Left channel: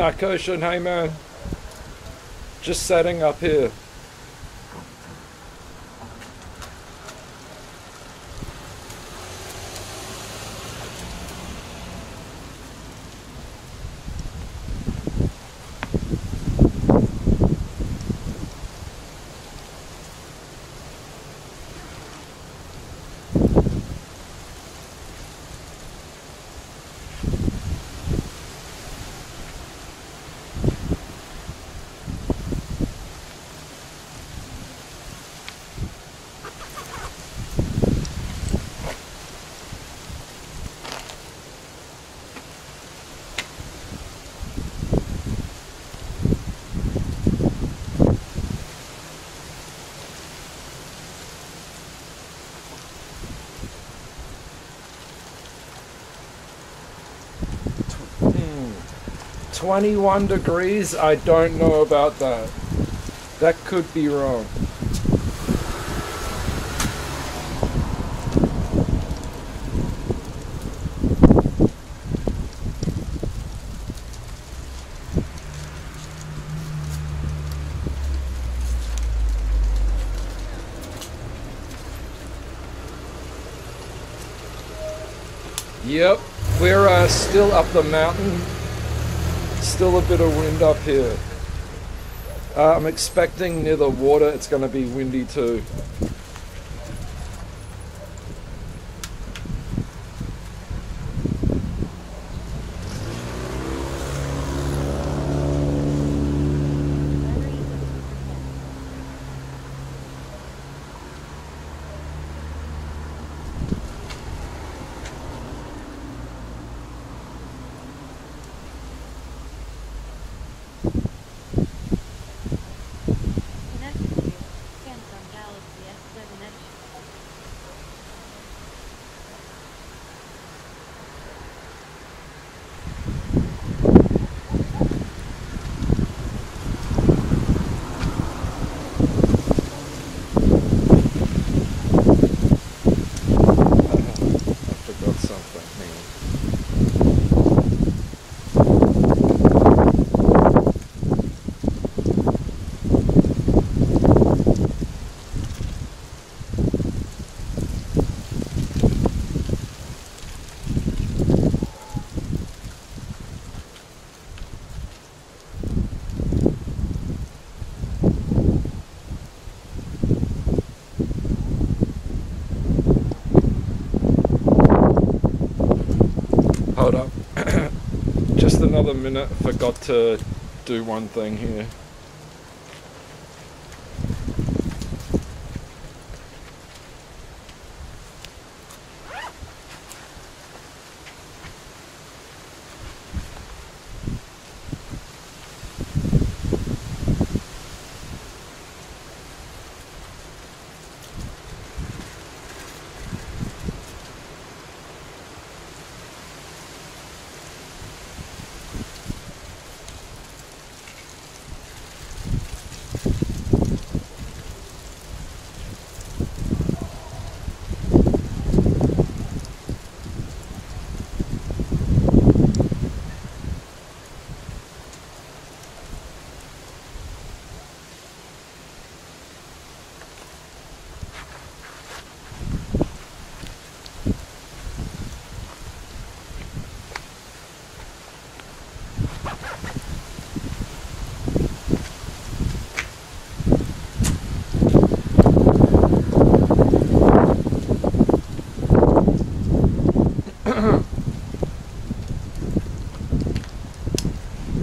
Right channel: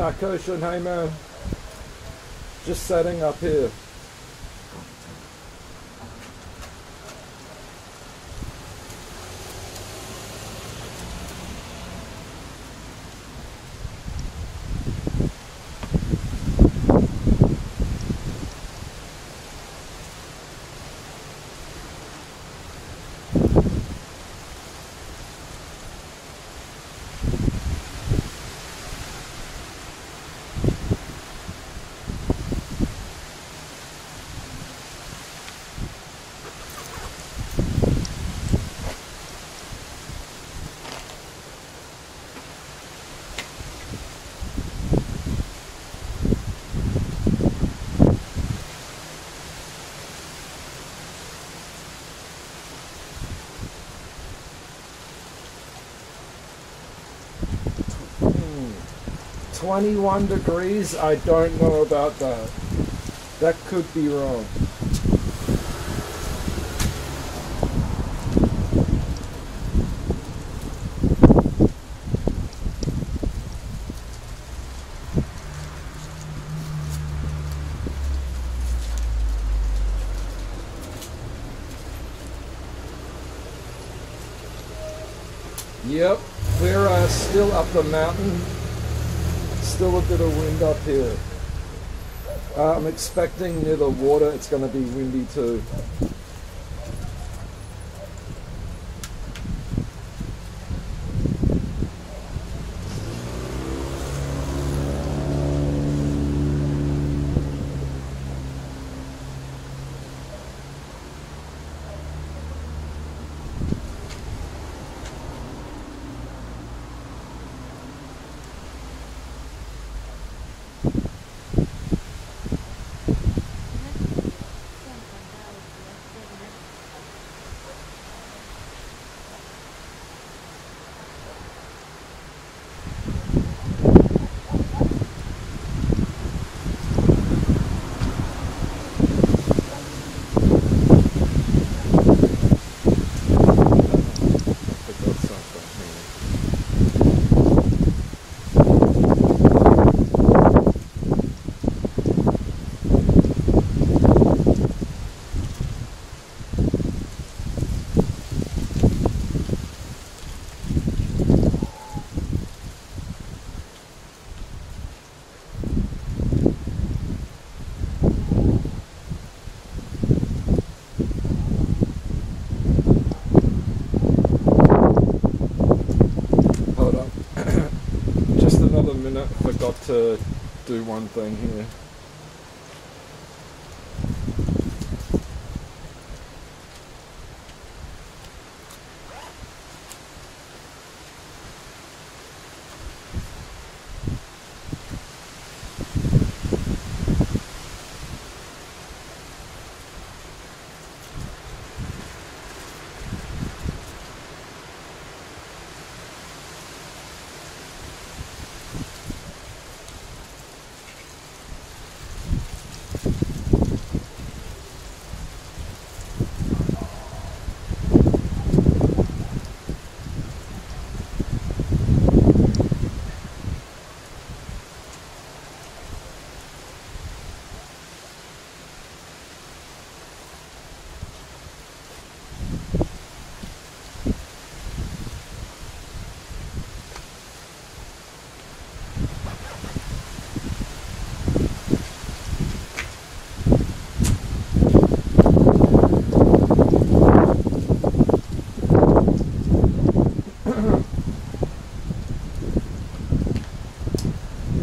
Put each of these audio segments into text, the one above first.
Nah, Koshin, hey man. Just setting up here. Hmm. 21 degrees? I don't know about that. That could be wrong. Yep, we're still up the mountain. Still a bit of wind up here. I'm expecting near the water it's going to be windy too. Hold up. Just another minute. Forgot to do one thing here.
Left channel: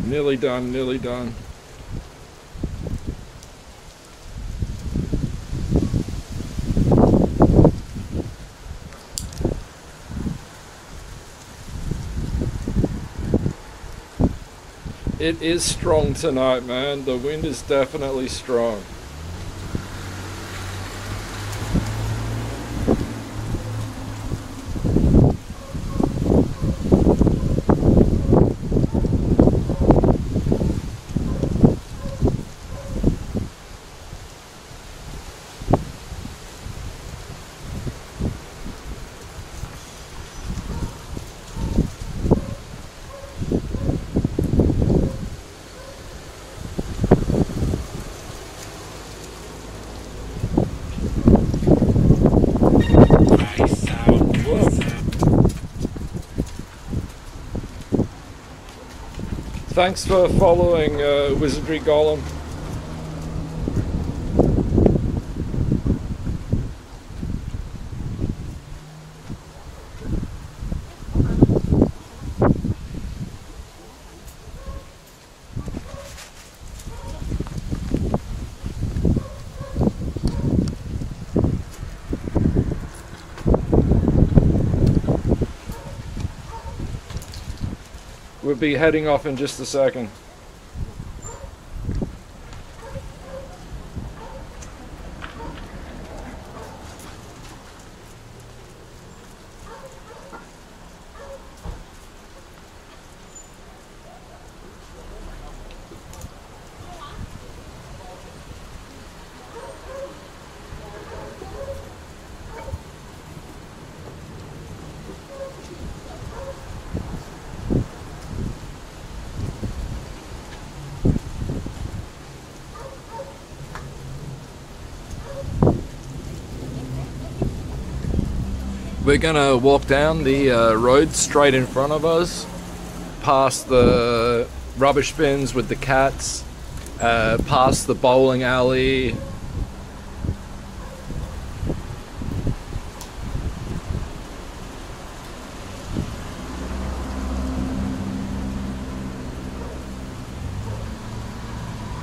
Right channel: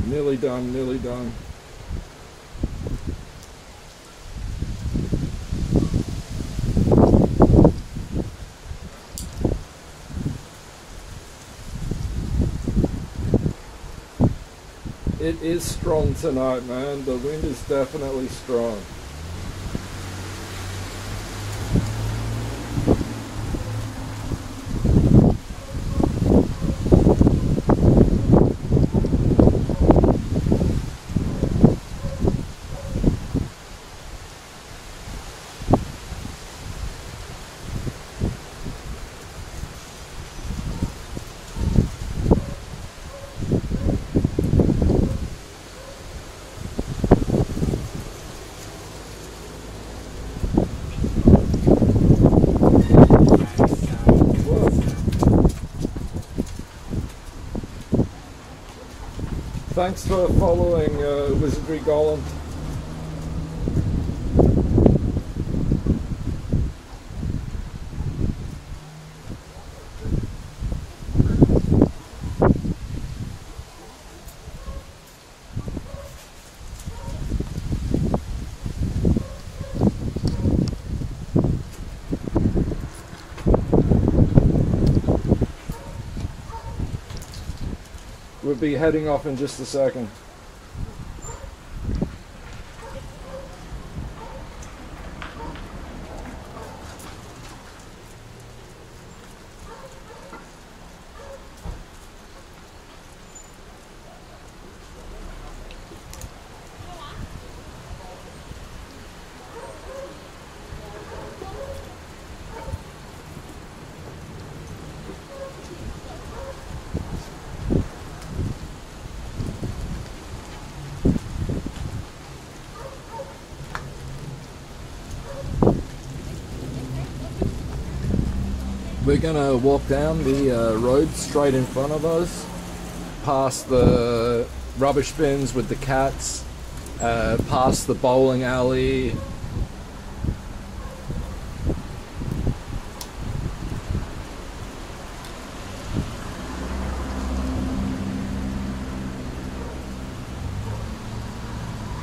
Nearly done, nearly done. It is strong tonight, man. The wind is definitely strong. Thanks for following, Wizardry Golem. We'll be heading off in just a second. We're gonna walk down the road straight in front of us, past the rubbish bins with the cats, past the bowling alley.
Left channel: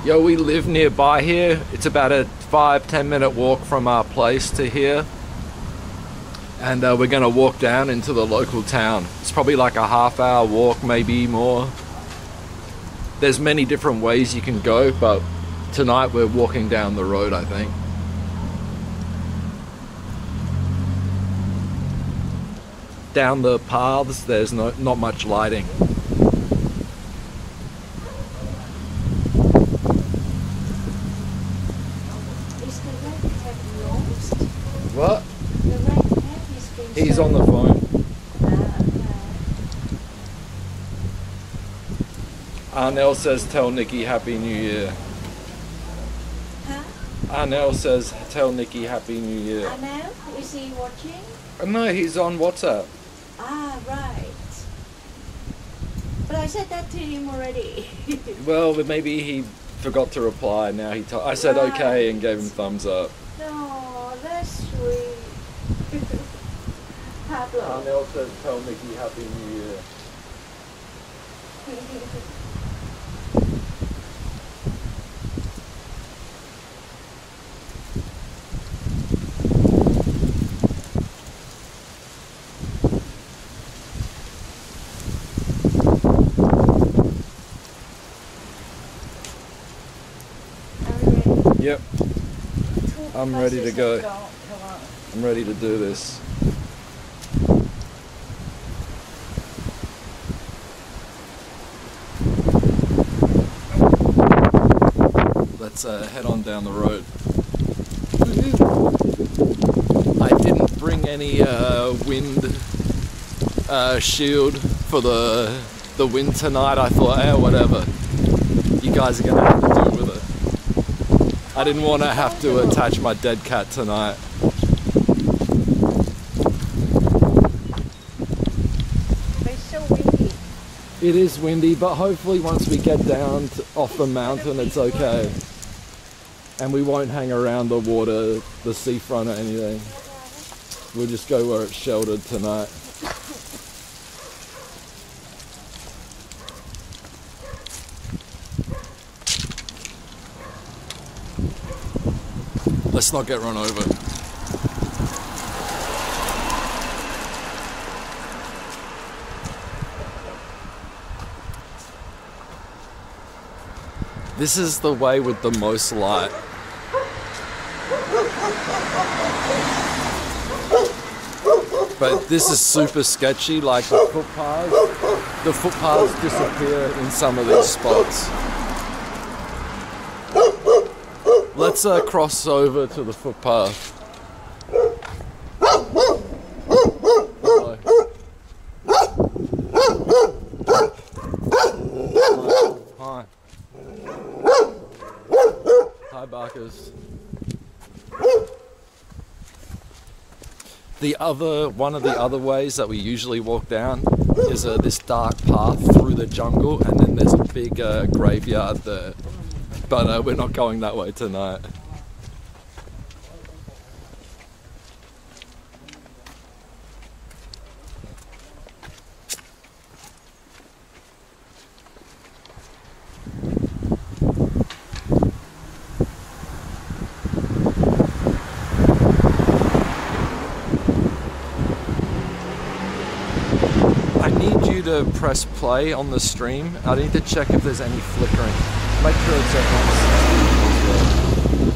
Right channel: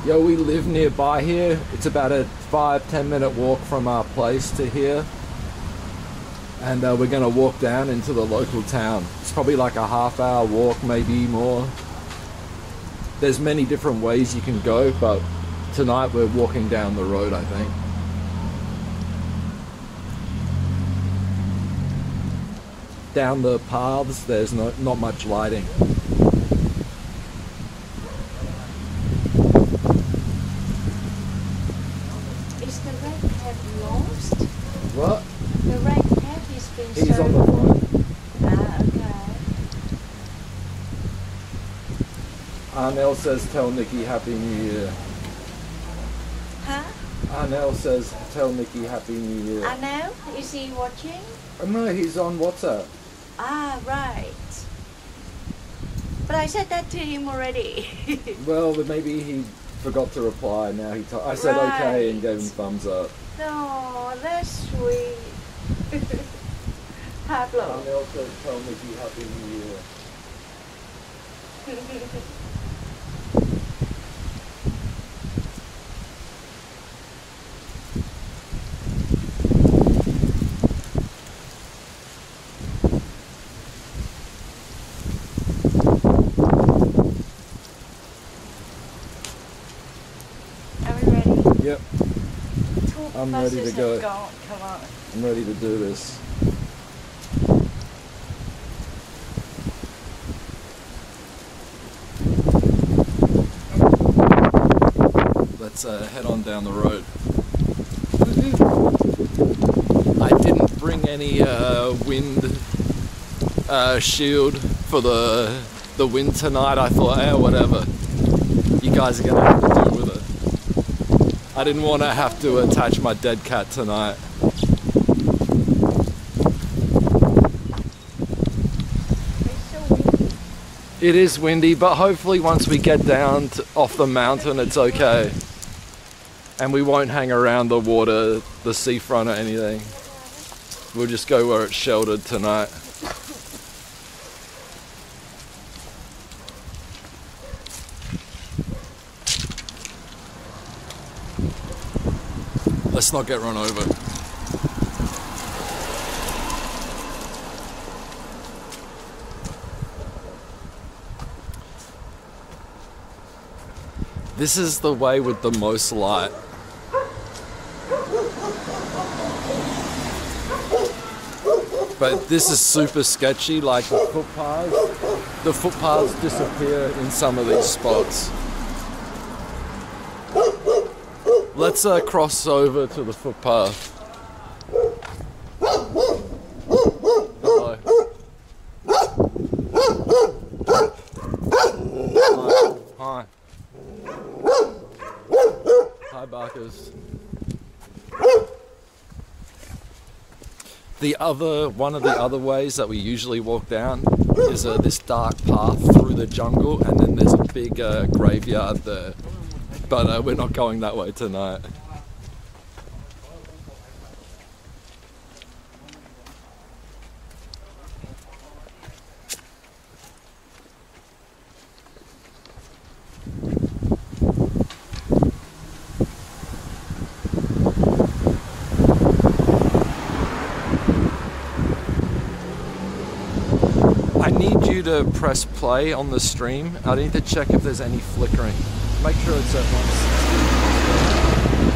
Yo, we live nearby here. It's about a 5-10 minute walk from our place to here. And we're gonna walk down into the local town. It's probably like a half-hour walk, maybe more. There's many different ways you can go, but tonight we're walking down the road, I think. Down the paths, there's not much lighting. Is the red cat lost? What? The red cat is being He's on the phone. Ah, okay. Arnell says tell Nikki Happy New Year. Huh? Arnell says tell Nikki Happy New Year. I know. Is he watching? No, he's on WhatsApp. Ah, right. But I said that to him already. Well, maybe he forgot to reply. Now I said Right. okay and gave him thumbs up. No, that's sweet. Pablo. Arnell says tell Nikki Happy New Year. Are we ready? Yep, I'm ready to go. Come on. I'm ready to do this. Let's head on down the road. I didn't bring any wind shield for the wind tonight. I thought, whatever. You guys are gonna have to deal with it. I didn't want to have to attach my dead cat tonight. It's so windy. It is windy, but hopefully once we get down off the mountain, it's okay. And we won't hang around the water, the seafront or anything. We'll just go where it's sheltered tonight. Let's not get run over. This is the way with the most light. But this is super sketchy, like the footpaths. The footpaths disappear in some of these spots. Let's cross over to the footpath. Hello. Hi. Hi, Barkers. One of the other ways that we usually walk down is this dark path through the jungle, and then there's a big graveyard there. But we're not going that way tonight. I need you to press play on the stream. I need to check if there's any flickering. Make sure it's at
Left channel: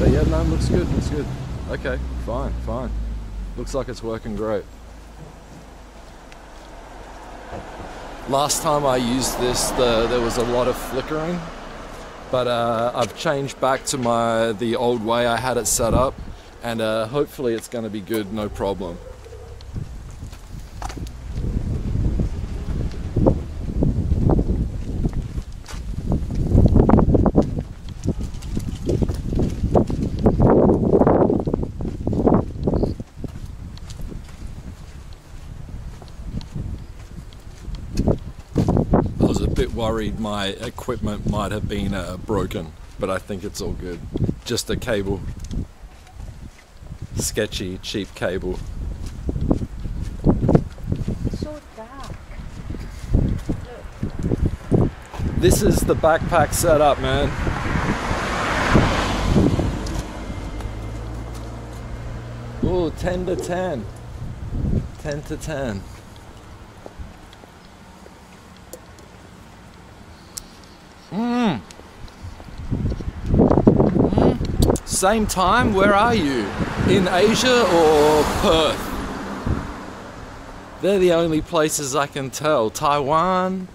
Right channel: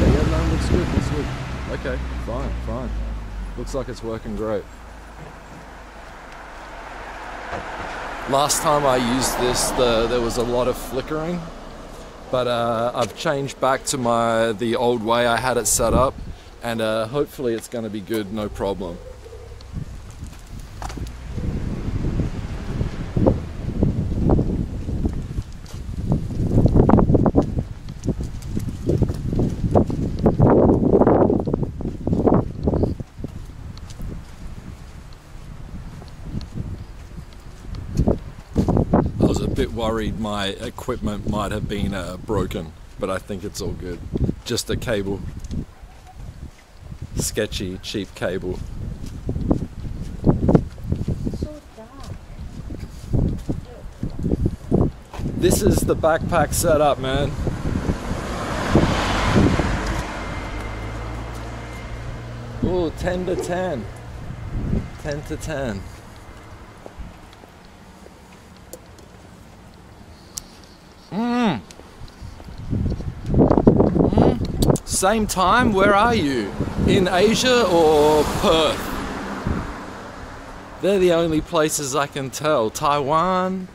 160. But yeah, no, looks good, looks good. Okay, fine, fine. Looks like it's working great. Last time I used this, there was a lot of flickering, but I've changed back to the old way I had it set up, and hopefully it's going to be good, no problem. I was a bit worried my equipment might have been broken, but I think it's all good. Just a cable. Sketchy, cheap cable. It's so dark. This is the backpack setup, man. Ooh, 10 to 10. 10 to 10. Same time, where are you? In Asia or Perth? They're the only places I can tell. Taiwan,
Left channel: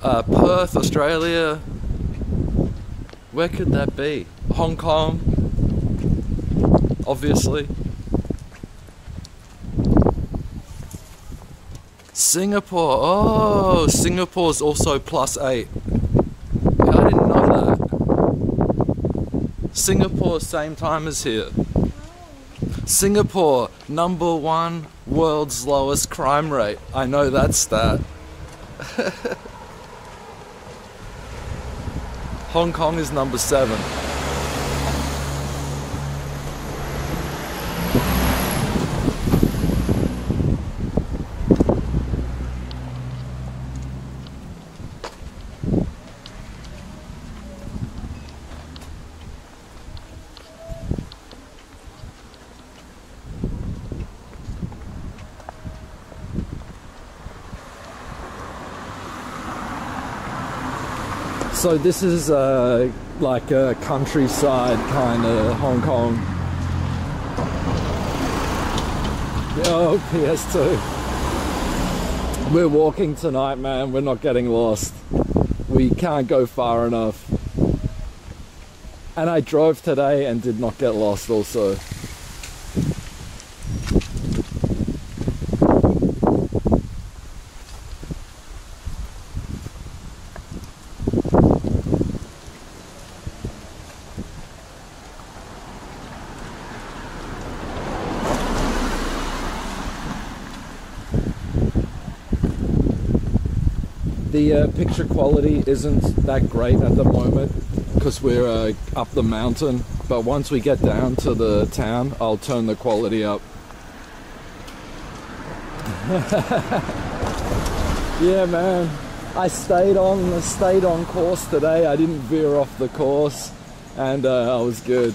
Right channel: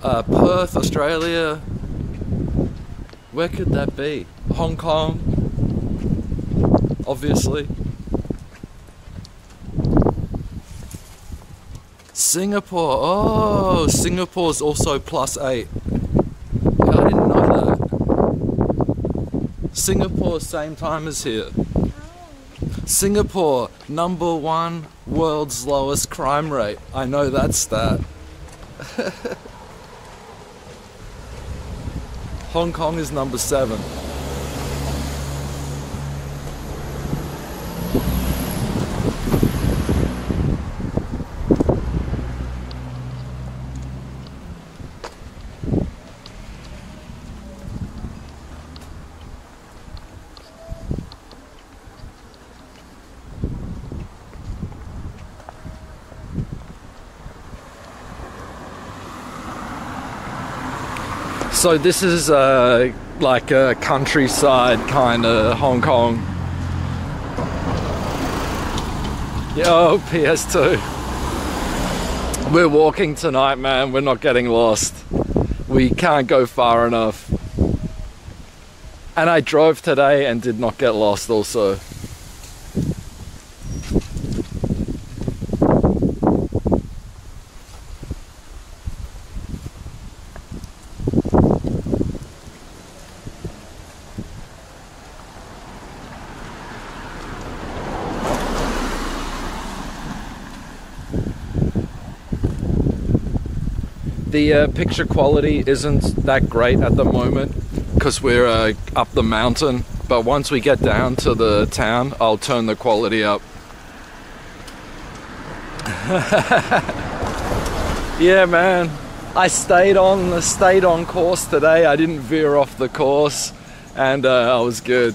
Perth, Australia. Where could that be? Hong Kong, obviously. Singapore. Oh, Singapore's also +8. I didn't know that. Singapore, same time as here. Singapore, #1 world's lowest crime rate. I know that stat. Hong Kong is #7. So this is like a countryside kind of Hong Kong. Yo, PS2. We're walking tonight, man. We're not getting lost. We can't go far enough. And I drove today and did not get lost also. The picture quality isn't that great at the moment because we're up the mountain, but once we get down to the town, I'll turn the quality up. Yeah, man, I stayed on course today. I didn't veer off the course, and I was good.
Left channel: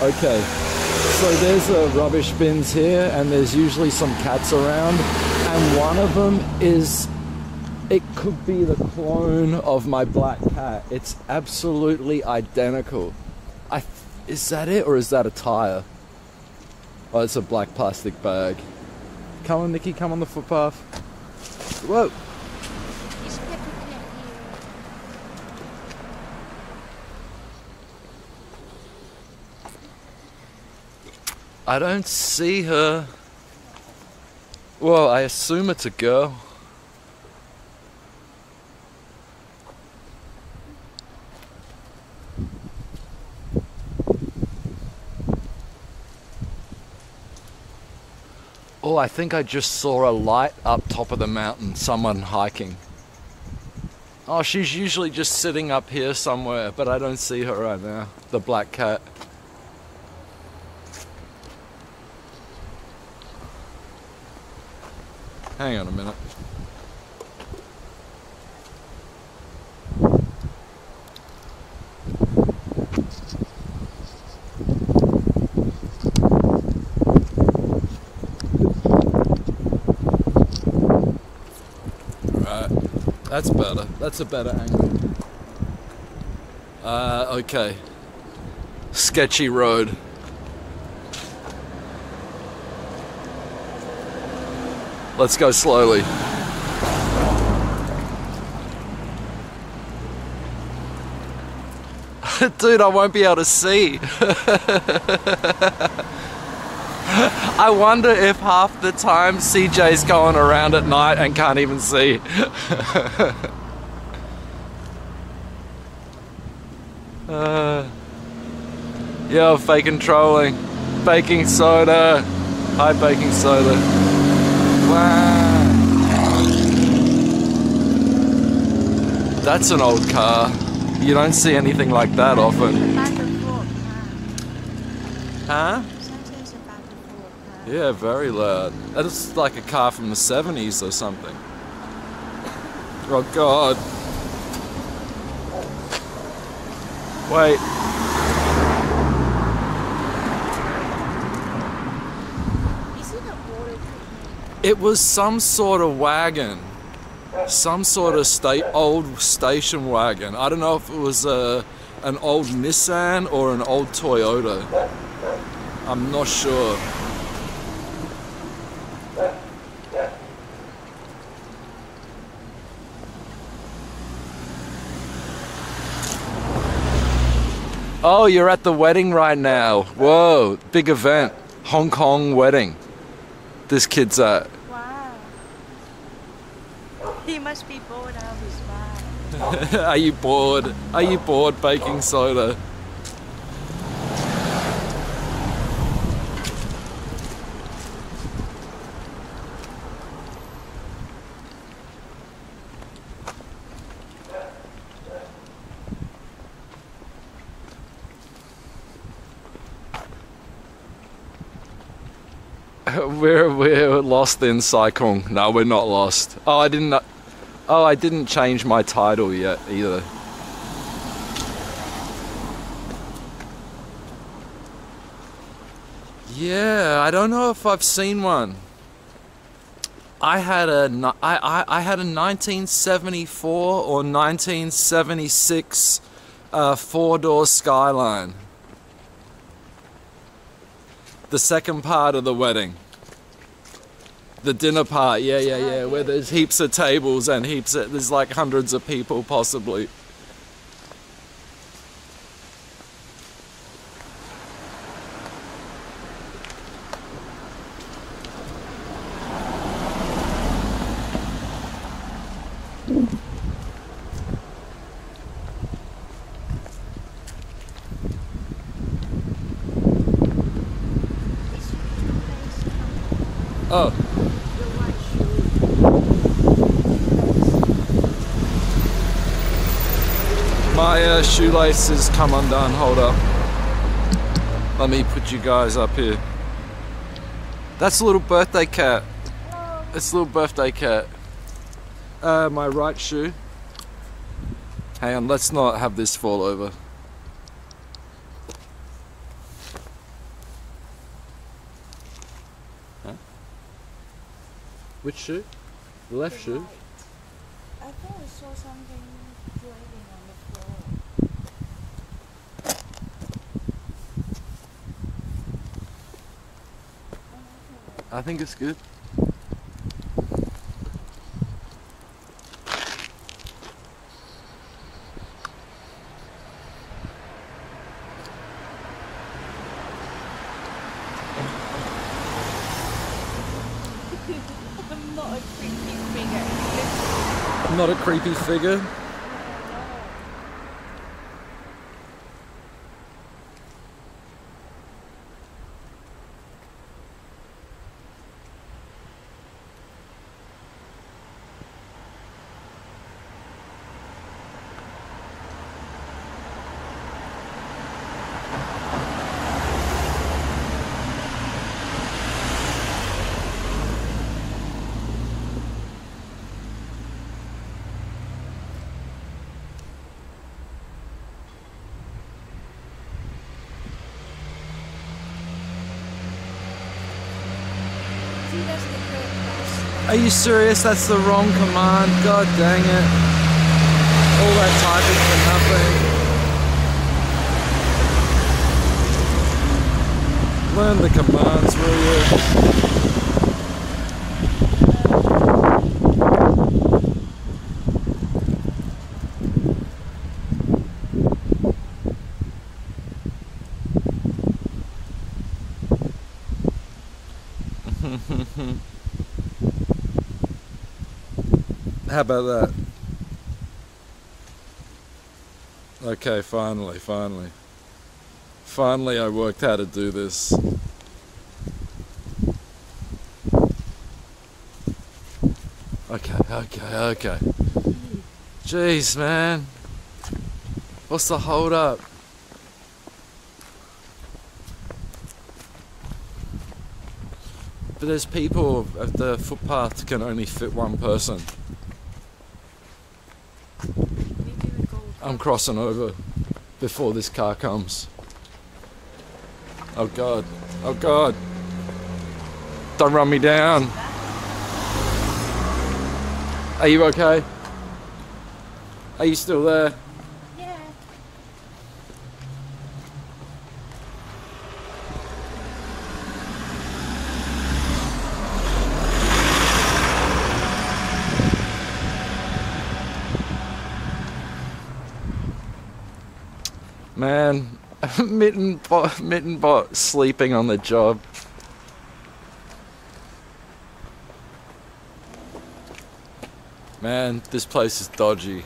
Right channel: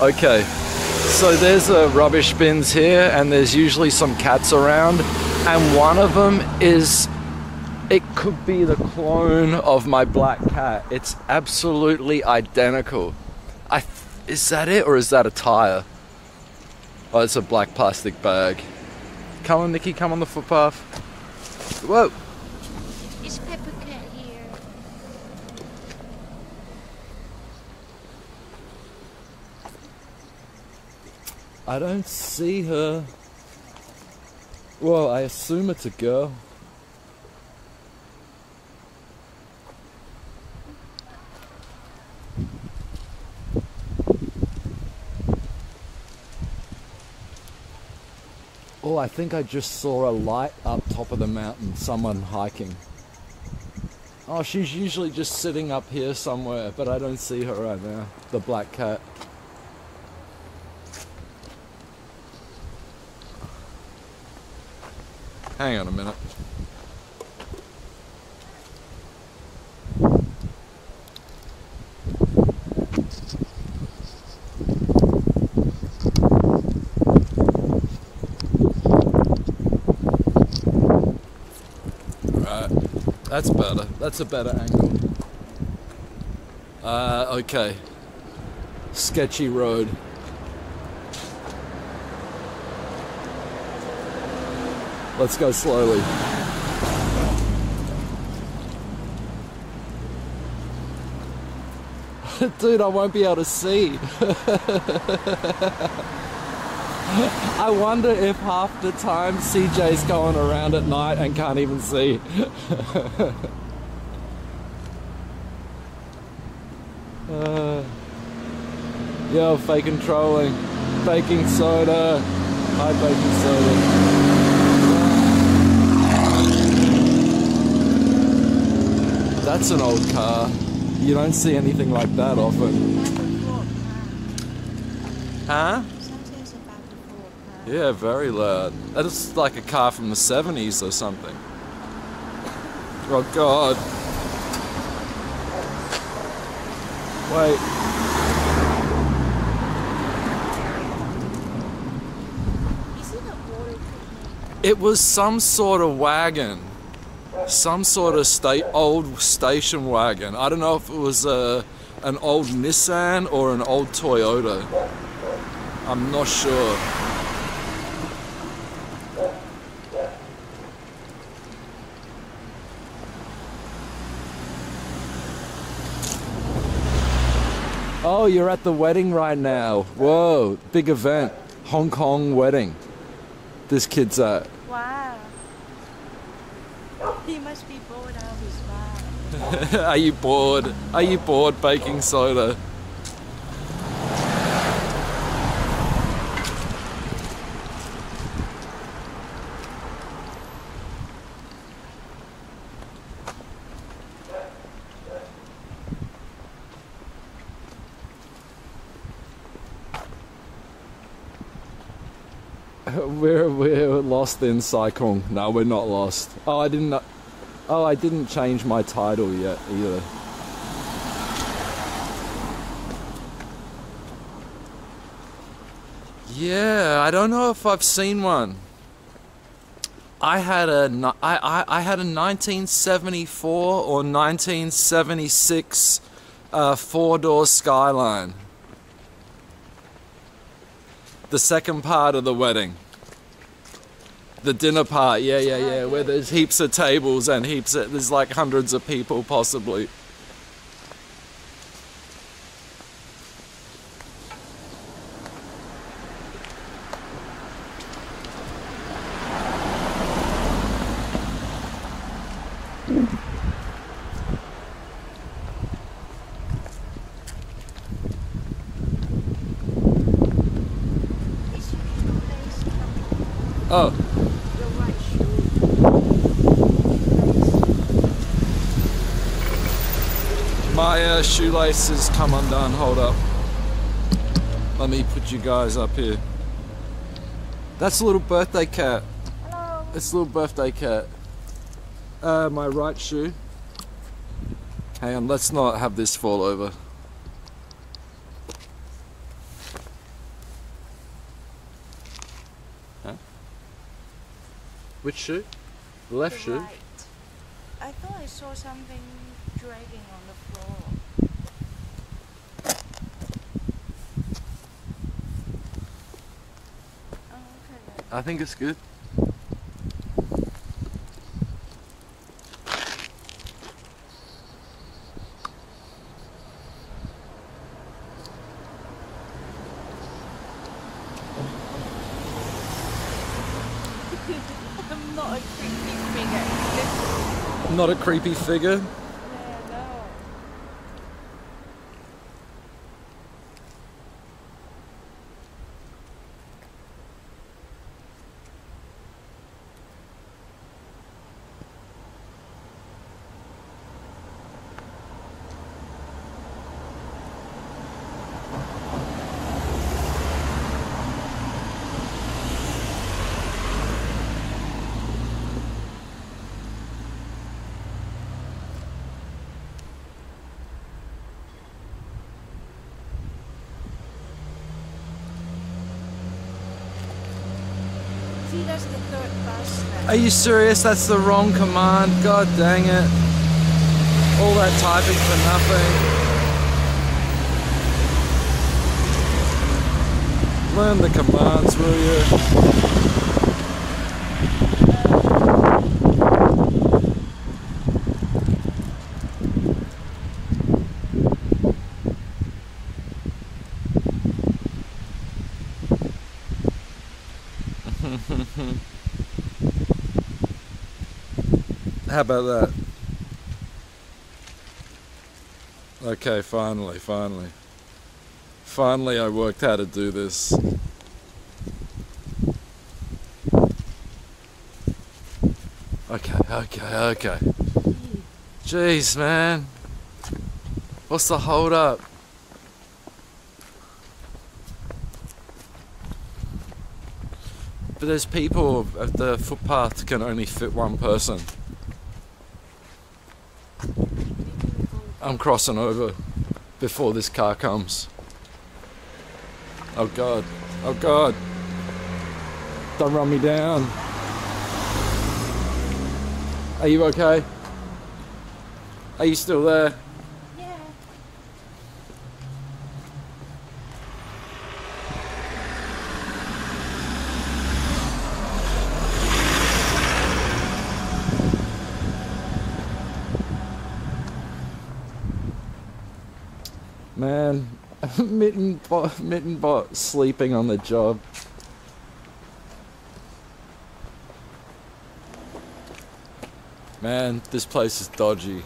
Okay, so there's rubbish bins here, and there's usually some cats around. And one of them it could be the clone of my black cat. It's absolutely identical. Is that it, or is that a tire? Oh, it's a black plastic bag. Come on, Nikki, come on the footpath. Whoa. Is Pepper Cat here? I don't see her. Well, I assume it's a girl. Oh, I think I just saw a light up top of the mountain. Someone hiking. Oh, she's usually just sitting up here somewhere, but I don't see her right now. The black cat. Hang on a minute. Alright, that's better. That's a better angle. Okay. Sketchy road. Let's go slowly. Dude, I won't be able to see. I wonder if half the time CJ's going around at night and can't even see. Yo, faking trolling. Baking soda. Hi, baking soda. That's an old car. You don't see anything like that often. Huh? Sometimes about the four car. Yeah, very loud. That's like a car from the 70s or something. Oh god. Wait. Is it a water treatment? It was some sort of wagon. Some sort of old station wagon. I don't know if it was an old Nissan or an old Toyota. I'm not sure. Oh, you're at the wedding right now. Whoa, big event. Hong Kong wedding. This kid's at. Wow. He must be bored out of his mind. Are you bored? Are you bored baking soda? We're lost in Sai Kung. No, we're not lost. Oh, I didn't change my title yet either. Yeah, I don't know if I've seen one. I had a 1974 or 1976 four-door Skyline. The second part of the wedding. The dinner part, yeah, where there's heaps of tables and there's like hundreds of people possibly. Oh. Your right shoe. My shoelaces come undone. Hold up. Let me put you guys up here. That's a little birthday cat. Hello. It's a little birthday cat. My right shoe. Hang on, let's not have this fall over. Huh? Which shoe? The left shoe? Right. I thought I saw something dragging on the floor. Oh, okay. I think it's good. I'm not a creepy figure. Not a creepy figure. see that's the third bus. Are you serious? That's the wrong command. God dang it. All that typing for nothing. Learn the commands, will you? How about that? Okay, finally. Finally I worked how to do this. Okay. Jeez, man. What's the hold up? But there's people, the footpath can only fit one person. I'm crossing over before this car comes. Oh God. Don't run me down. Are you okay? Are you still there? Yeah. Man, Mittenbot sleeping on the job. Man, this place is dodgy.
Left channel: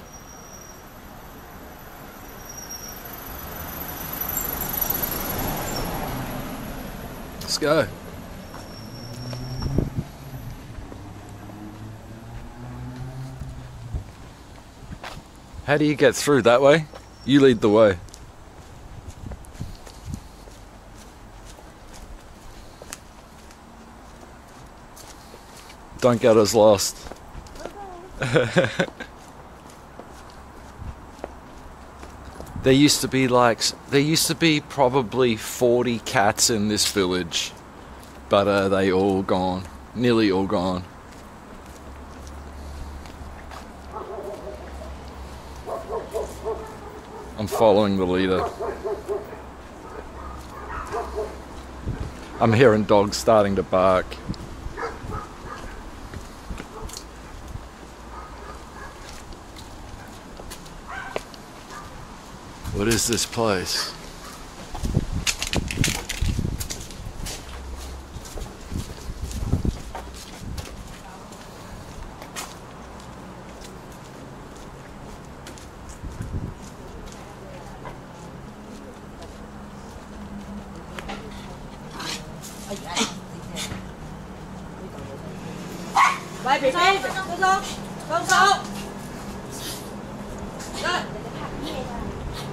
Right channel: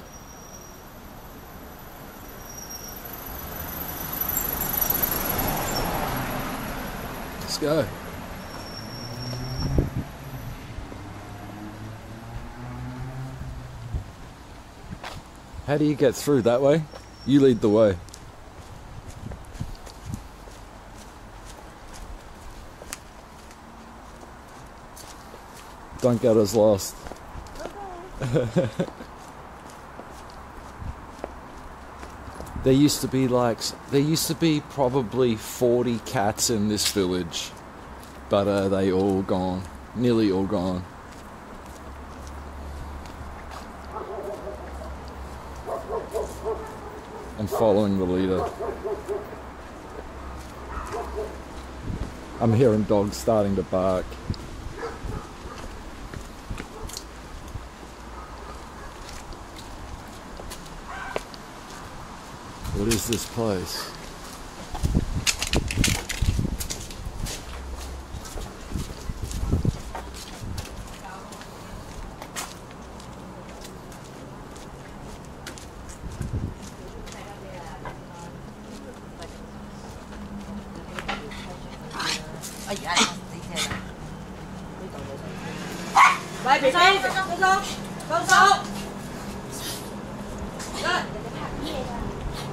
Let's go. How do you get through that way? You lead the way. Don't get us lost. There used to be probably 40 cats in this village, but they all gone, nearly all gone. I'm following the leader. I'm hearing dogs starting to bark. What is this place?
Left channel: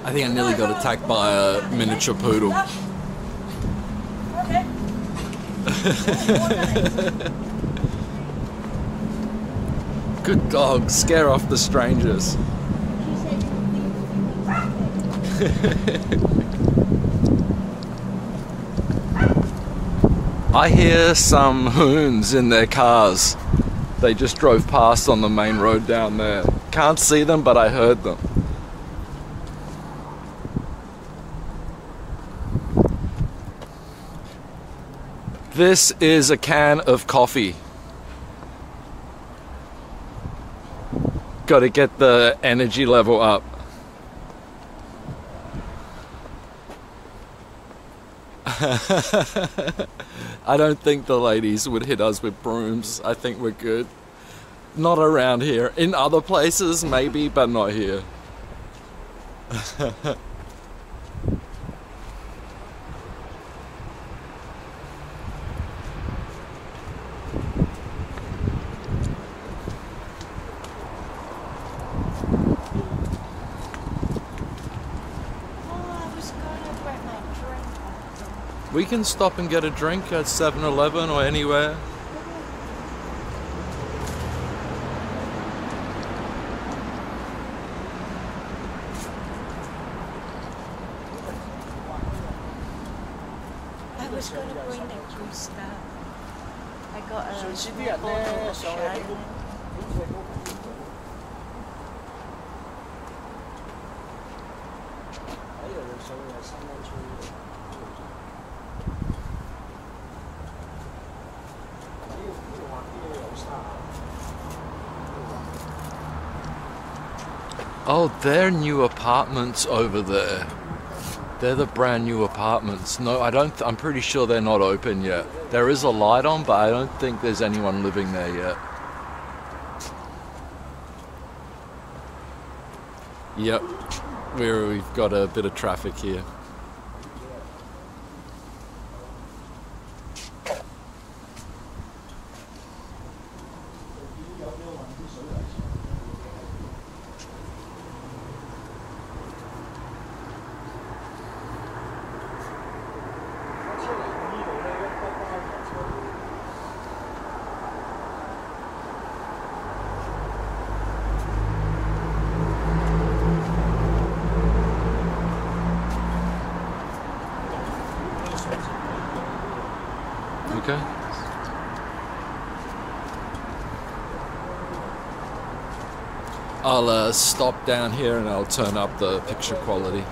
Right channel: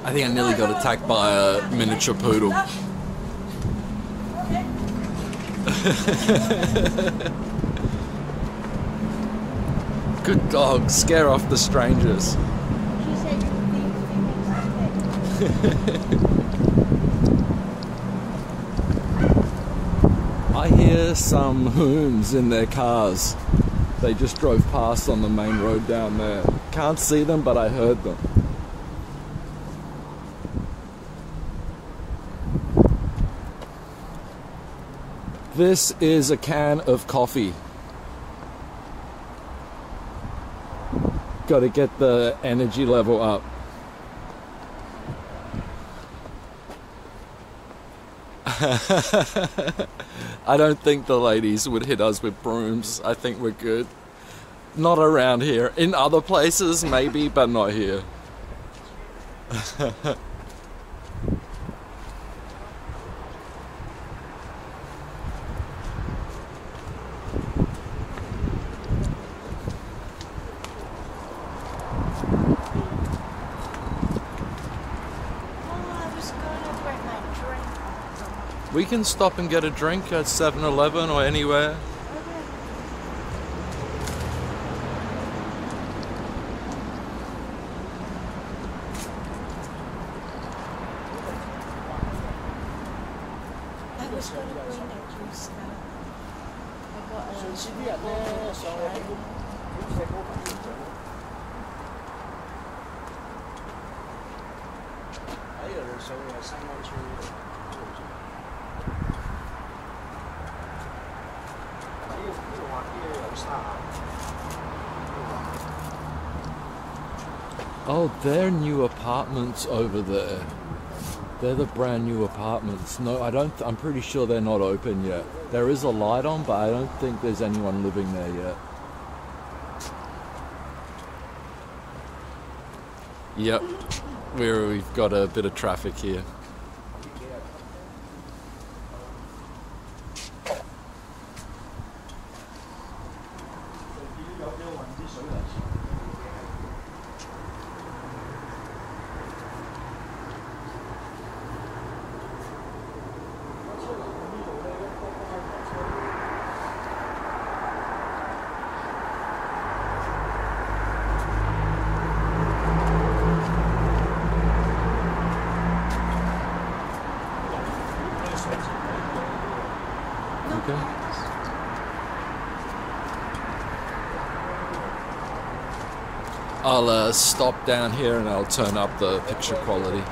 I think I nearly got attacked by a miniature poodle. Good dog, scare off the strangers. I hear some hoons in their cars. They just drove past on the main road down there. Can't see them, but I heard them. This is a can of coffee. Got to get the energy level up. I don't think the ladies would hit us with brooms. I think we're good. Not around here. In other places, maybe, but not here. We can stop and get a drink at 7-Eleven or anywhere. I was going to bring that juice now. I I got a 上次啲 small 人 bottle 咧 of 上去起 Chardonnay. 好細嗰排先做，喺度上去係三灣村嗰度做。呢度畫啲嘢有沙。 Oh, they're new apartments over there. They're the brand new apartments. No, I'm pretty sure they're not open yet. There is a light on, but I don't think there's anyone living there yet. Yep, we've got a bit of traffic here. Okay. I'll stop down here and I'll turn up the picture quality.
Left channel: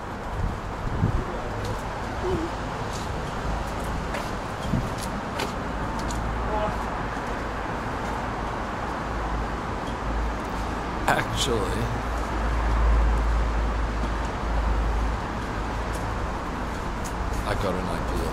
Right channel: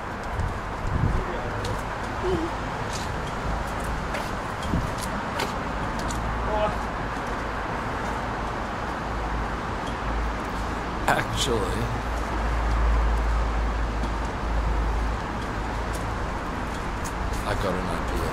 Actually, I got an idea.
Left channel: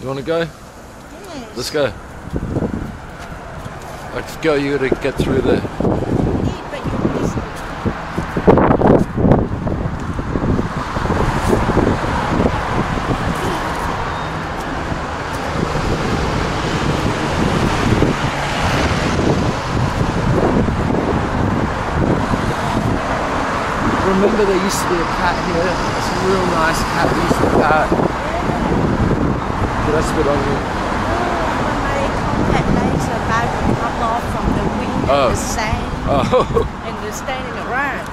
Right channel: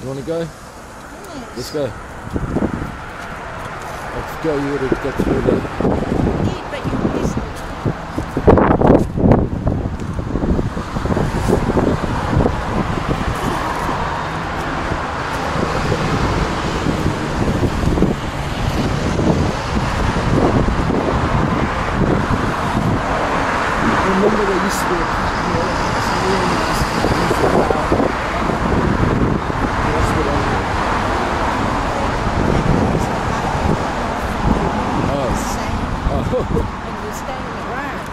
You want to go? Yes. Let's go. Let's go, you gotta get through there. Eat, but you missed it. Remember there used to be a cat here? It's a real nice cat, we used to cat. That's what I mean. At night, so I can come off from the wind Oh. and the sand Oh. and the standing around.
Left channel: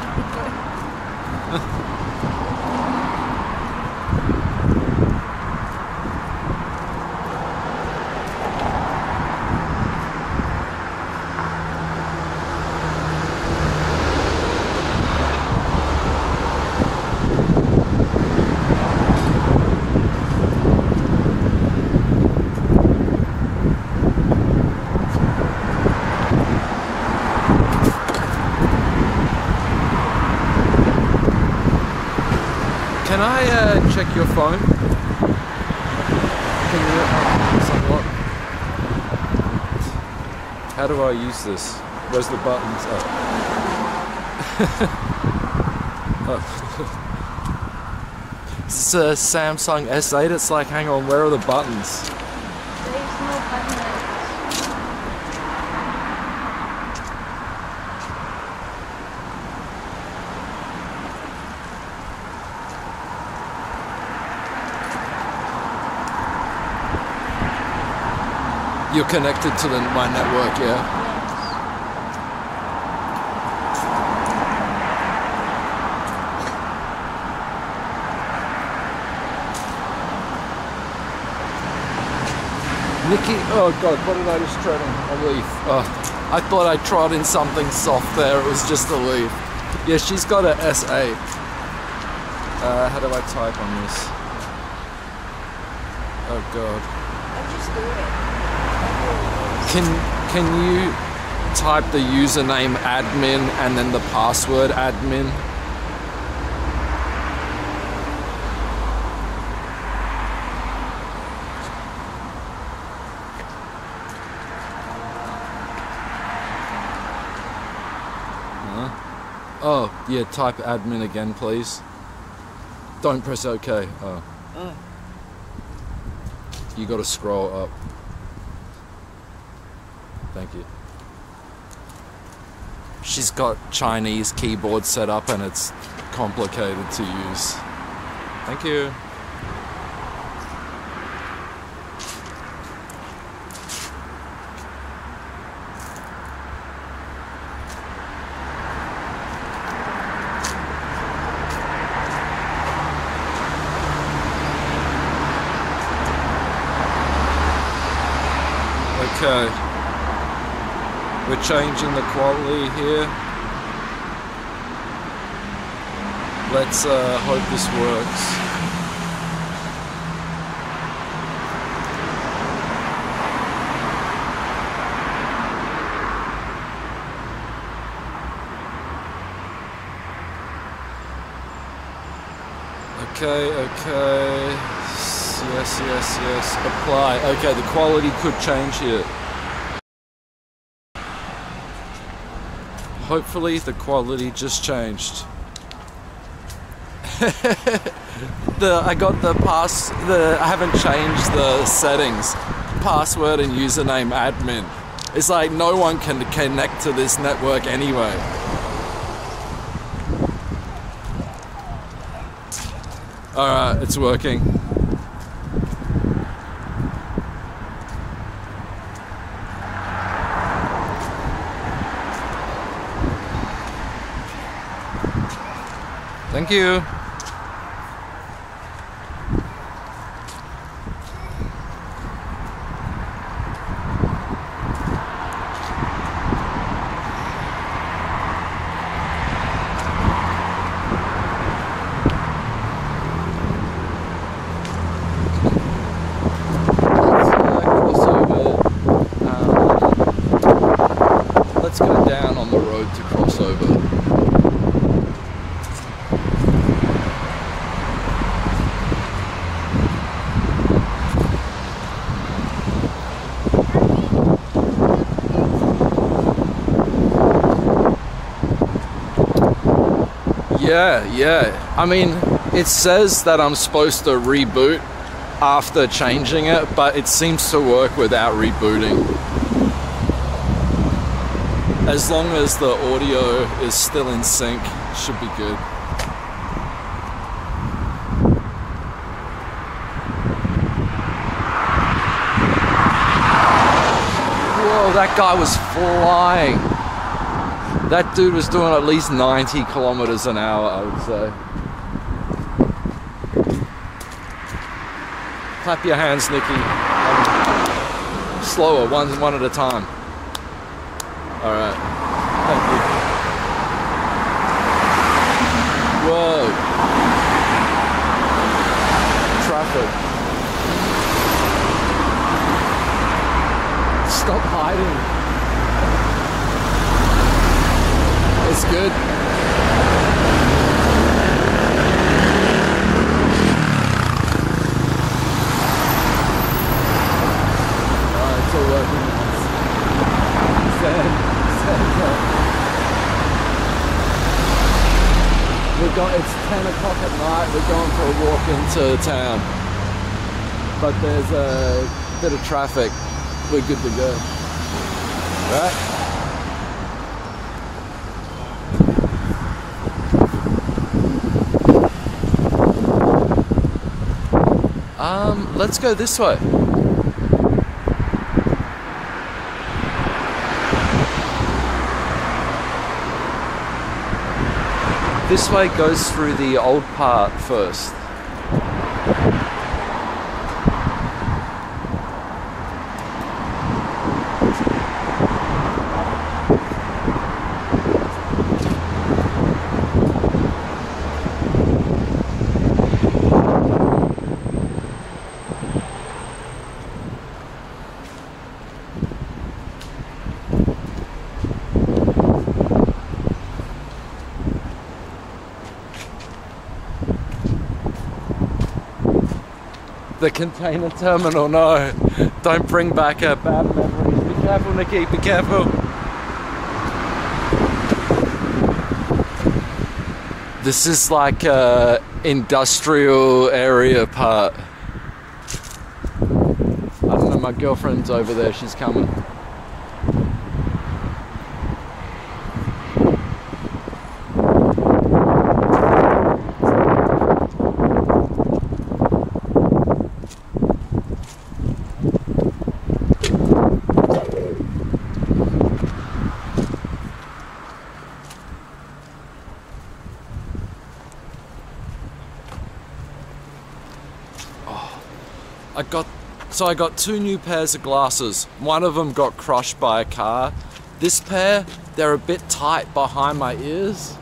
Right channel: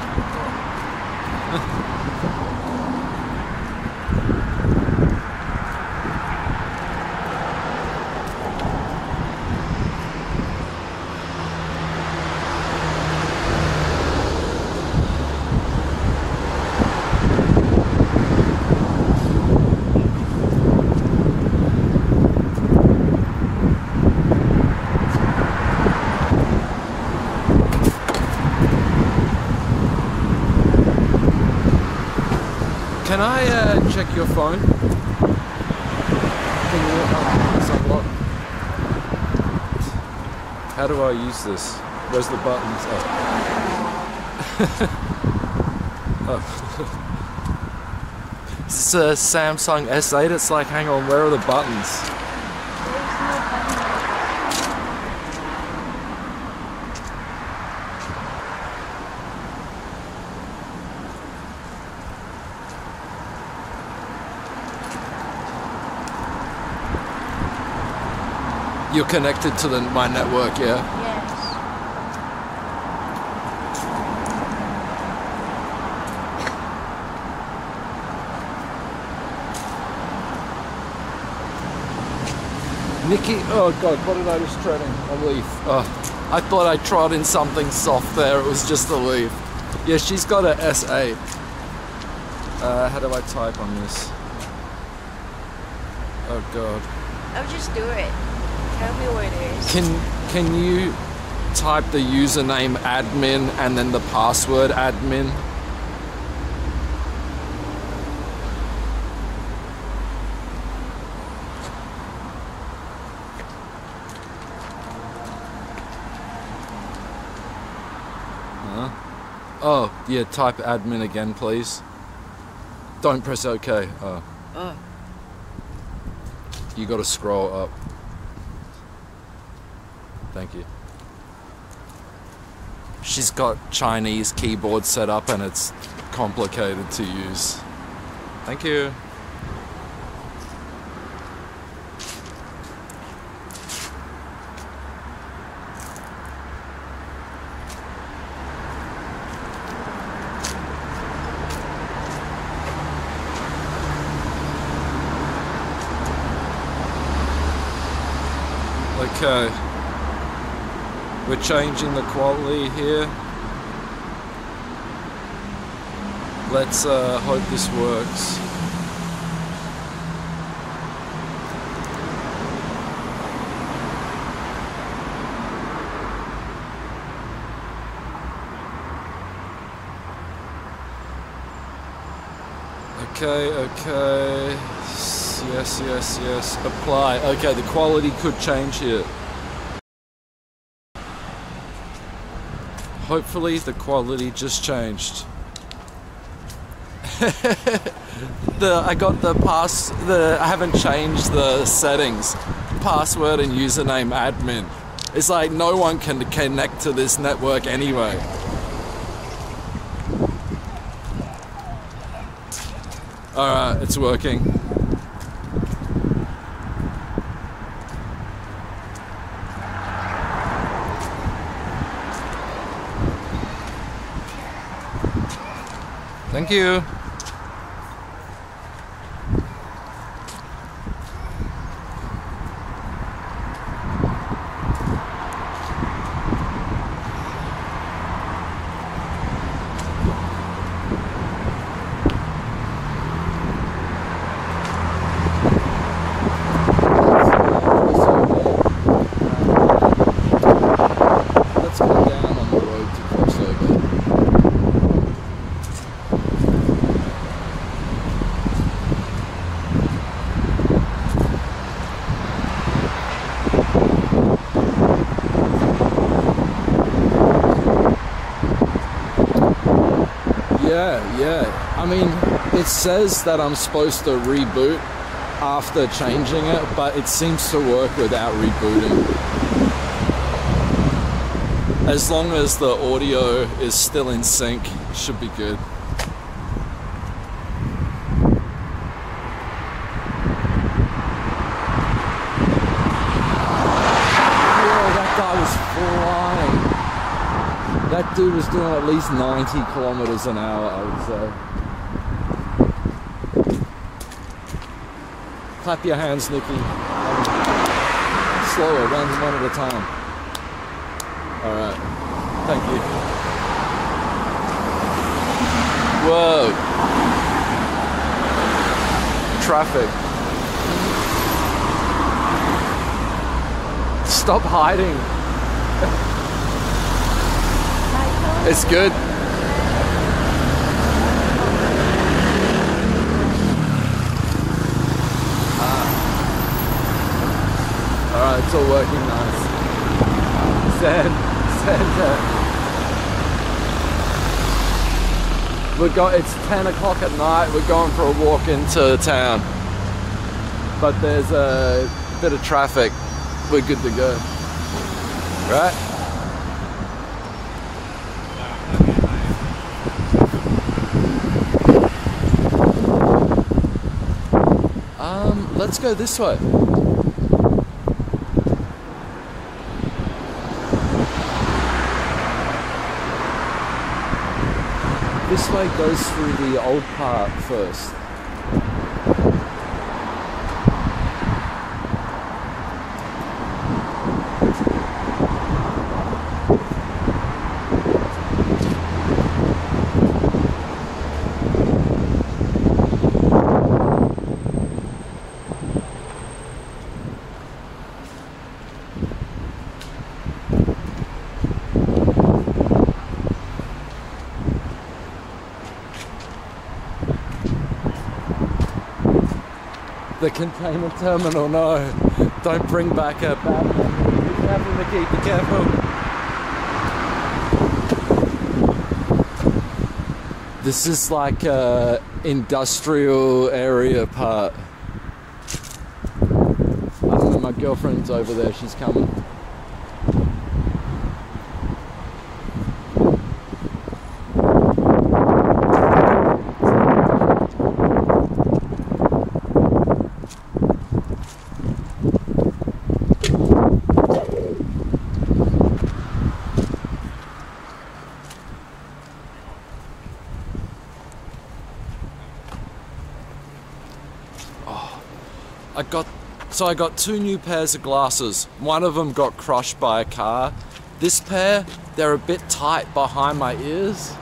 Can I check your phone? Can you it's unlocked? How do I use this? Where's the buttons? Oh. Oh. It's a Samsung S8. It's like, hang on, where are the buttons? There's no button like You're connected to my network, yeah? Yes. Nikki, oh god, what did I just tread on? A leaf. Oh, I thought I trod in something soft there, it was just a leaf. Yeah, she's got a S8. How do I type on this? Oh god. I'll just do it. Whatever it is. Can you type the username admin and then the password admin? Oh, yeah, type admin again, please. Don't press OK. Oh. Oh. You gotta scroll up. Thank you. She's got Chinese keyboard set up and it's complicated to use. Thank you. Okay, we're changing the quality here. Let's hope this works. Okay. Yes. Apply. Okay, the quality could change here. Hopefully the quality just changed. I haven't changed the settings. Password and username admin. It's like no one can connect to this network anyway. Alright, it's working. Thank you. Let's go down on the road to cross over. Yeah. I mean, it says that I'm supposed to reboot after changing it, but it seems to work without rebooting. As long as the audio is still in sync, should be good. Whoa, that guy was flying. That dude was doing at least 90 kilometers an hour, I would say. Clap your hands, Nikki. Slower, one at a time. All right, thank you. Whoa. Traffic. Stop hiding. It's good. Alright, it's all working nice. It's 10 o'clock at night, we're going for a walk into town. But there's a bit of traffic, we're good to go. Right? Let's go this way. This way goes through the old part first. The container terminal, no. Don't bring back a bad memory. Be careful, Nikki, be careful. This is like a industrial area part. I don't know, my girlfriend's over there, she's coming. I got 2 new pairs of glasses. One of them got crushed by a car. This pair, they're a bit tight behind my ears.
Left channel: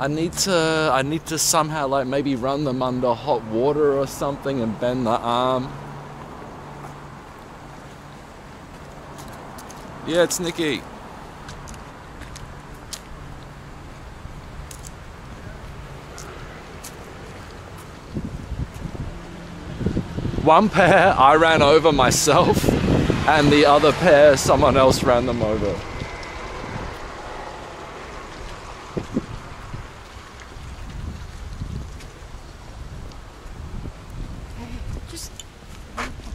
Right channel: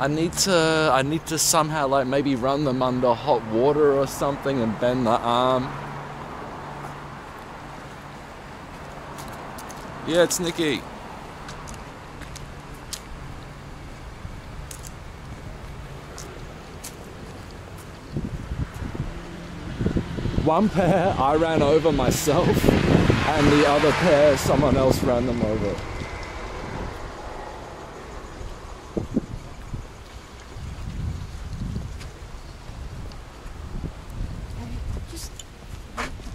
I need to somehow like maybe run them under hot water or something and bend the arm. Yeah, it's Nikki. One pair I ran over myself, and the other pair someone else ran them over.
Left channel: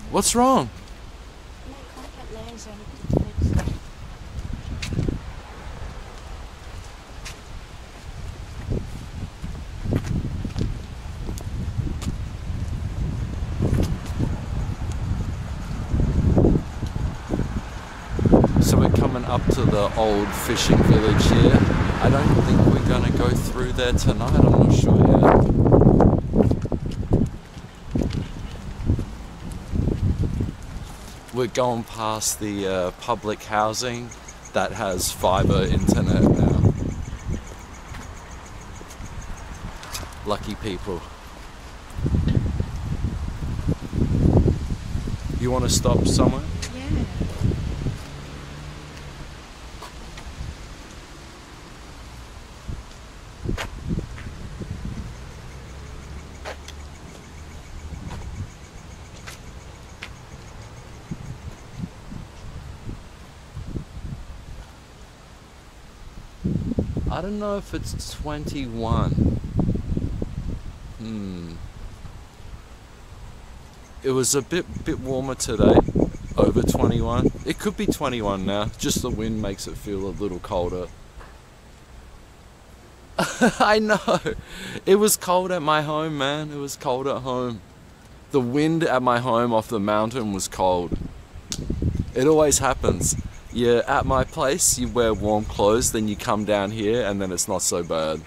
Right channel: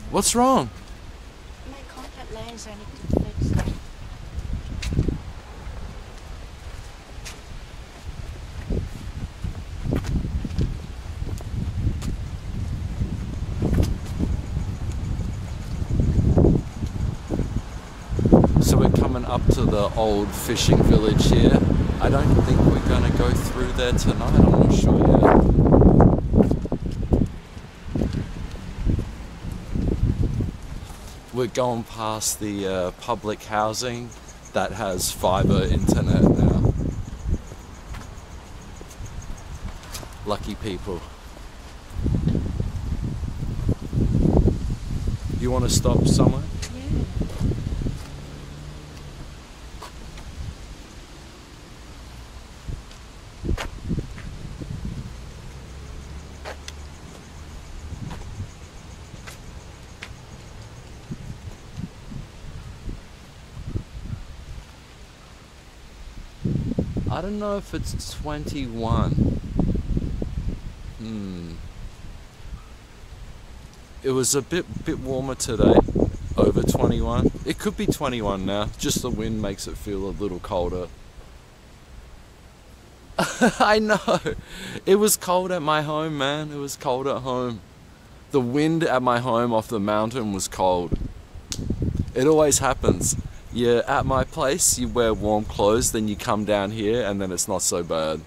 What's wrong? My contact lens, I need to fix it. So we're coming up to the old fishing village here. I don't think we're gonna go through there tonight, I'm not sure yet. We're going past the public housing that has fiber internet now. Lucky people. You want to stop somewhere? Yeah. I don't know if it's 21. It was a bit warmer today, over 21. It could be 21 now, just the wind makes it feel a little colder. I know, it was cold at my home, man, it was cold at home. The wind at my home off the mountain was cold. It always happens. You're at my place, you wear warm clothes, then you come down here and then it's not so bad.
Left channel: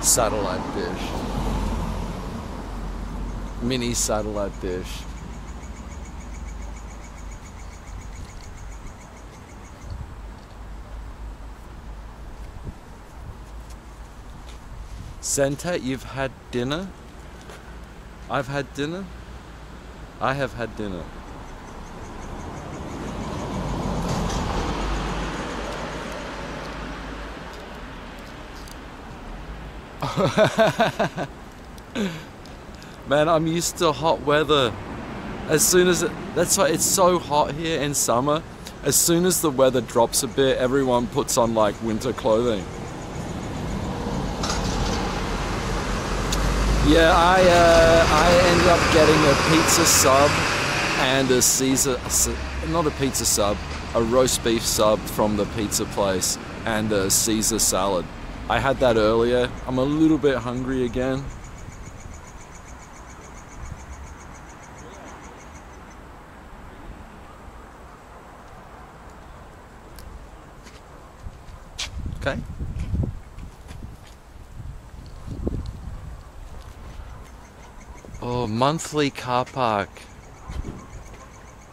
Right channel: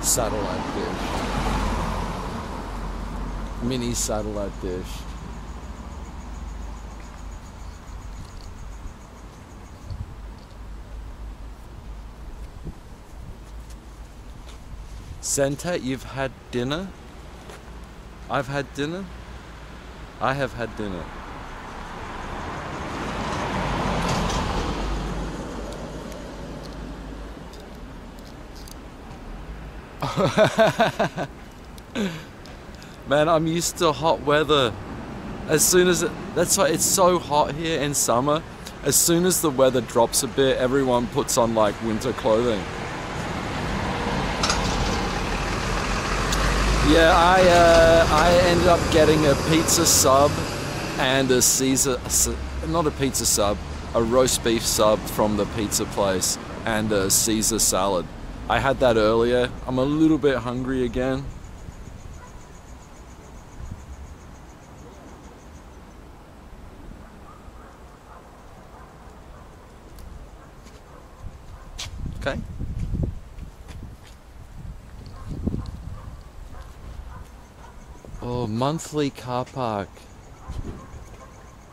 Satellite dish. Mini satellite dish. Senta, you've had dinner? I've had dinner? I have had dinner. Man, I'm used to hot weather. As soon as that's why it's so hot here in summer. As soon as the weather drops a bit, everyone puts on like winter clothing. Yeah, I ended up getting a pizza sub and a Caesar, not a pizza sub, a roast beef sub from the pizza place and a Caesar salad. I had that earlier. I'm a little bit hungry again. Okay. Oh, monthly car park.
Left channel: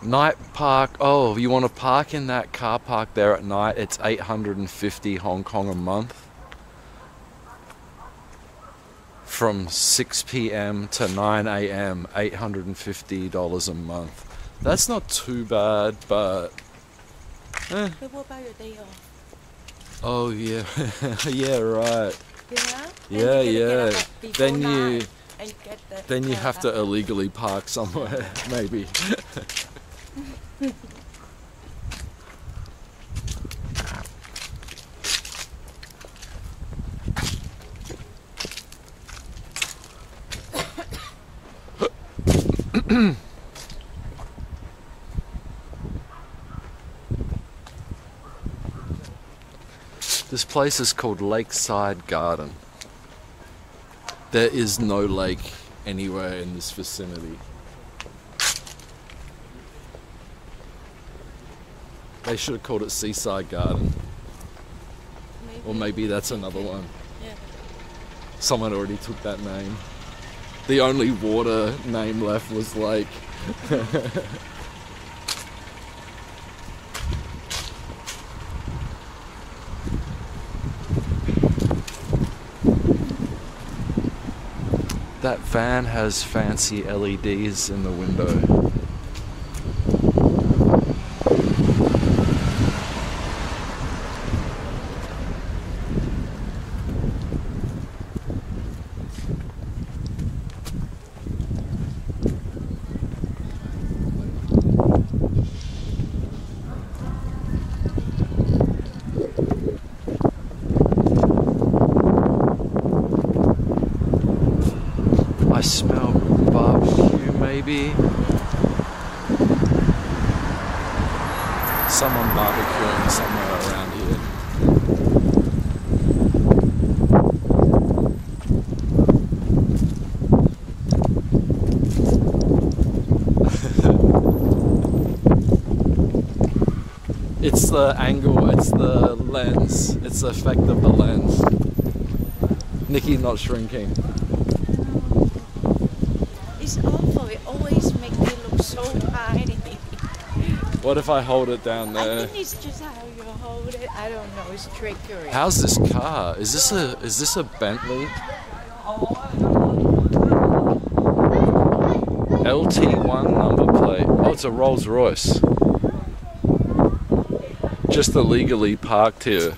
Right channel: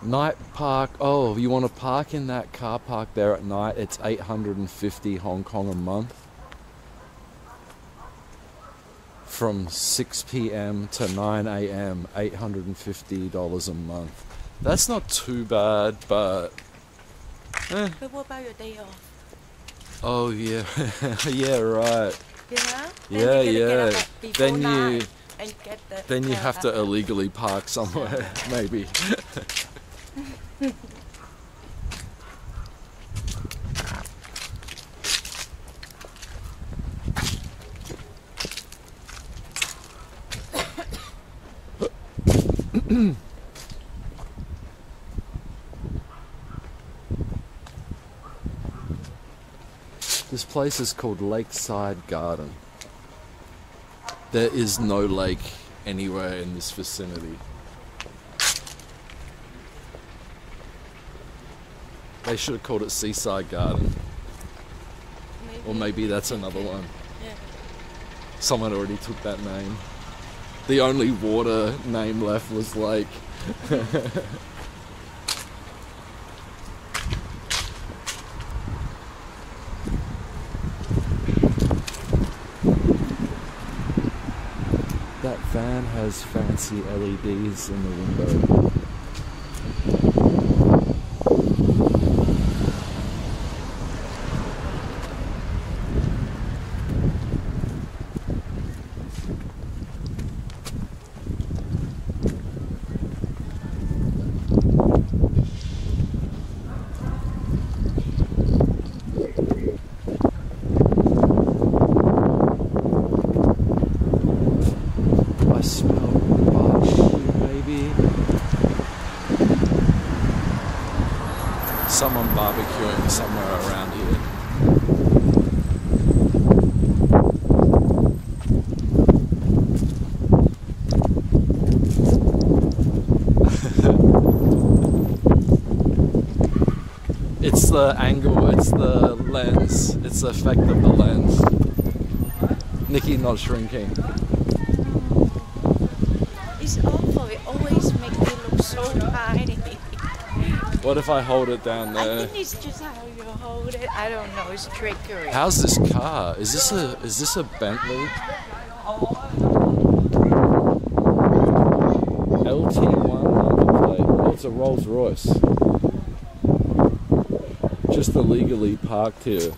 Night park. Oh, you want to park in that car park there at night? It's 850 Hong Kong a month. from 6 p.m. to 9 a.m., $850 a month. That's not too bad, but... But what about your day off? Oh, yeah. Yeah, right. Yeah? Yeah, Then you gotta get up before Then 9 and get the Then you have to illegally park somewhere, maybe. This place is called Lakeside Garden. There is no lake anywhere in this vicinity. They should have called it Seaside Garden. Or maybe that's another one. Yeah. Someone already took that name. The only water name left was lake. That van has fancy LEDs in the window. I smell barbecue, maybe. Someone barbecuing somewhere around here. It's the angle, it's the lens, it's the effect of the lens. Nikki not shrinking. It's awful. It always makes me look so tiny. What if I hold it down there? I think it's just how you hold it. I don't know. It's trickery. How's this car? Is this a Bentley? LT1 number plate. Oh, it's a Rolls Royce. Just illegally parked here.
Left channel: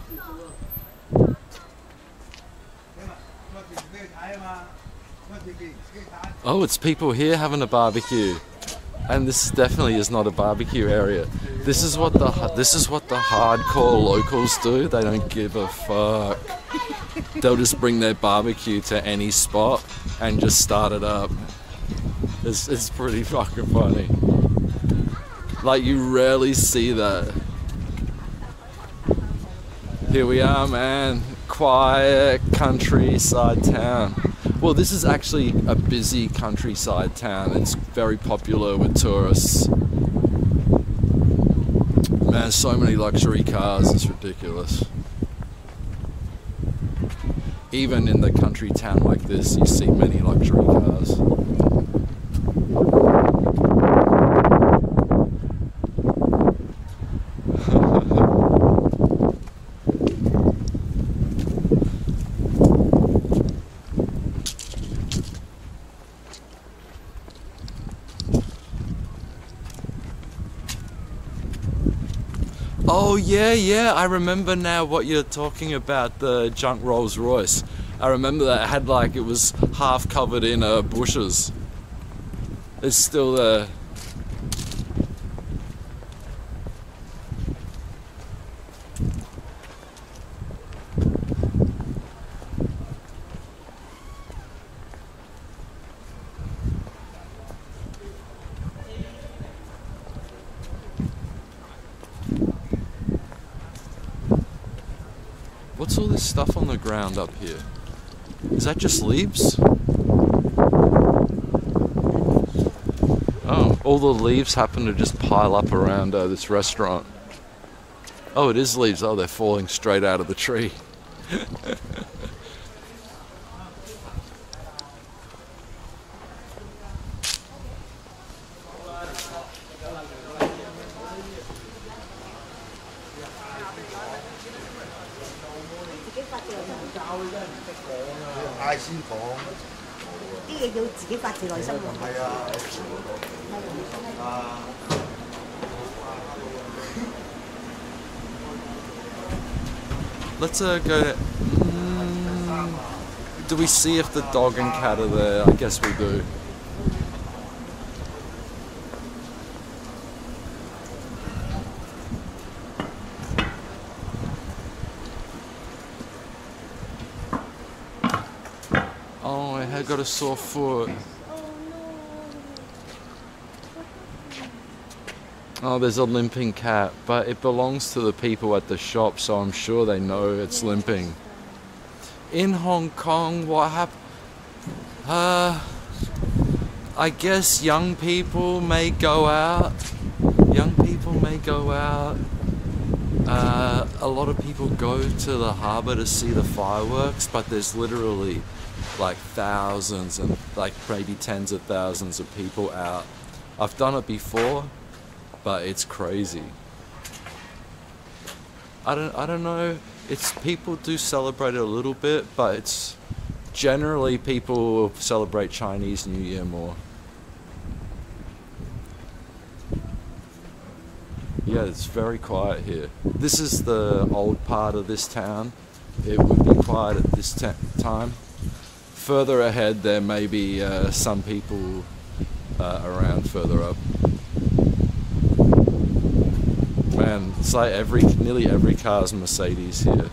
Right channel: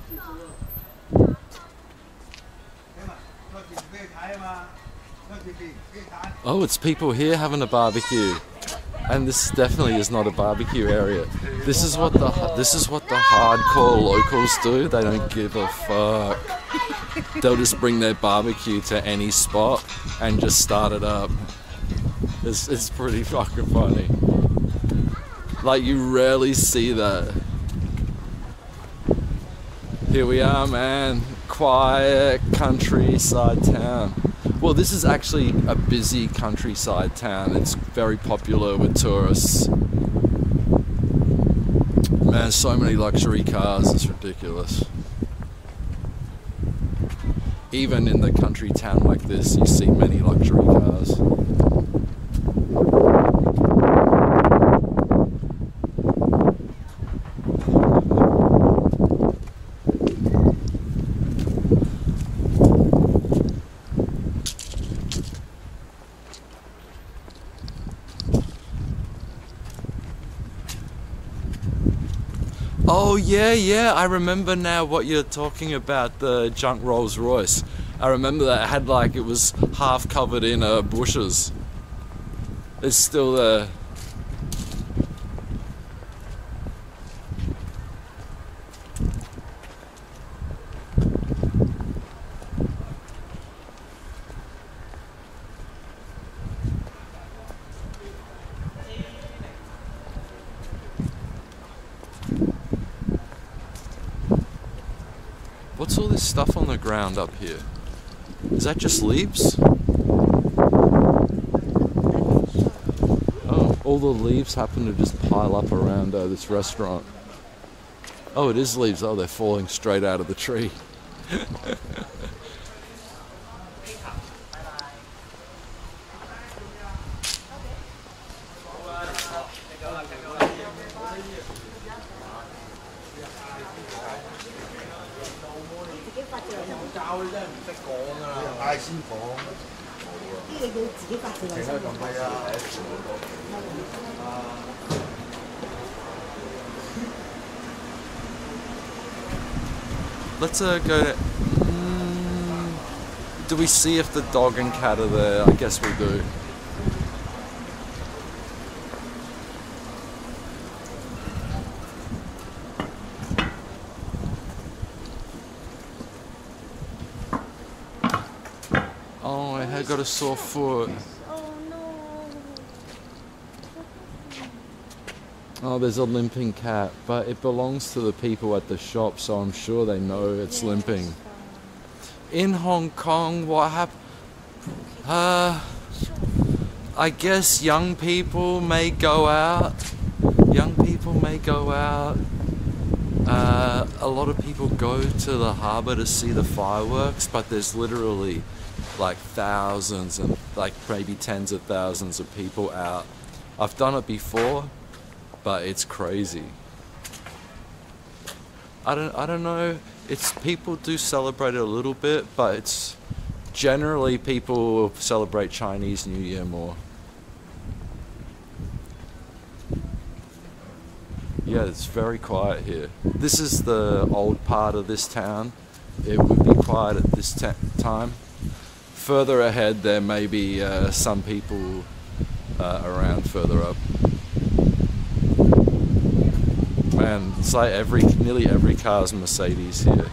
Oh, it's people here having a barbecue, and this definitely is not a barbecue area. This is what the hardcore locals do. They don't give a fuck. They'll just bring their barbecue to any spot and just start it up. It's pretty fucking funny. Like, you rarely see that. Here we are, man. Quiet countryside town. Well, this is actually a busy countryside town. It's very popular with tourists. Man, so many luxury cars, it's ridiculous. Even in the country town like this, you see many luxury cars. Oh yeah, I remember now what you're talking about, the junk Rolls Royce. I remember that it had, like, it was half covered in bushes. It's still there. What's all this stuff on the ground up here? Is that just leaves? Oh, all the leaves happen to just pile up around this restaurant. Oh, it is leaves. Oh, they're falling straight out of the tree. 呢個要自己發自內心喎。係啊。Let's go. Do we see if the dog and cat are there? I guess we do. Oh, I had got a sore foot. Oh, there's a limping cat, but it belongs to the people at the shop, so I'm sure they know it's limping. In Hong Kong, what happened? I guess young people may go out. Young people may go out. A lot of people go to the harbour to see the fireworks, but there's literally like thousands and like maybe tens of thousands of people out. I've done it before, but it's crazy. I don't know. It's people do celebrate it a little bit, but it's generally people celebrate Chinese New Year more. Yeah, it's very quiet here. This is the old part of this town. It would be quiet at this time. Further ahead, there may be some people around further up. Man, it's like nearly every car is Mercedes here.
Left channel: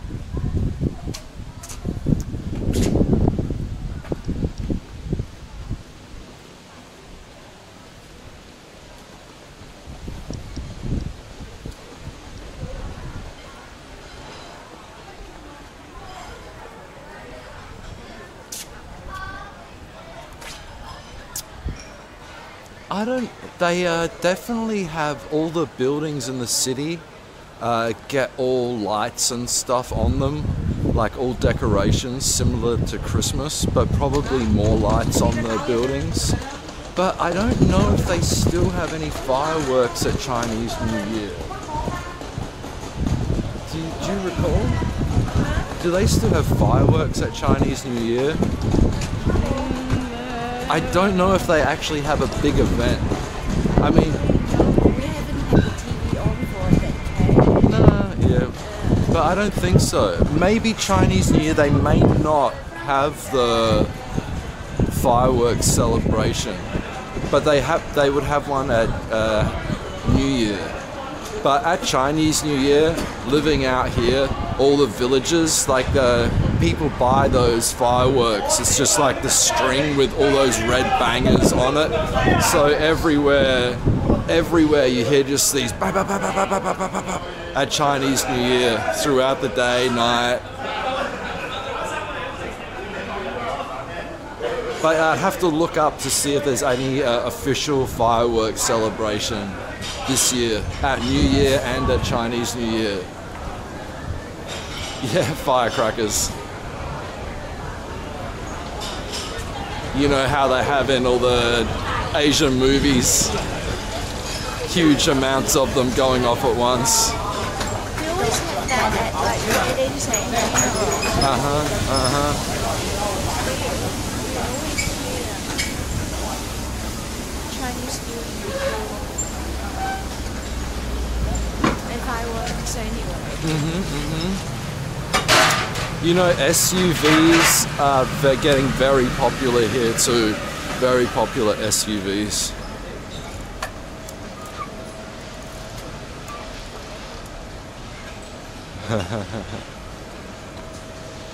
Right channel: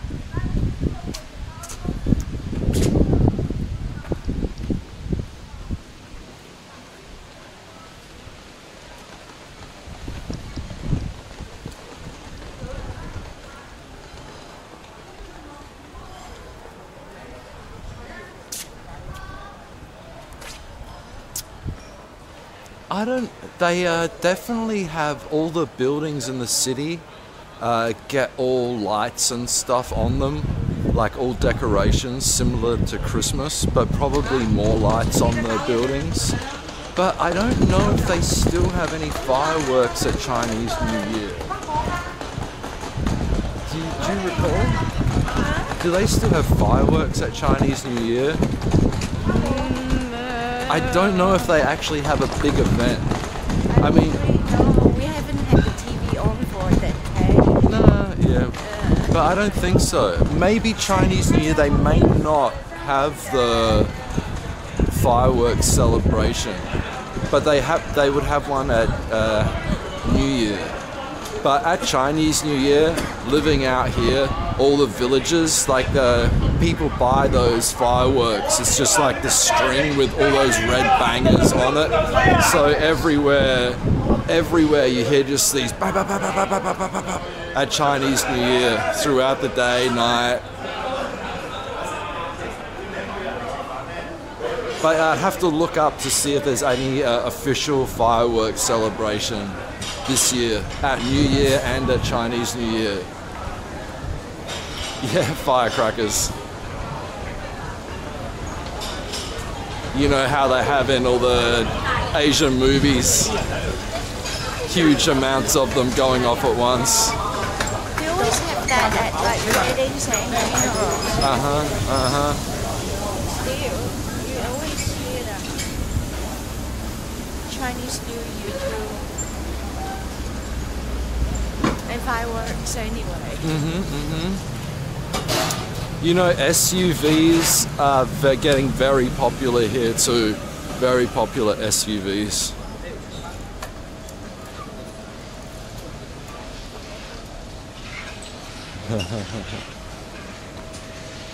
They definitely have all the buildings in the city get all lights and stuff on them, like all decorations similar to Christmas, but probably more lights on the buildings. But I don't know if they still have any fireworks at Chinese New Year. Do you recall? Do they still have fireworks at Chinese New Year? I don't know if they actually have a big event. I mean... No, we haven't had the TV on for that, okay? Nah, yeah. But I don't think so. Maybe Chinese New Year, they may not have the fireworks celebration. But they would have one at New Year. But at Chinese New Year, living out here, all the villages, like the people buy those fireworks. It's just like the string with all those red bangers on it. So everywhere you hear just these bah, bah, bah, bah, bah, bah, bah, bah, bah, at Chinese New Year throughout the day, night. But I'd have to look up to see if there's any official fireworks celebration this year at New Year and at Chinese New Year. Yeah, firecrackers. You know how they have in all the Asian movies, huge amounts of them going off at once. We always have that at like weddings and funerals. We always hear them. Chinese New Year too. And fireworks anyway. You know, SUVs are getting very popular here too. Very popular SUVs.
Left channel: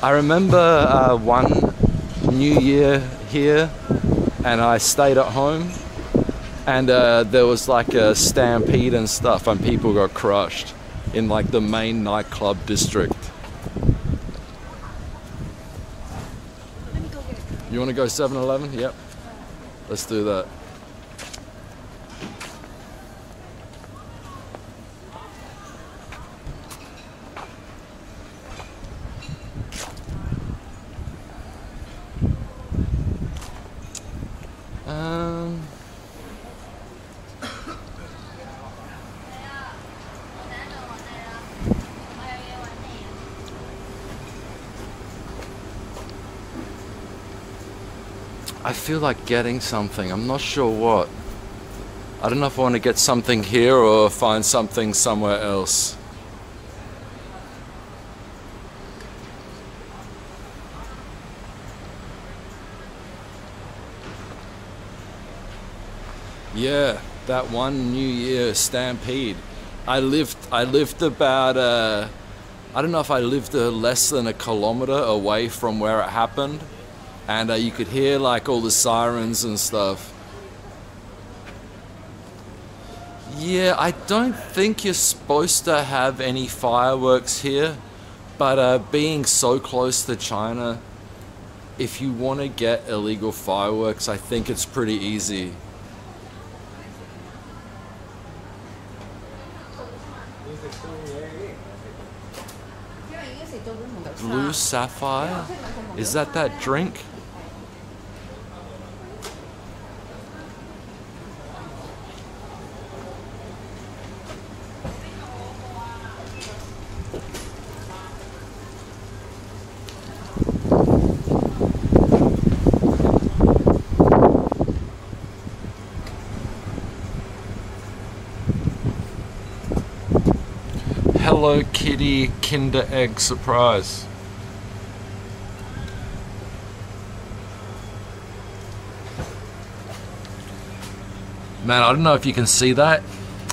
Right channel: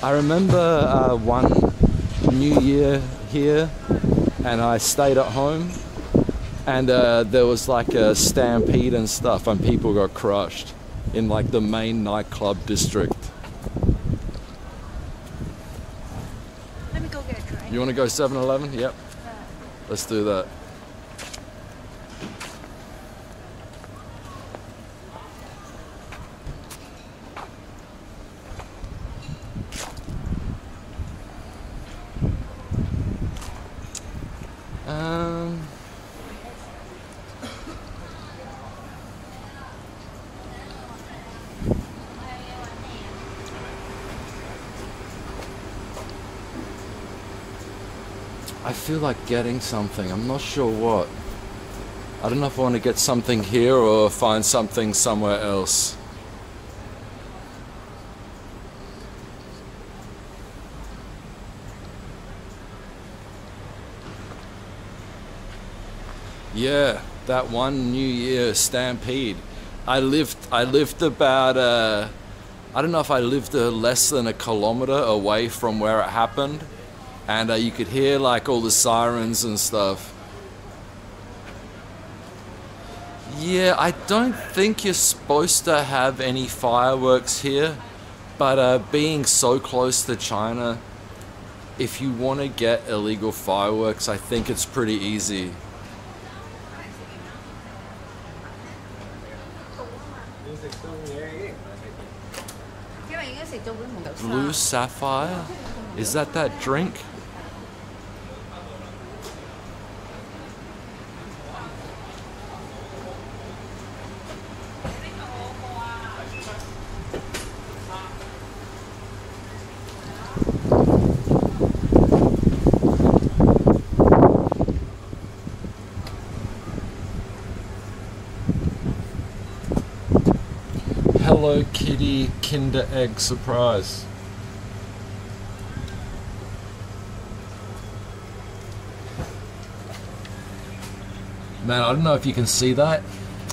I remember one New Year here, and I stayed at home, and there was like a stampede and stuff, and people got crushed in like the main nightclub district. Let me go get a drink. You want to go 7-Eleven? Yep. Let's do that. I feel like getting something. I'm not sure what. I don't know if I want to get something here or find something somewhere else. Yeah, that one New Year stampede. I lived about I don't know if I lived less than a kilometer away from where it happened, and you could hear like all the sirens and stuff. Yeah, I don't think you're supposed to have any fireworks here, but being so close to China, if you want to get illegal fireworks, I think it's pretty easy. Blue sapphire? Is that drink? Hello Kitty Kinder Egg Surprise. Man, I don't know if you can see that.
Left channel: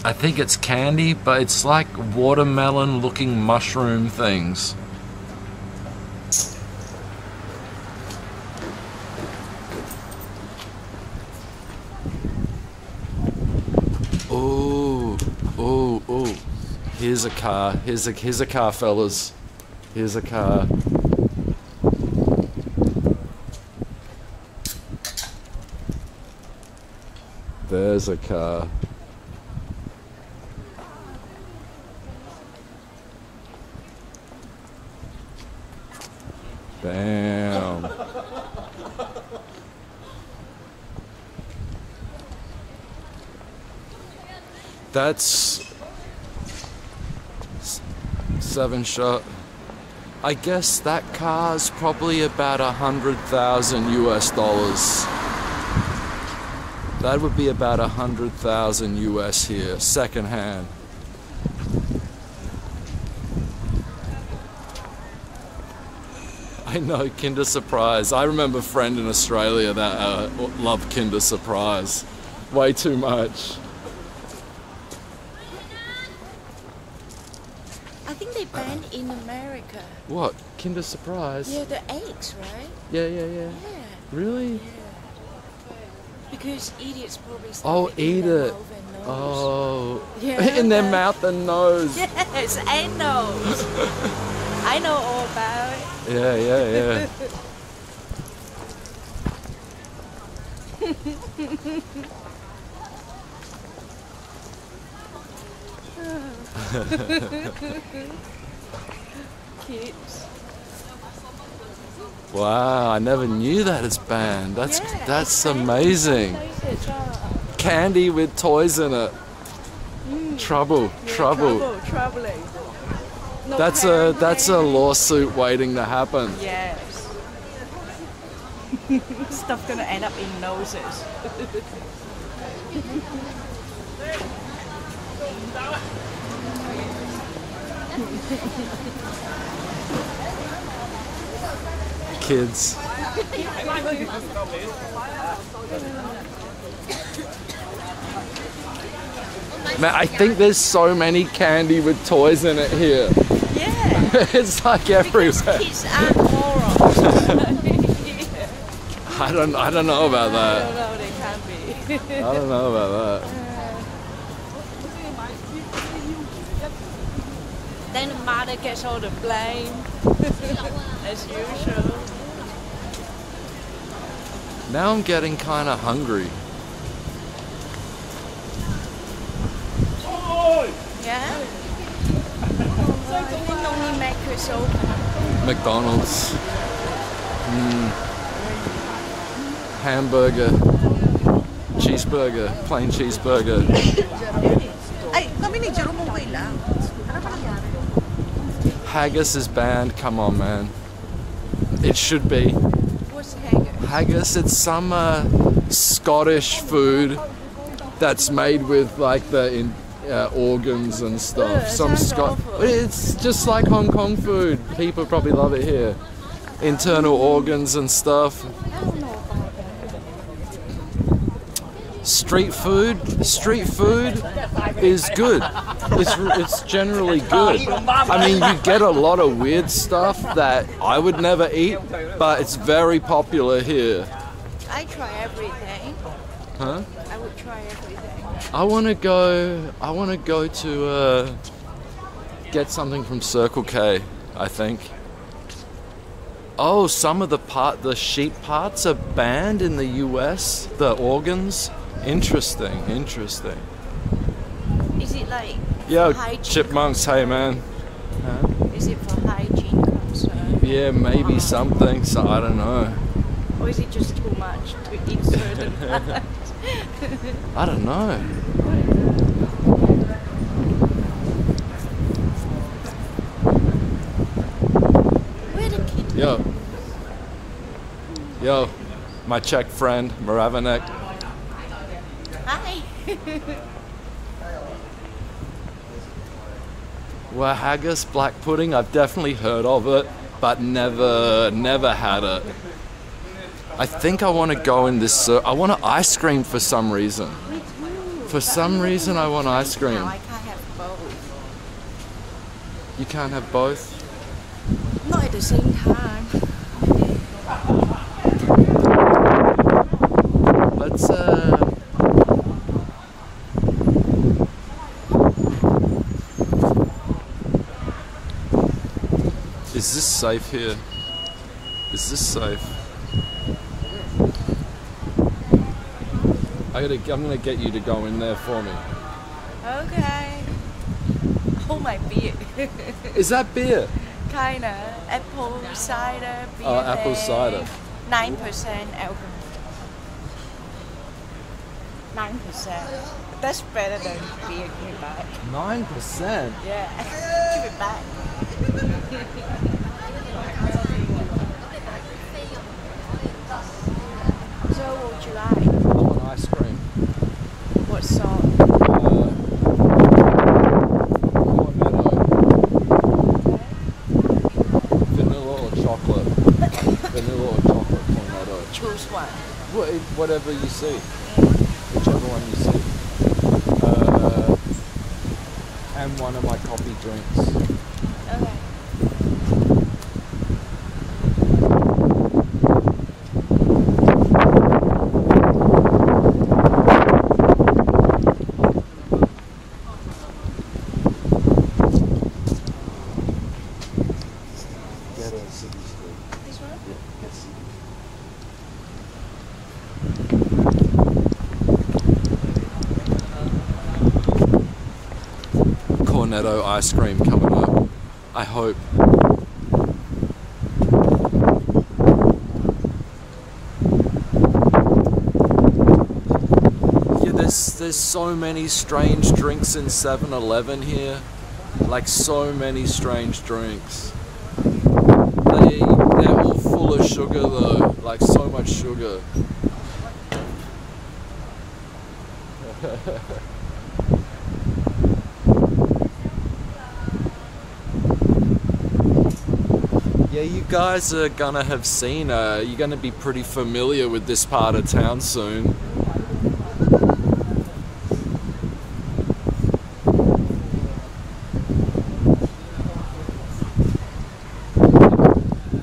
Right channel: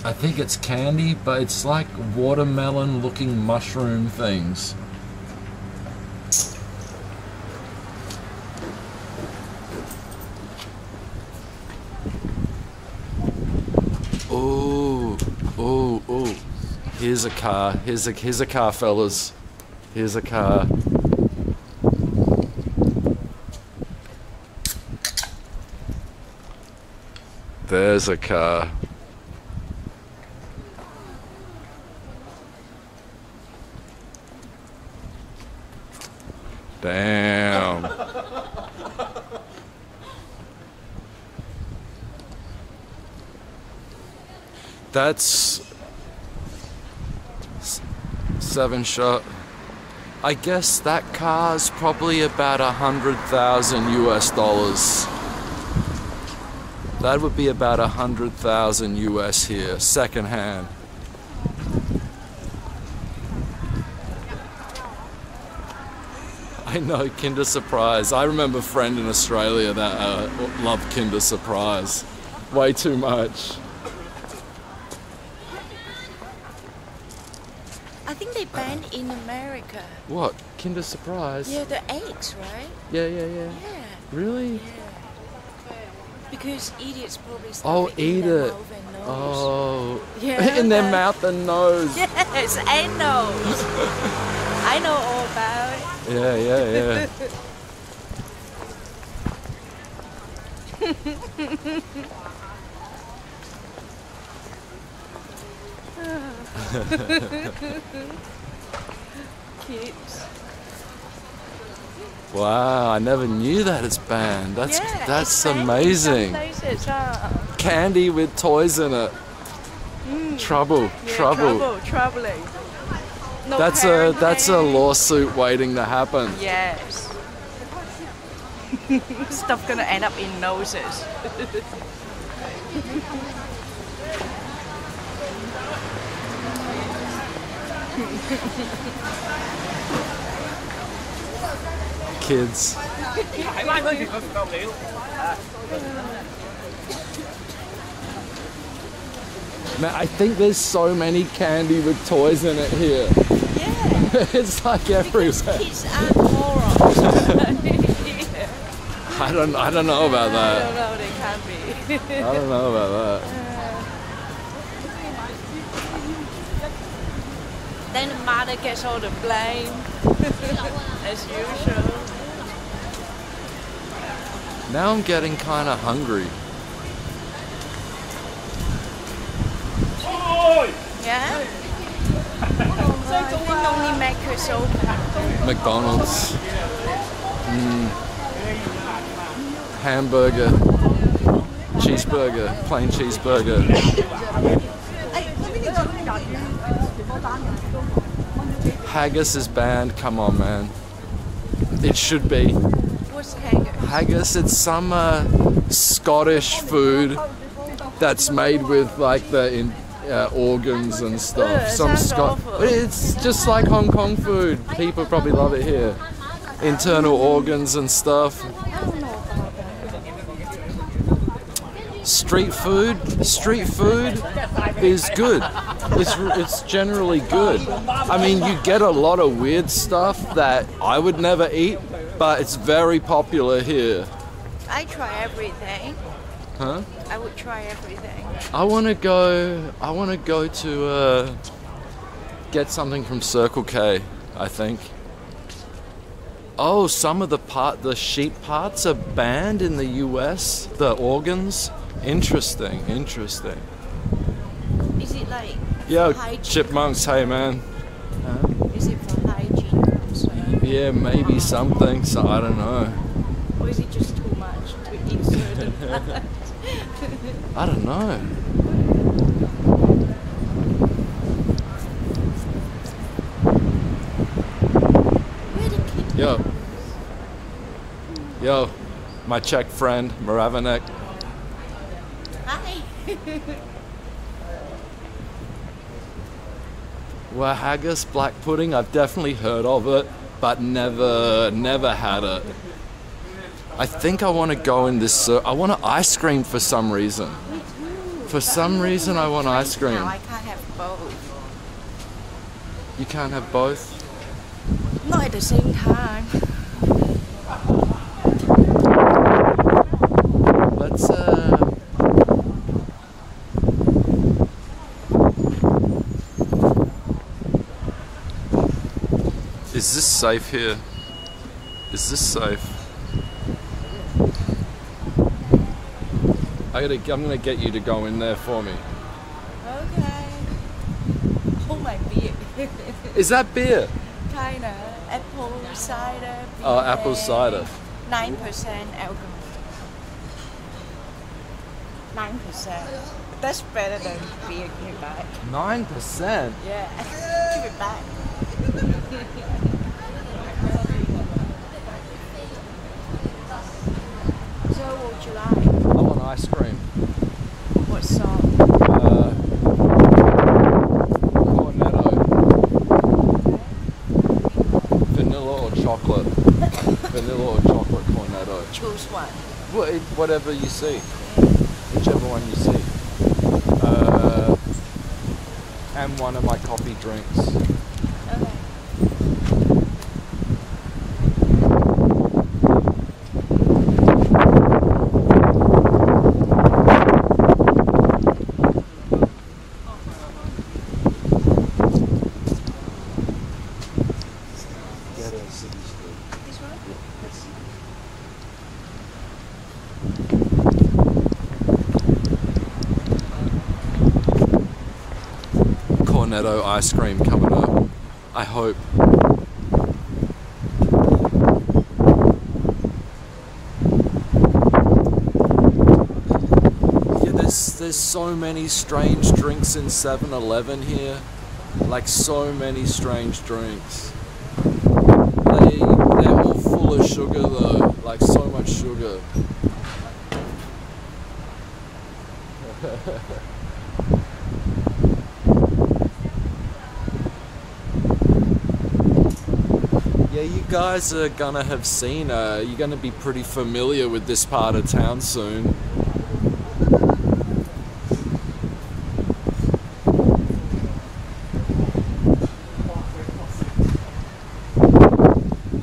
I think it's candy, but it's like watermelon looking mushroom things. Oh, oh, oh. Here's a car. Here's a car, fellas. Here's a car. There's a car. Damn. That's 7-shot. I guess that car's probably about 100,000 US dollars. That would be about 100,000 US here, secondhand. I know, Kinder Surprise. I remember a friend in Australia that loved Kinder Surprise. Way too much. I think they banned in America. What? Kinder Surprise? Yeah, the eggs, right? Yeah. Yeah. Really? Yeah. Because idiots probably Oh, stuff eat in their it. mouth and nose. Oh. Yeah. In their mouth and nose. Yes, and nose. I know all about it. Yeah. Kids. Wow, I never knew that it's banned. That's It's banned in amazing. some places, huh? Candy with toys in it. Troubling. No That's a parent. lawsuit waiting to happen. Yes. Stuff gonna end up in noses. Kids. Man, I think there's so many candy with toys in it here. Yeah. It's like everywhere. Kids aren't morons. I don't know about I that. don't know, they can be. I don't know about that. Then the mother gets all the blame, as usual. Now I'm getting kind of hungry. Yeah? I think only Mac is open. McDonald's. Hamburger. Cheeseburger. Plain cheeseburger. Haggis is banned. Come on, man. It should be. What's haggis? Haggis, it's some Scottish food that's made with like the organs and stuff. It's just like Hong Kong food. People probably love it here. Internal organs and stuff. I don't know about that. Street food is good. It's generally good. I mean, you get a lot of weird stuff that I would never eat, but it's very popular here. I try everything. Huh? I would try everything. I want to go to get something from Circle K, I think. Oh, some of the sheep parts are banned in the US, the organs. Interesting. Is it like Yo, hygiene chipmunks, hey man. Huh? Is it for hygiene concern? Yeah, maybe something, so I don't know. Or is it just too much to eat certain parts? I don't know. Where the kid? Yo, my Czech friend, Moravanek. Hi. Well, haggis, black pudding, I've definitely heard of it, but never had it. I think I want to go in this, I want an ice cream for some reason. Me too. For some reason I want ice cream. Now I can't have both. You can't have both? Not at the same time. Let's, Is this safe here? Is this safe? I'm gonna get you to go in there for me. Okay. Oh, my beer. Is that beer? Kinda. Apple cider beer. Oh, apple cider. 9% alcohol. 9%. That's better than beer. Give it back. 9%? Yeah. Give it back. So what would you like? I want ice cream. What sort? Cornetto. Okay. Vanilla or chocolate? Vanilla or chocolate cornetto? Choose one. Whatever you see. Whichever one you see. And one of my coffee drinks. Okay. This one? Cornetto ice cream coming up. I hope. Yeah, there's so many strange drinks in 7-Eleven here. Like so many strange drinks. They're all full of sugar though. Like so much sugar. Yeah, you guys are gonna have seen, you're gonna be pretty familiar with this part of town soon.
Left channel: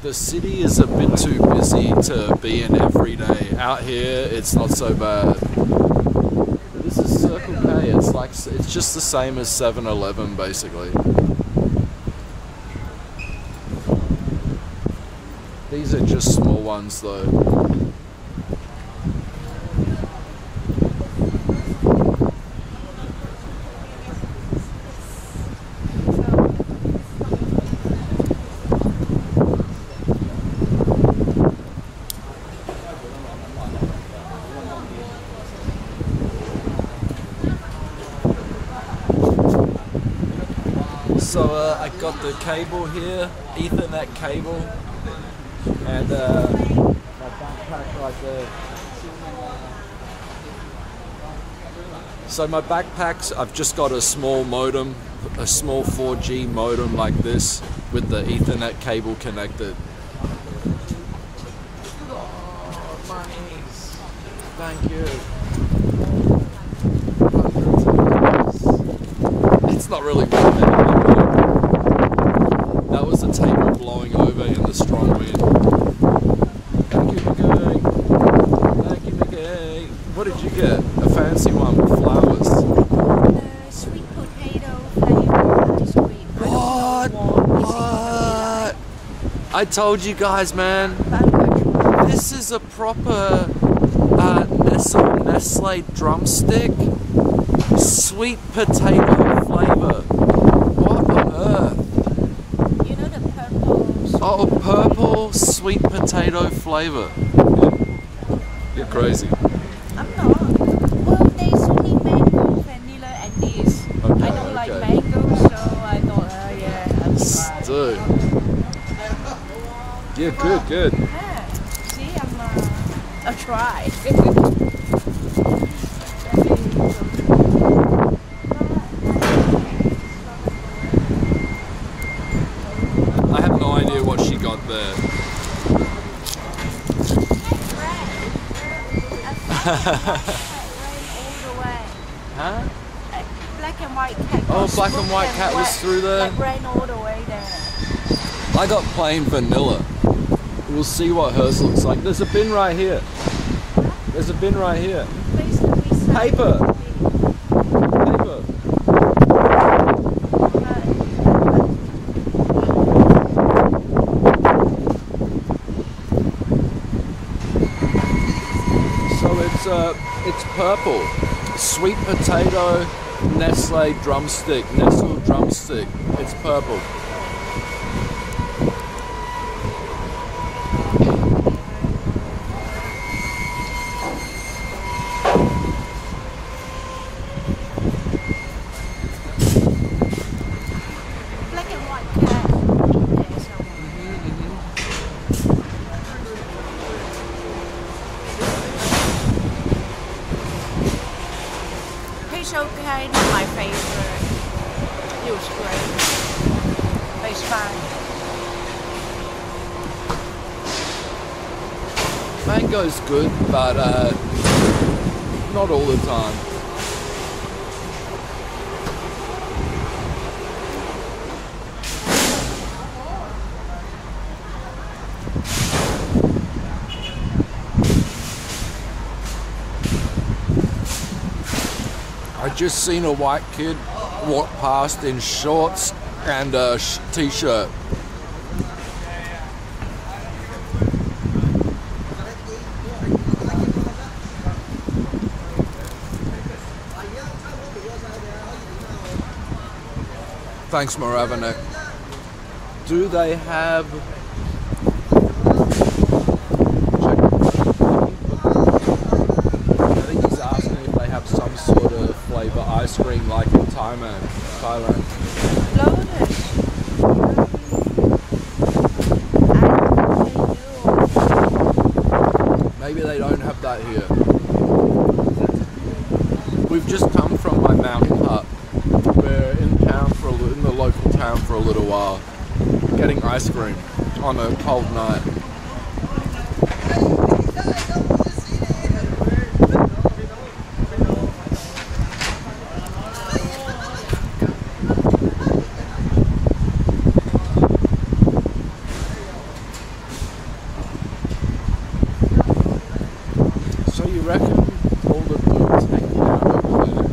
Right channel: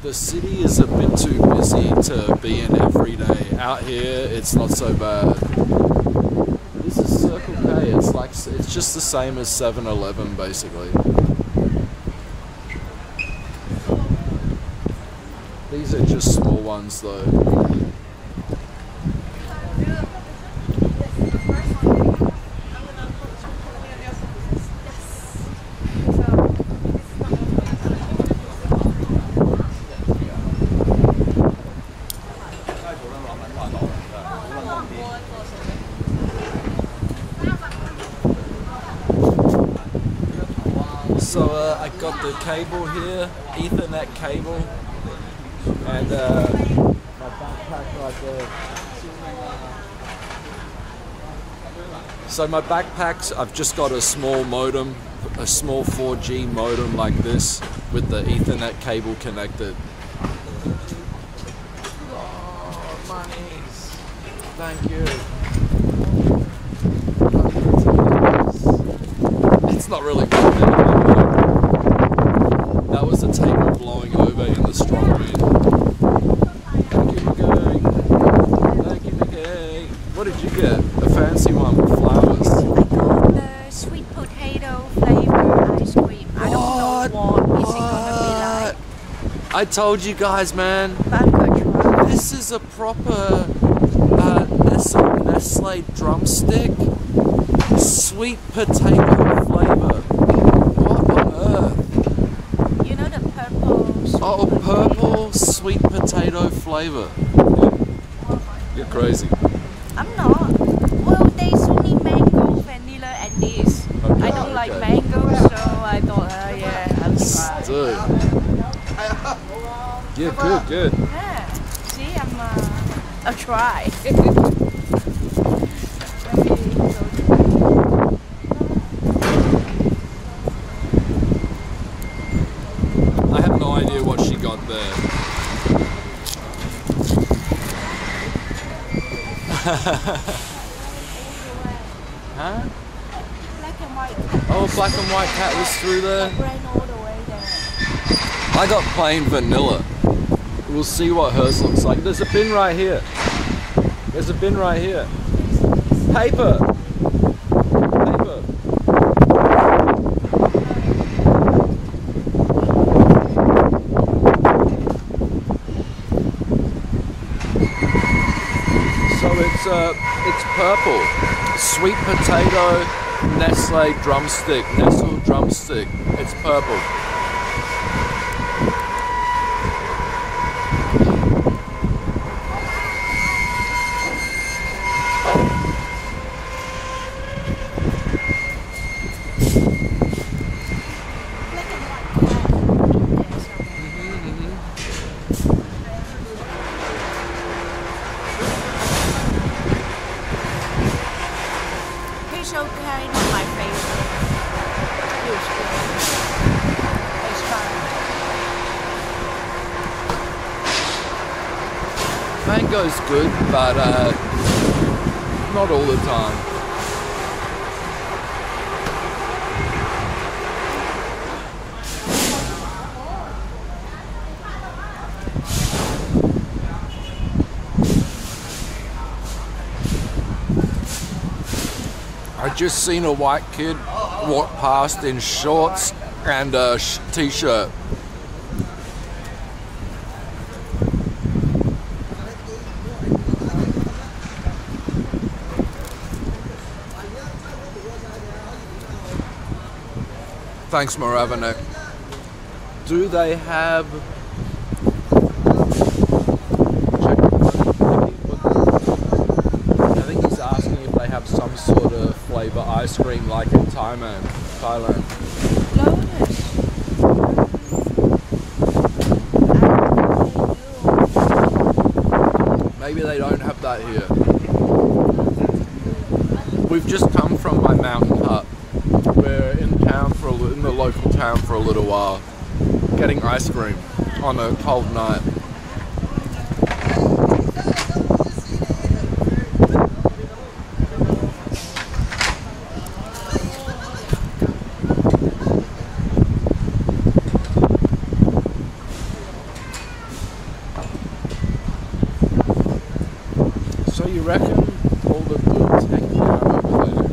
The city is a bit too busy to be in every day. Out here, it's not so bad. This is Circle K, it's just the same as 7-Eleven basically. These are just small ones though. So I got the cable here, Ethernet cable, and My backpack right there. So my backpacks, I've just got a small modem, a small 4G modem like this with the Ethernet cable connected. Oh, monies. Thank you. Hundreds of dollars. It's not really worth anything though. That was the table blowing over in the strong wind. Thank you, Mickey. Thank you, Mickey. What did you get? A fancy one with flowers. I got the sweet potato flavor ice cream. I don't know what is it gonna be like. I told you guys, man. But I'm gonna try. This is a proper Nestle drumstick. Sweet potato flavor. What on earth? You know the purple sweet Oh, potato? purple sweet potato flavor. Yeah. You're crazy. I'm not. Well, there's only mango, vanilla, and this. Okay, I don't like okay. mango, so I thought, yeah, I'll try. Dude. Yeah, good, good. Yeah. See, I'll try. I have no idea what she got there. Huh? Black and white cat. Oh, black and white cat was through there. That ran all the way there. I got plain vanilla. We'll see what hers looks like. There's a bin right here. There's a bin right here. Paper. Paper. So it's purple. Sweet potato Nestle drumstick. Nestle drumstick. It's purple. Black and white cat in there somewhere. It's okay, not my favorite. It was great. It's fine. Mango's good, but not all the time. I just seen a white kid walk past in shorts and a t-shirt. Thanks, Moravanek. Do they have... Check your phone. I think he's asking if they have some sort of flavor ice cream like in Thailand. Lotus. I don't think they do. Maybe they don't have that here. We've just come from my mountain hut. We're in town in the local town for a little while, getting ice cream on a cold night. So you reckon all the dudes hanging out over there,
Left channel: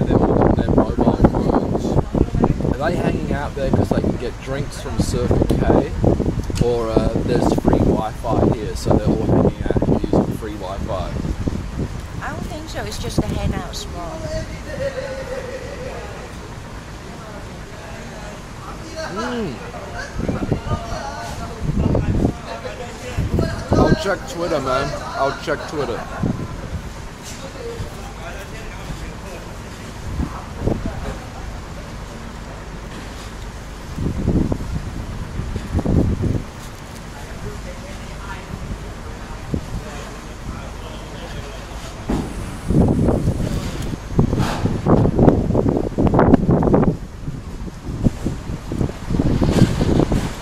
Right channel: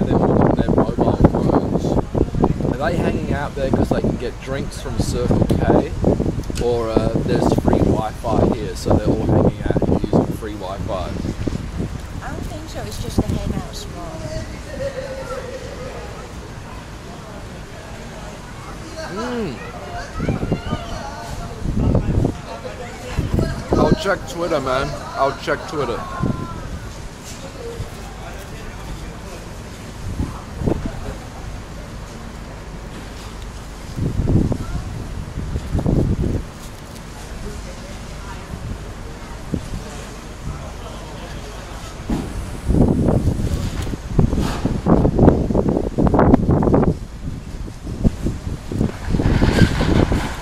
they're all on their mobile phones, are they hanging out there because they can get drinks from Circle K, or there's free Wi-Fi here, so they're all hanging out here using free Wi-Fi? I don't think so. It's just a hangout spot. I'll check Twitter, man. I'll check Twitter.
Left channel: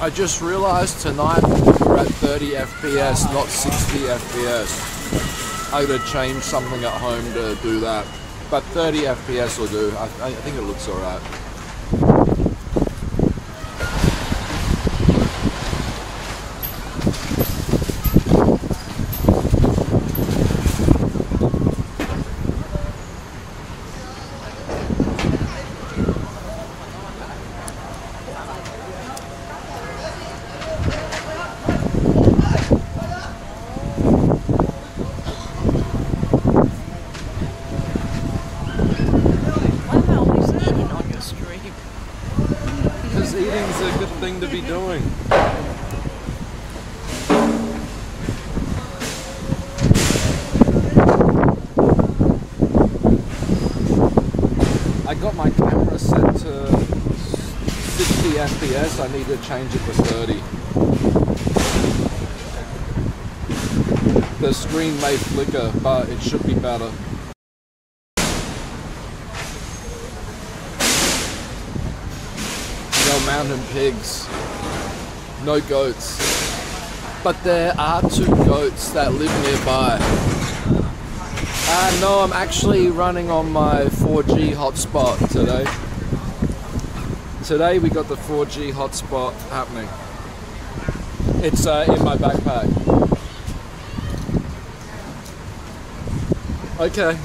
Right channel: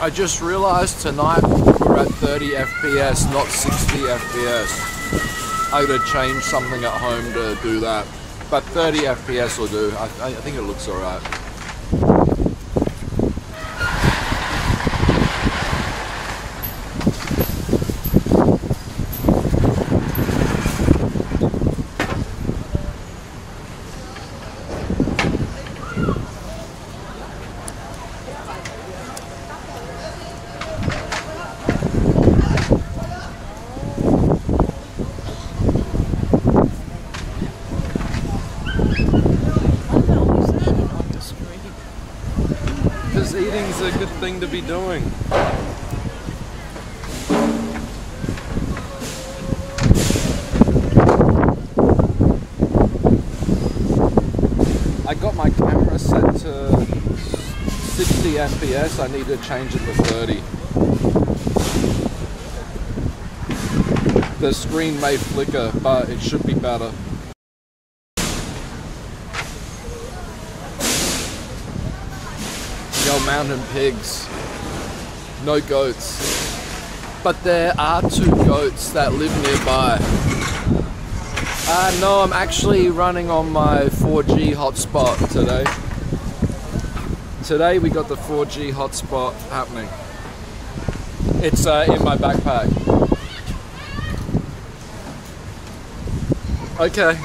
I just realized tonight we're at 30 FPS, not 60 FPS. I gotta change something at home to do that. But 30 FPS will do. I think it looks alright. Because eating's a good thing to be doing. I got my camera set to 60 FPS. I need to change it to 30. The screen may flicker, but it should be better. No mountain pigs, no goats, but there are 2 goats that live nearby. No, I'm actually running on my 4G hotspot today. Today we got the 4G hotspot happening. It's in my backpack. Okay.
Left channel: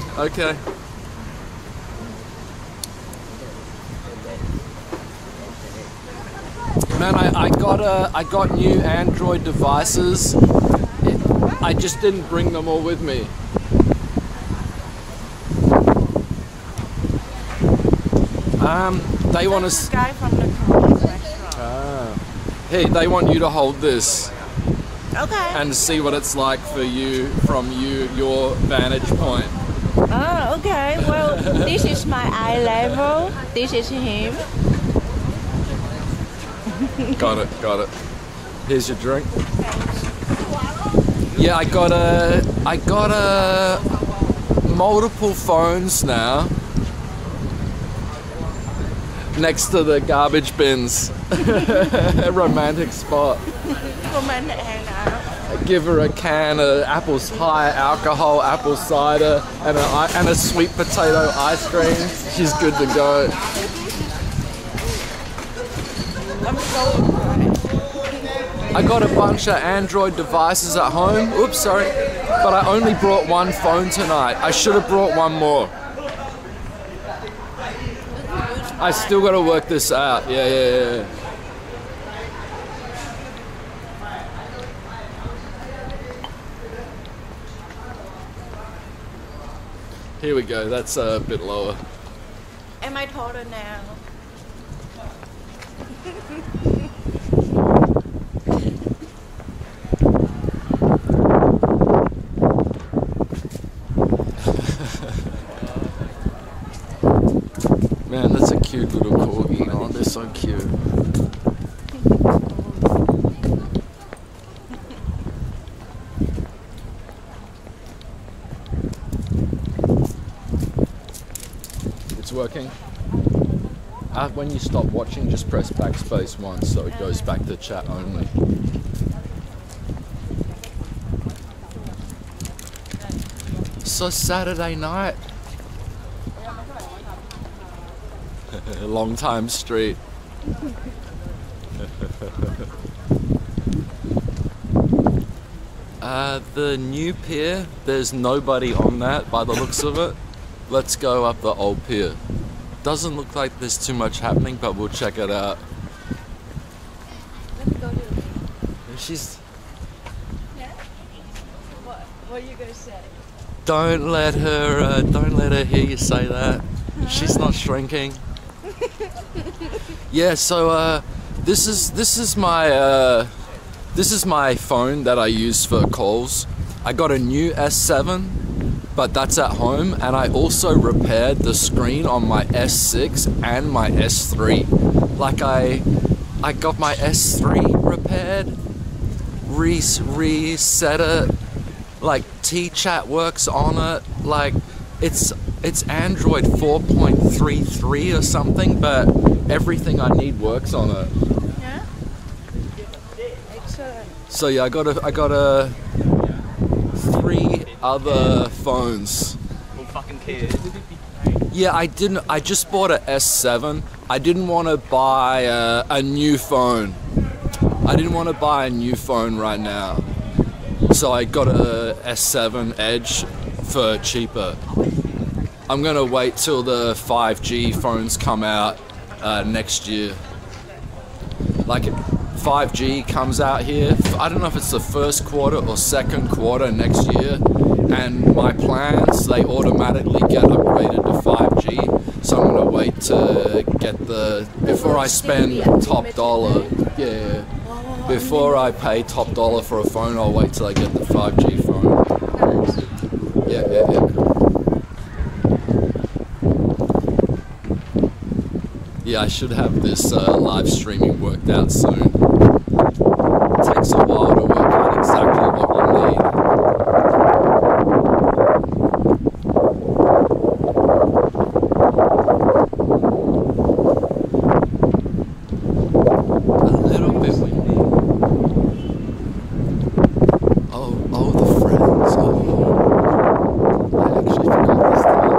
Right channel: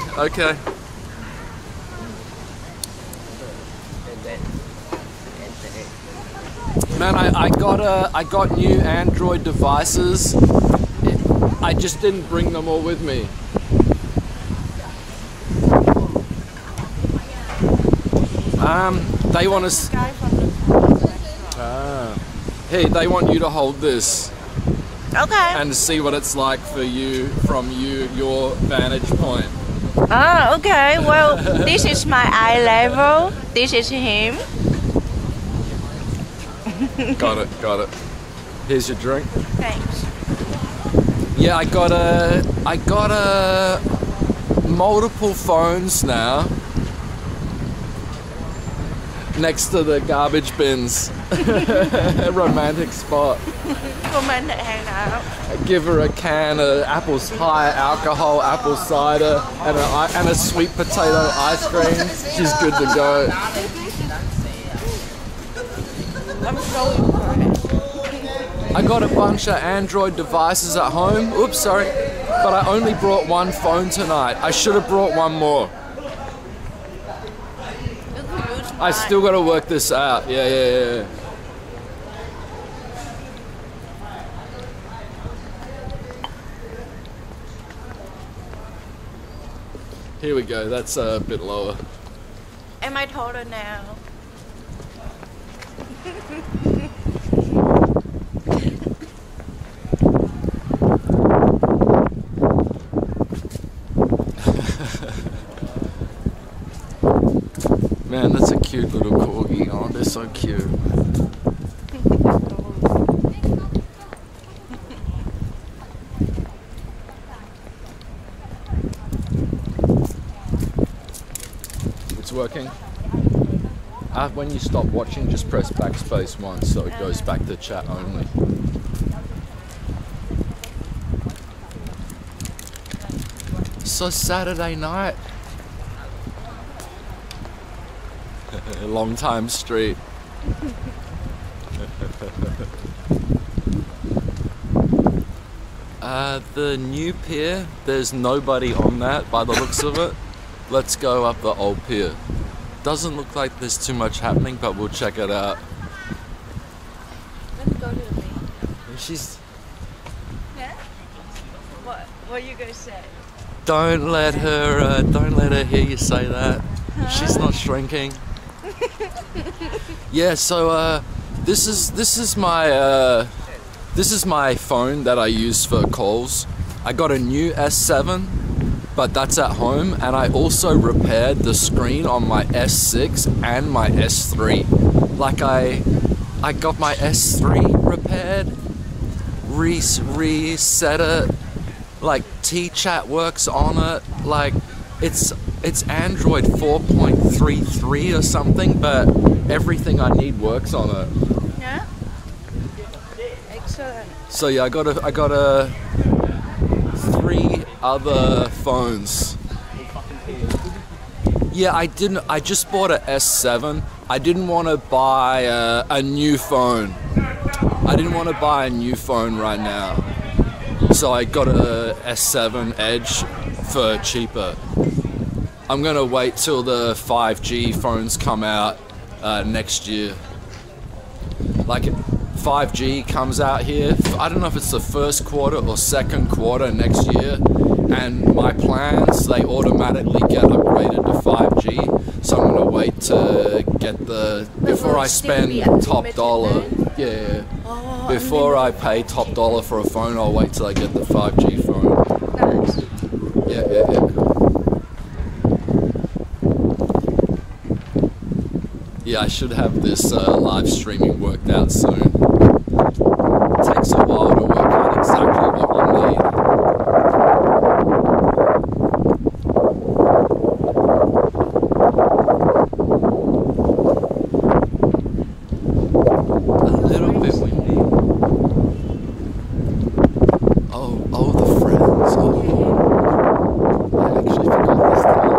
Man, I got new Android devices. I just didn't bring them all with me. They want to. Guy from the Korean restaurant. Hey, they want you to hold this Okay. and see what it's like for you from your vantage point. Okay. Well, this is my eye level. This is him. Got it. Here's your drink. Thanks. Yeah, I got a multiple phones now next to the garbage bins. A romantic spot. Romantic hangout. I give her a can of Apple's high alcohol apple cider and a sweet potato ice cream. She's good to go. I'm so impressed. I got a bunch of Android devices at home. Oops, sorry. But I only brought one phone tonight. I should have brought one more. I still got to work this out. Yeah. Here we go. That's a bit lower. Am I taller now? Man, that's a cute little corgi. Oh, they're so cute. It's working. When you stop watching, just press backspace once so it goes back to chat only. So Saturday night. Long time street. The new pier, there's nobody on that by the looks of it. Let's go up the old pier. Doesn't look like there's too much happening, but we'll check it out. Let me go to the main. She's... Yeah? What are you gonna say? Don't let her hear you say that. Huh? She's not shrinking. Yeah, so this is my phone that I use for calls. I got a new S7, but that's at home, and I also repaired the screen on my S6 and my S3. Like I got my S3 repaired, reset it, like T-Chat works on it, like it's Android 4.33 or something, but everything I need works on it. Yeah? Excellent. So yeah, I got a 3 other phones. Who fucking cares? Yeah, I just bought a S7. I didn't want to buy a new phone. I didn't want to buy a new phone right now. So I got a S7 Edge for cheaper. I'm gonna wait till the 5G phones come out next year. Like 5G comes out here, I don't know if it's the first quarter or second quarter next year, and my plans, they automatically get upgraded to 5G, so I'm gonna wait to get before I spend top dollar. Yeah, before I pay top dollar for a phone, I'll wait till I get the 5G phone. Nice. Yeah. Yeah, I should have this live streaming worked out soon. It takes a while to work out exactly what you need. A little bit windy. Oh, the friends. Oh, I actually forgot this time.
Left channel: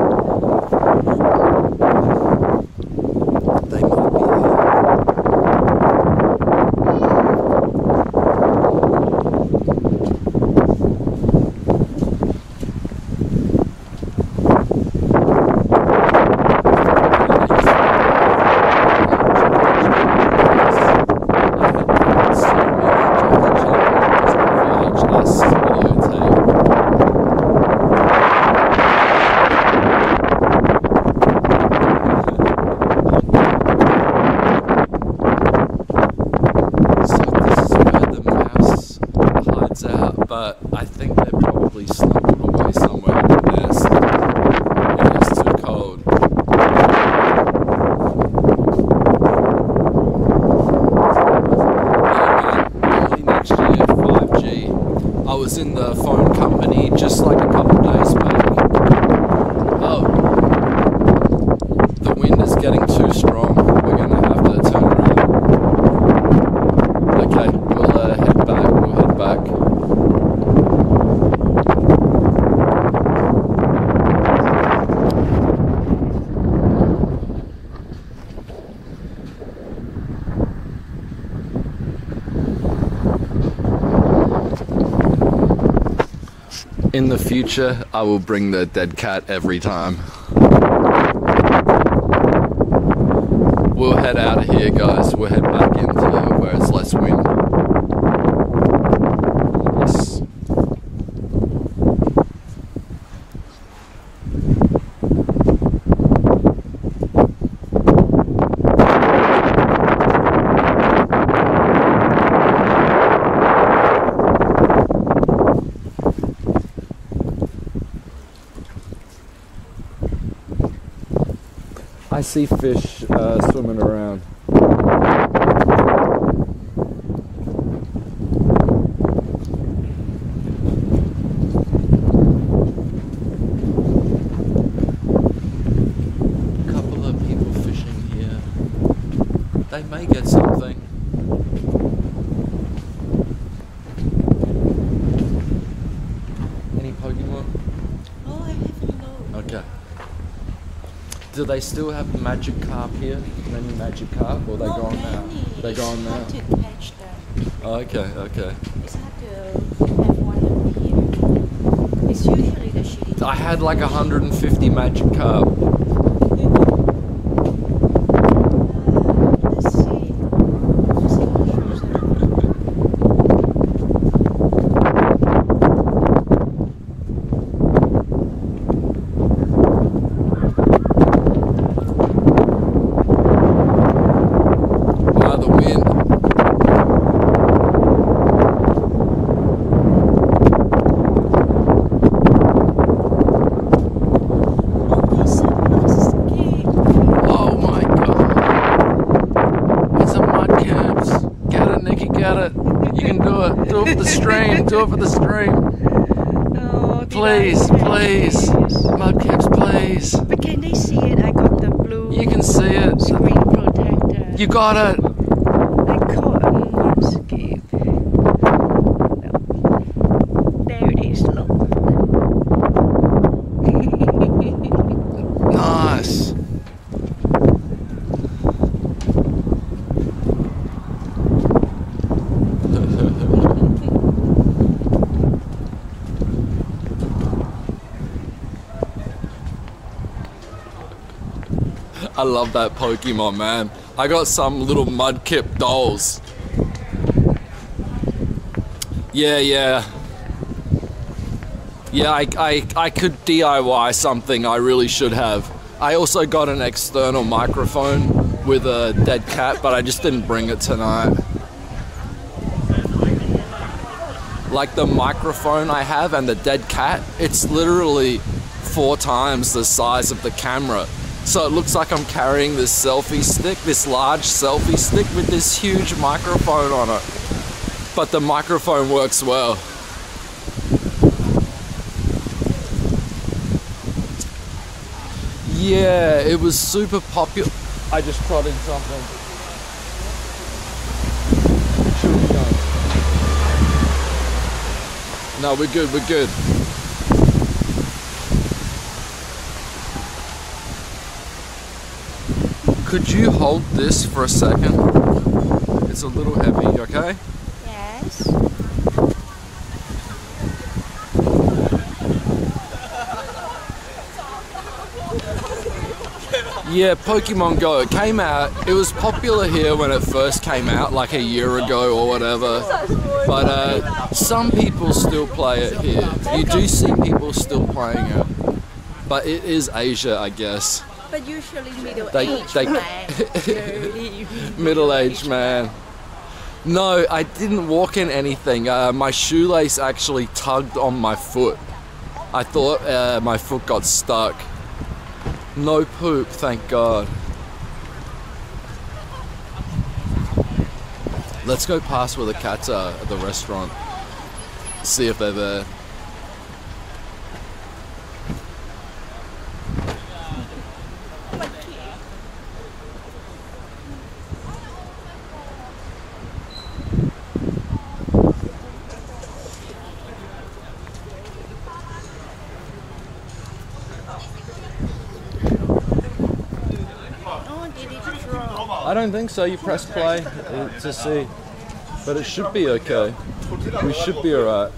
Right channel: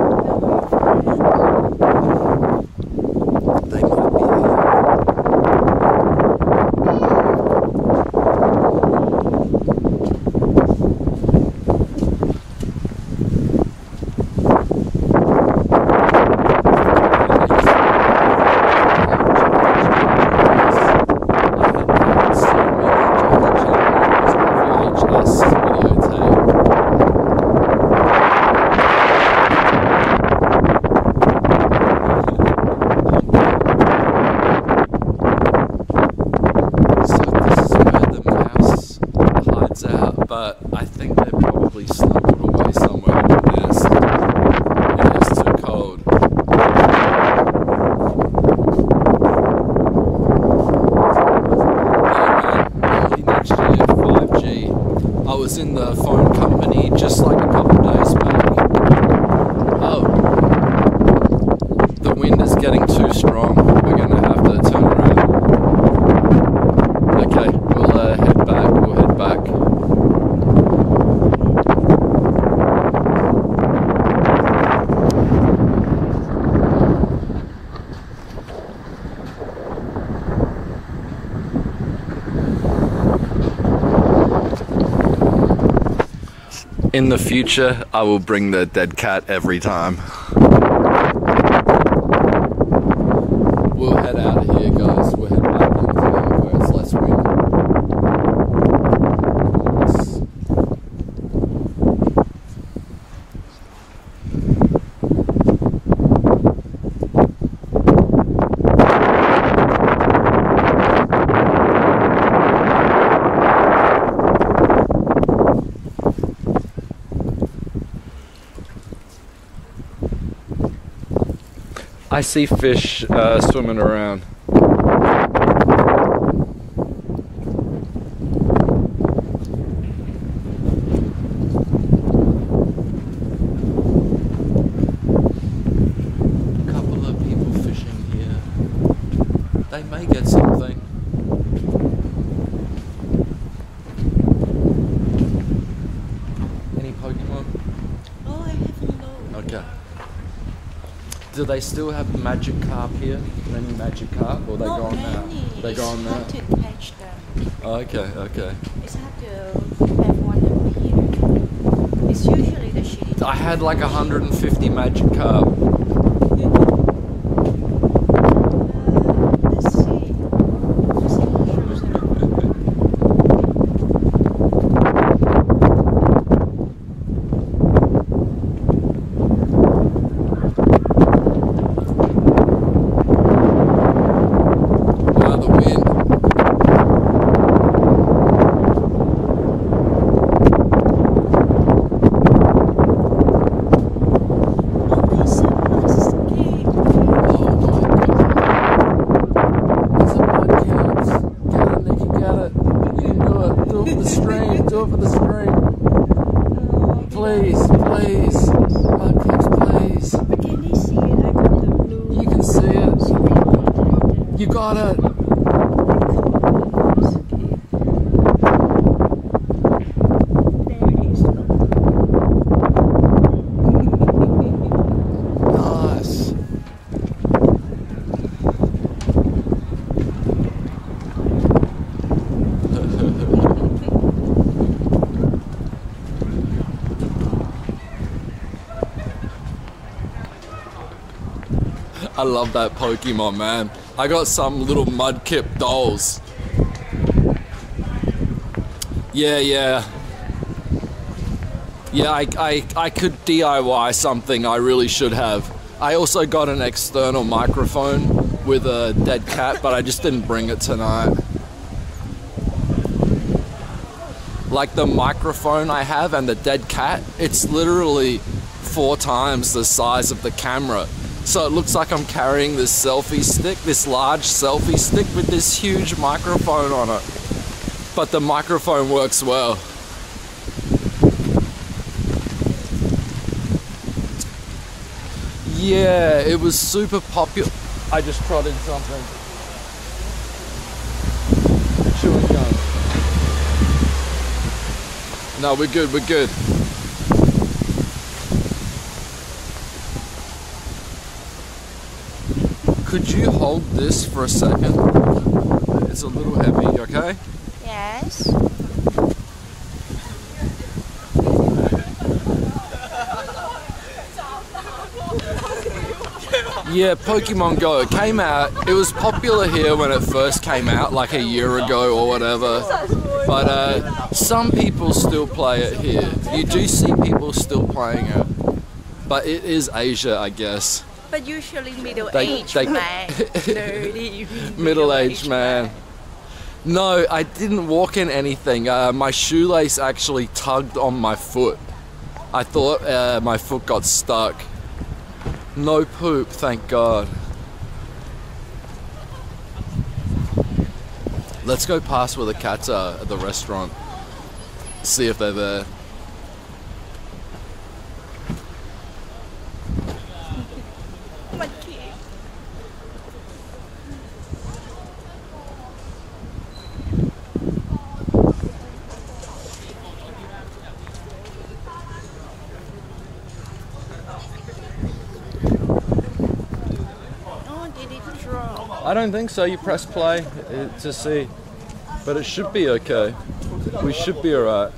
They might be here. But I think they're probably snuggled away somewhere in the nest. It is too cold. Yeah, man. Early next year, 5G. I was in the phone company just like a couple days back. Oh. The wind is getting too strong. We're gonna have to turn around. Okay, we'll head back. We'll head back. In the future, I will bring the dead cat every time. We'll head out of here, guys. We'll head back into where it's less wind. Yes. I see fish swimming around. A couple of people fishing here. They may get something. Any Pokemon? Oh, I haven't known. Okay. Do they still have magic carp here? Many magic carp, or they gone now? They gone now. It's hard to catch them. Oh, okay. It's hard to have one appear. It's usually the shitty. I had like 150 magic carp. Let's see. Let's see what shows there. The wind. Oh, it's a musky. Oh my god. It's a mudcaps. Get it, Nikki, get it. You can do it. Do it for the stream. Do it for the stream. Oh, Please. Mudcaps, please. But can they see it? I got the blue. You can see it. Screen protector. You got it. I caught a musky. I love that Pokemon, man. I got some little Mudkip dolls. Yeah, I could DIY something. I really should have. I also got an external microphone with a dead cat, but I just didn't bring it tonight. Like the microphone I have and the dead cat, it's literally 4 times the size of the camera. So it looks like I'm carrying this selfie stick, this large selfie stick with this huge microphone on it. But the microphone works well. Yeah, it was super popular. I just prodded something. Chewing gum. No, we're good, we're good. Could you hold this for a second? It's a little heavy, you okay? Yes. Yeah, Pokemon Go. It came out, it was popular here when it first came out, like a year ago or whatever. But some people still play it here. You do see people still playing it. But it is Asia, I guess. But usually middle-aged man. Dirty Middle-aged man. No, I didn't walk in anything. My shoelace actually tugged on my foot. I thought my foot got stuck. No poop, thank God. Let's go past where the cats are at the restaurant. See if they're there. My kid. Oh, did it drop? I don't think so. You press play to see. But it should be okay. We should be alright.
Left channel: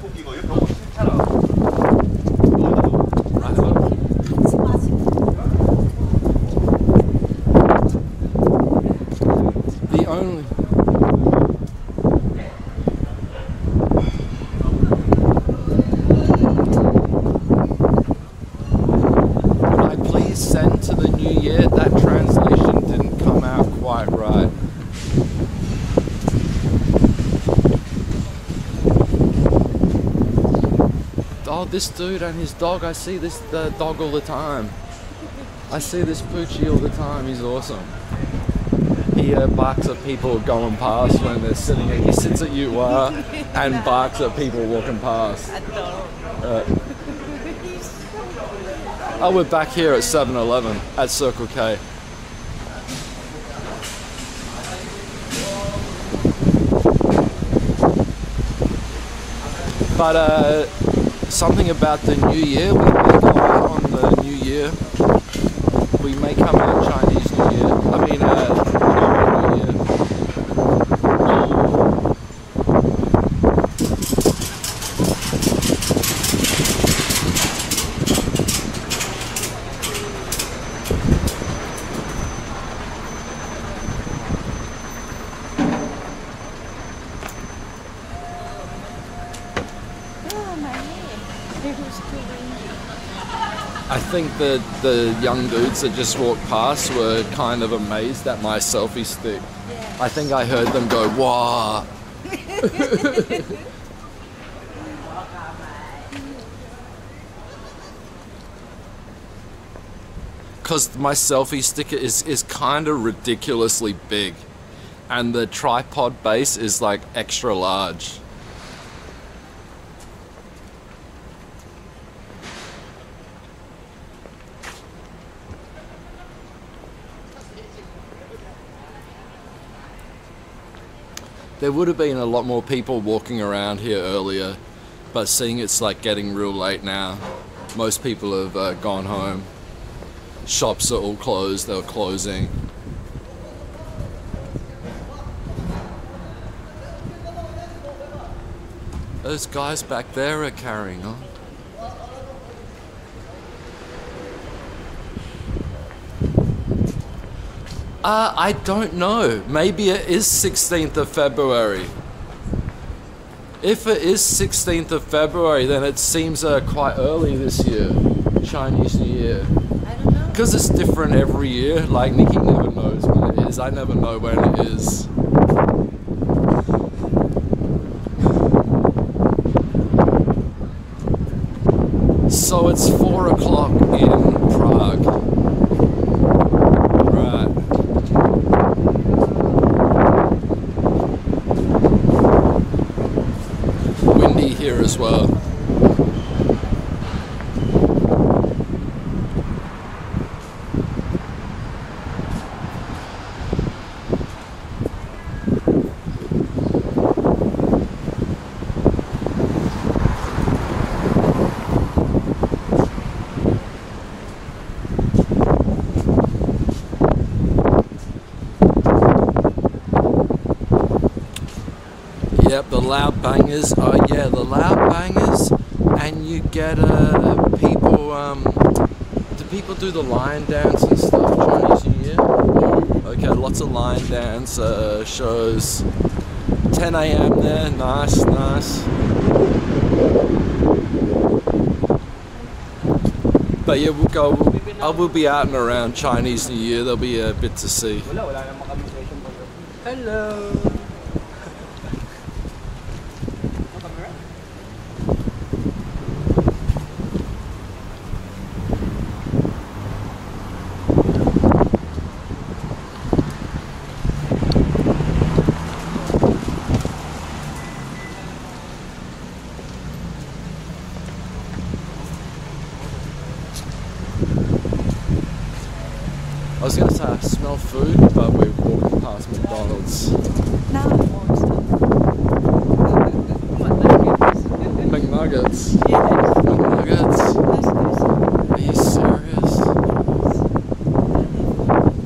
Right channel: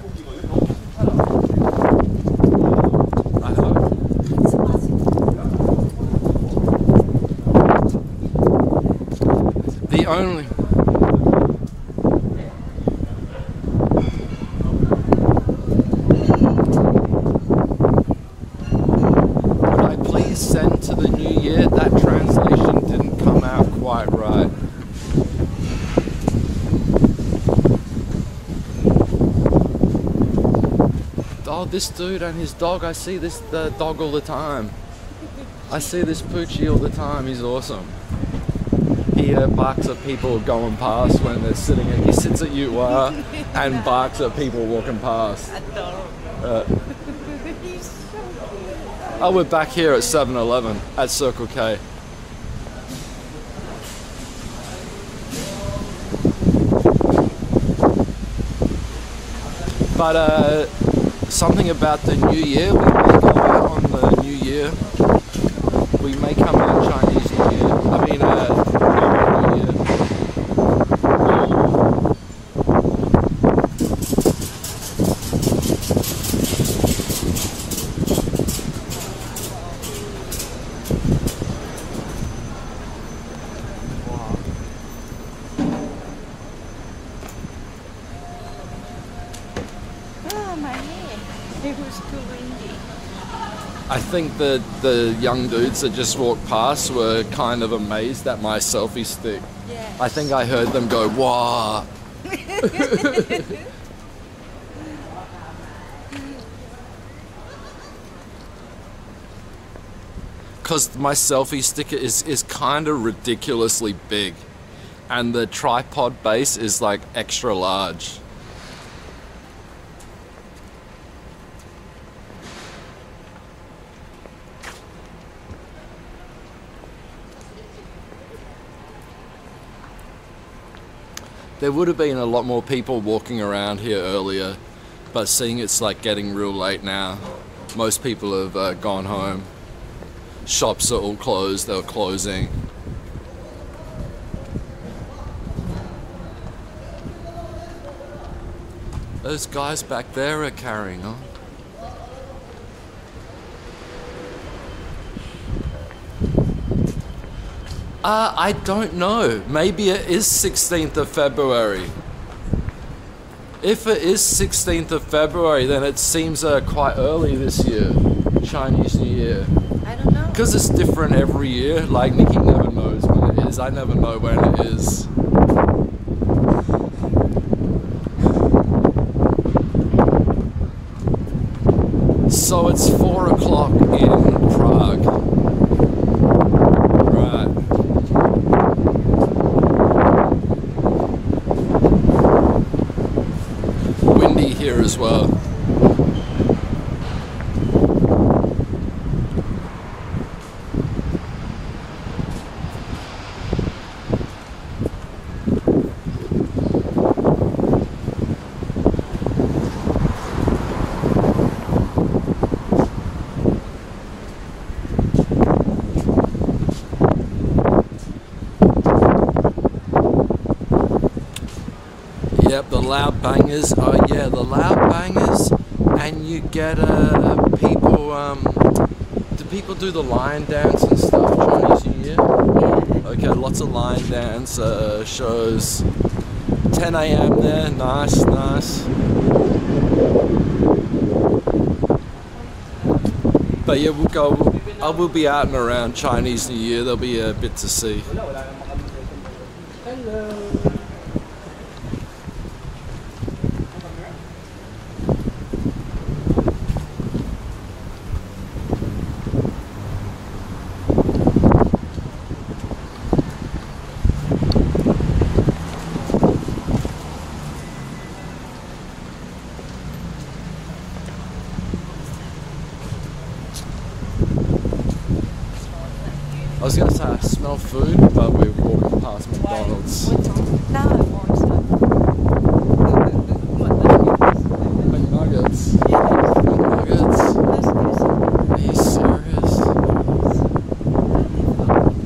I hope. The only... Would I please send to the new year? That translation didn't come out quite right. Oh, this dude and his dog, I see this dog all the time. I see this Poochie all the time, he's awesome. He barks at people going past when they're sitting at, he sits at you and barks at people walking past. Oh, we're back here at 7-Eleven, at Circle K. But something about the new year, we may go out on the new year. We may come out Chinese New Year. I mean, normal New Year. Oh, my head. It was too windy. I think that the young dudes that just walked past were kind of amazed at my selfie stick. Yeah. I think I heard them go, "Wow." Because my selfie stick is kind of ridiculously big. And the tripod base is like extra large. There would have been a lot more people walking around here earlier, but seeing it's like getting real late now, most people have gone home. Shops are all closed, they're closing. Those guys back there are carrying on. I don't know. Maybe it is 16th of February. If it is 16th of February, then it seems quite early this year, Chinese New Year. I don't know. Because it's different every year. Like, Nikki never knows when it is. I never know when it is. So it's 4 o'clock in Prague. Right. Windy here as well. Yep, the loud bangers. Oh yeah, the loud bangers. And you get people, do people do the lion dance and stuff Chinese New Year? Yeah. Okay, lots of lion dance shows. 10 a.m. there, nice, nice. But yeah, I will be out and around Chinese New Year. There'll be a bit to see. Hello. I was gonna say I smell food, but we're walking past McDonald's. Now I want some. What nuggets? McNuggets. Yes. McNuggets. Let's get some. Are you serious?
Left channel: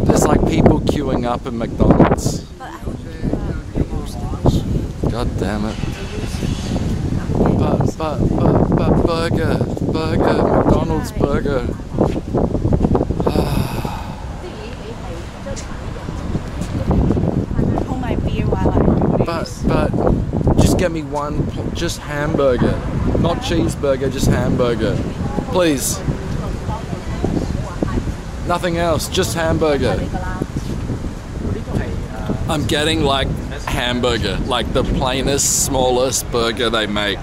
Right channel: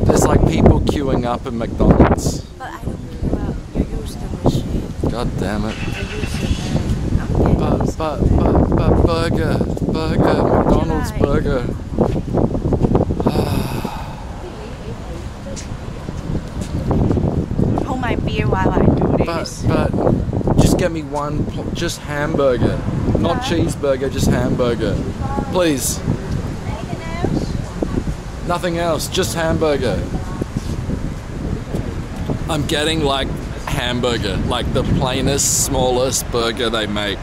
There's like people queuing up in McDonald's. But I don't queue up. You use the machine. God damn it. I use it. I'm getting But burger, McDonald's Right. burger. Hold my beer while I do this. But just get me one, just hamburger. Not cheeseburger, just hamburger. Please. Nothing else, just hamburger. I'm getting like hamburger, like the plainest, smallest burger they make.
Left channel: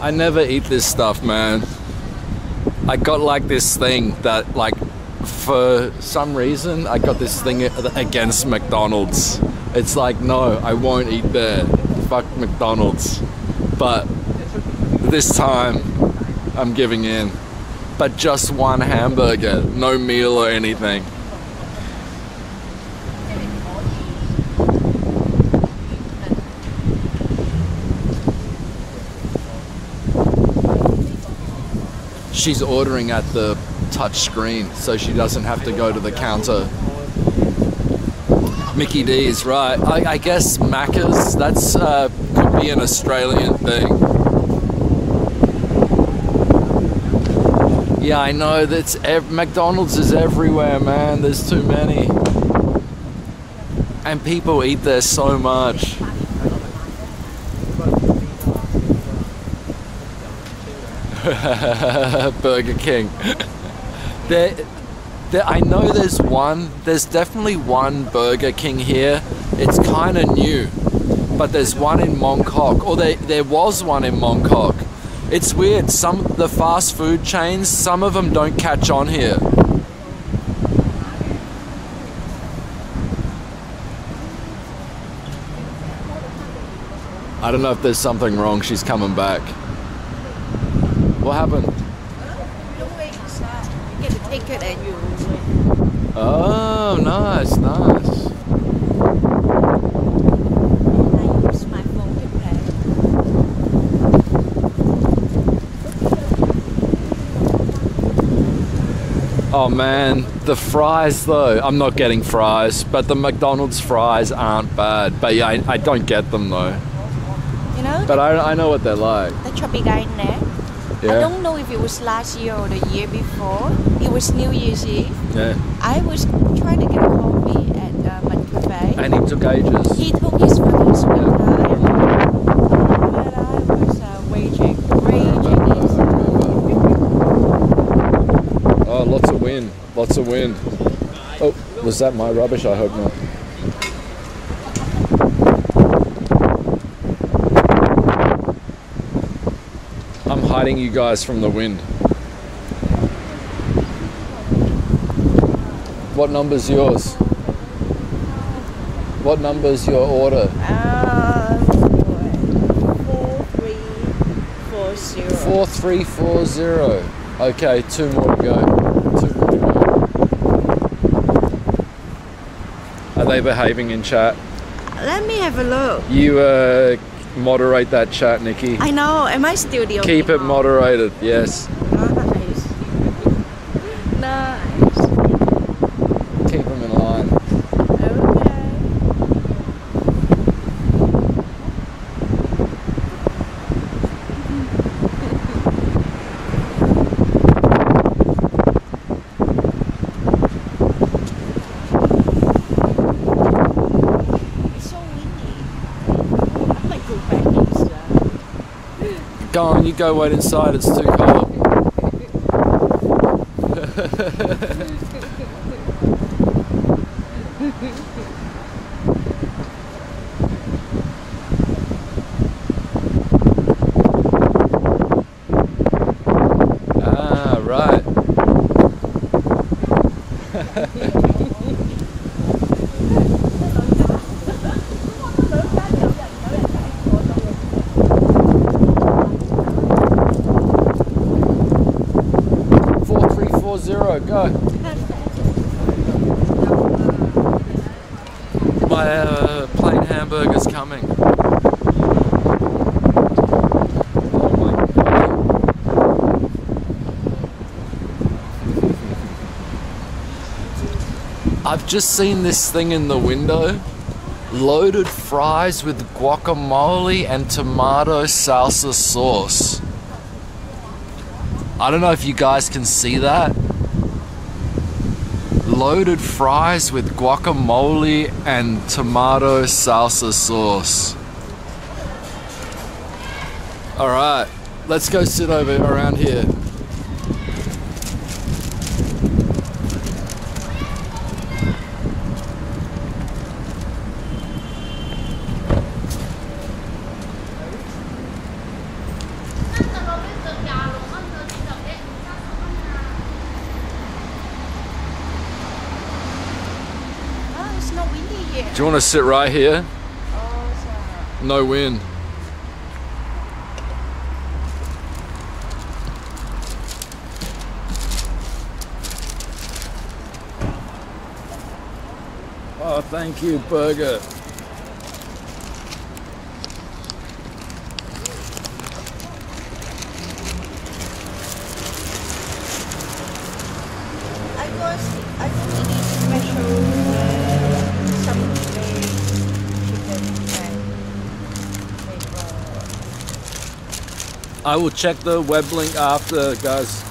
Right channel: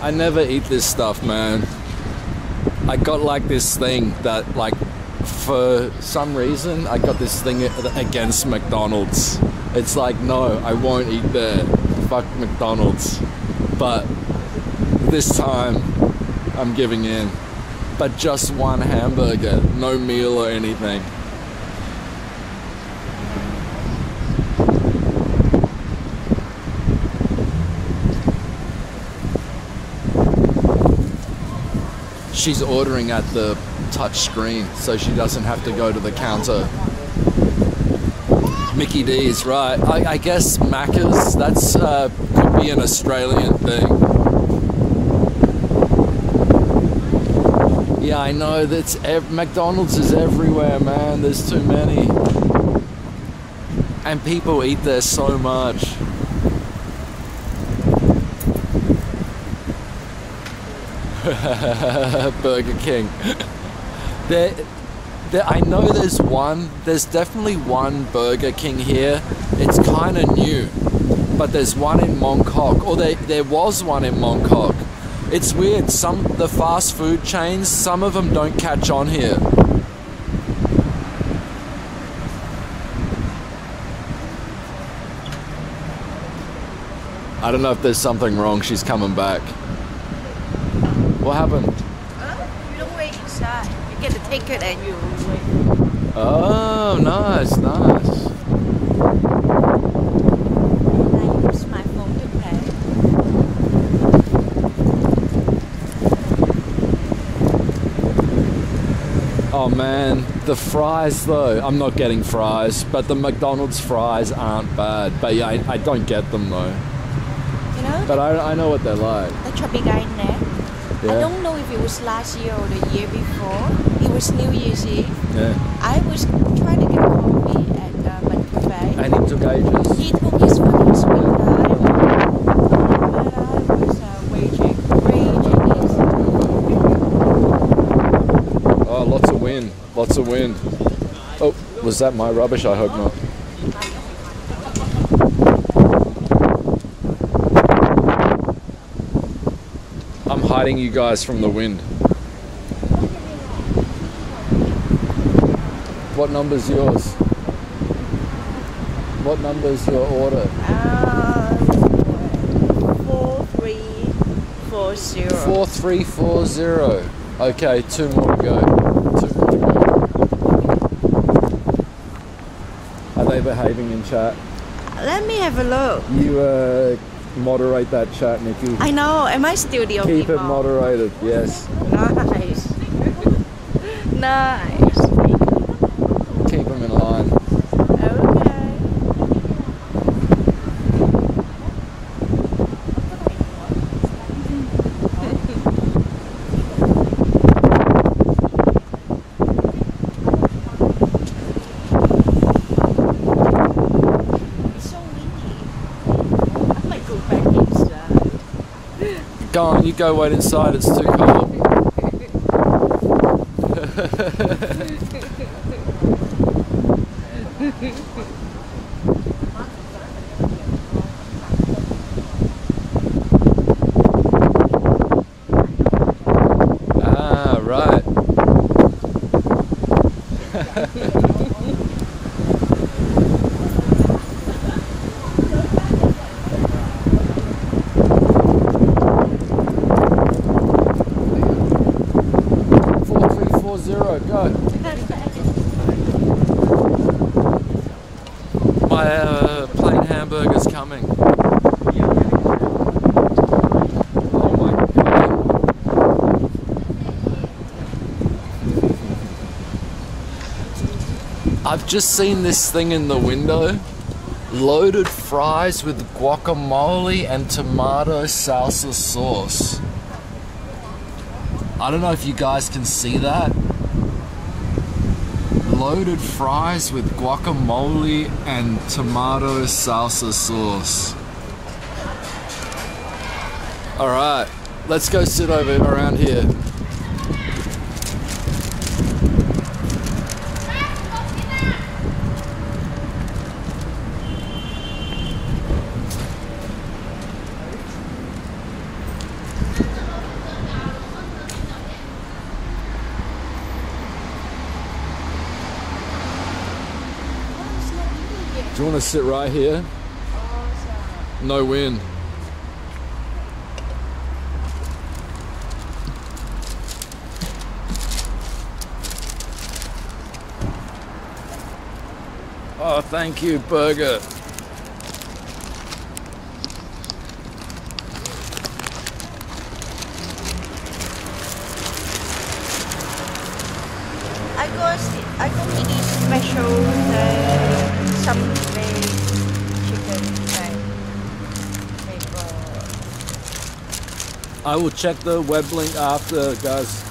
I never eat this stuff, man. I got like this thing that like, for some reason, I got this thing against McDonald's. It's like, no, I won't eat there. Fuck McDonald's. But this time, I'm giving in. But just one hamburger, no meal or anything. She's ordering at the touch screen, so she doesn't have to go to the counter. Mickey D's, right. I guess Macca's, that's could be an Australian thing. Yeah, I know, that's McDonald's is everywhere, man. There's too many. And people eat there so much. Burger King. I know there's definitely one Burger King here. It's kind of new, but there's one in Mongkok, or there was one in Mongkok. It's weird, the fast food chains, some of them don't catch on here. I don't know if there's something wrong, she's coming back. What happened? You don't wait inside. You get the ticket and you wait. Oh, nice, nice. And I use my phone to pay. Oh man, the fries though, I'm not getting fries, but the McDonald's fries aren't bad. But yeah, I don't get them though. You know? But I know what they're like. The chubby guy in there. I don't know if it was last year or the year before. It was New Year's Eve. Yeah. I was trying to get a coffee at Mud Cafe. And he took ages. He took his fucking sweet Yeah, I time. remember. Oh man, I was raging I remember. inside. Oh, lots of wind. Lots of wind. Oh, was that my rubbish? I hope not. I'm hiding you guys from the wind. What number's yours? What number's your order? 4340. 4340. Okay, 2 more to go. 2 more to go. Are they behaving in chat? Let me have a look. You moderate that chat, Nikki. I know. Am I still the only Keep it one? moderated, yes. Nice. Nice. Keep them in line. Okay. It's so windy. I might go back inside. Go on, you go wait inside, it's too cold. Ah, right. Four, 3, 4, 0, go. My plain hamburger's coming. Oh my god. I've just seen this thing in the window. Loaded fries with guacamole and tomato salsa sauce. I don't know if you guys can see that. Loaded fries with guacamole and tomato salsa sauce. Alright, let's go sit over around here. Oh, it's not windy here. Do you want to sit right here? Oh, No wind. Oh, thank you, burger. I got to eat special something chicken and I will check the web link after, guys.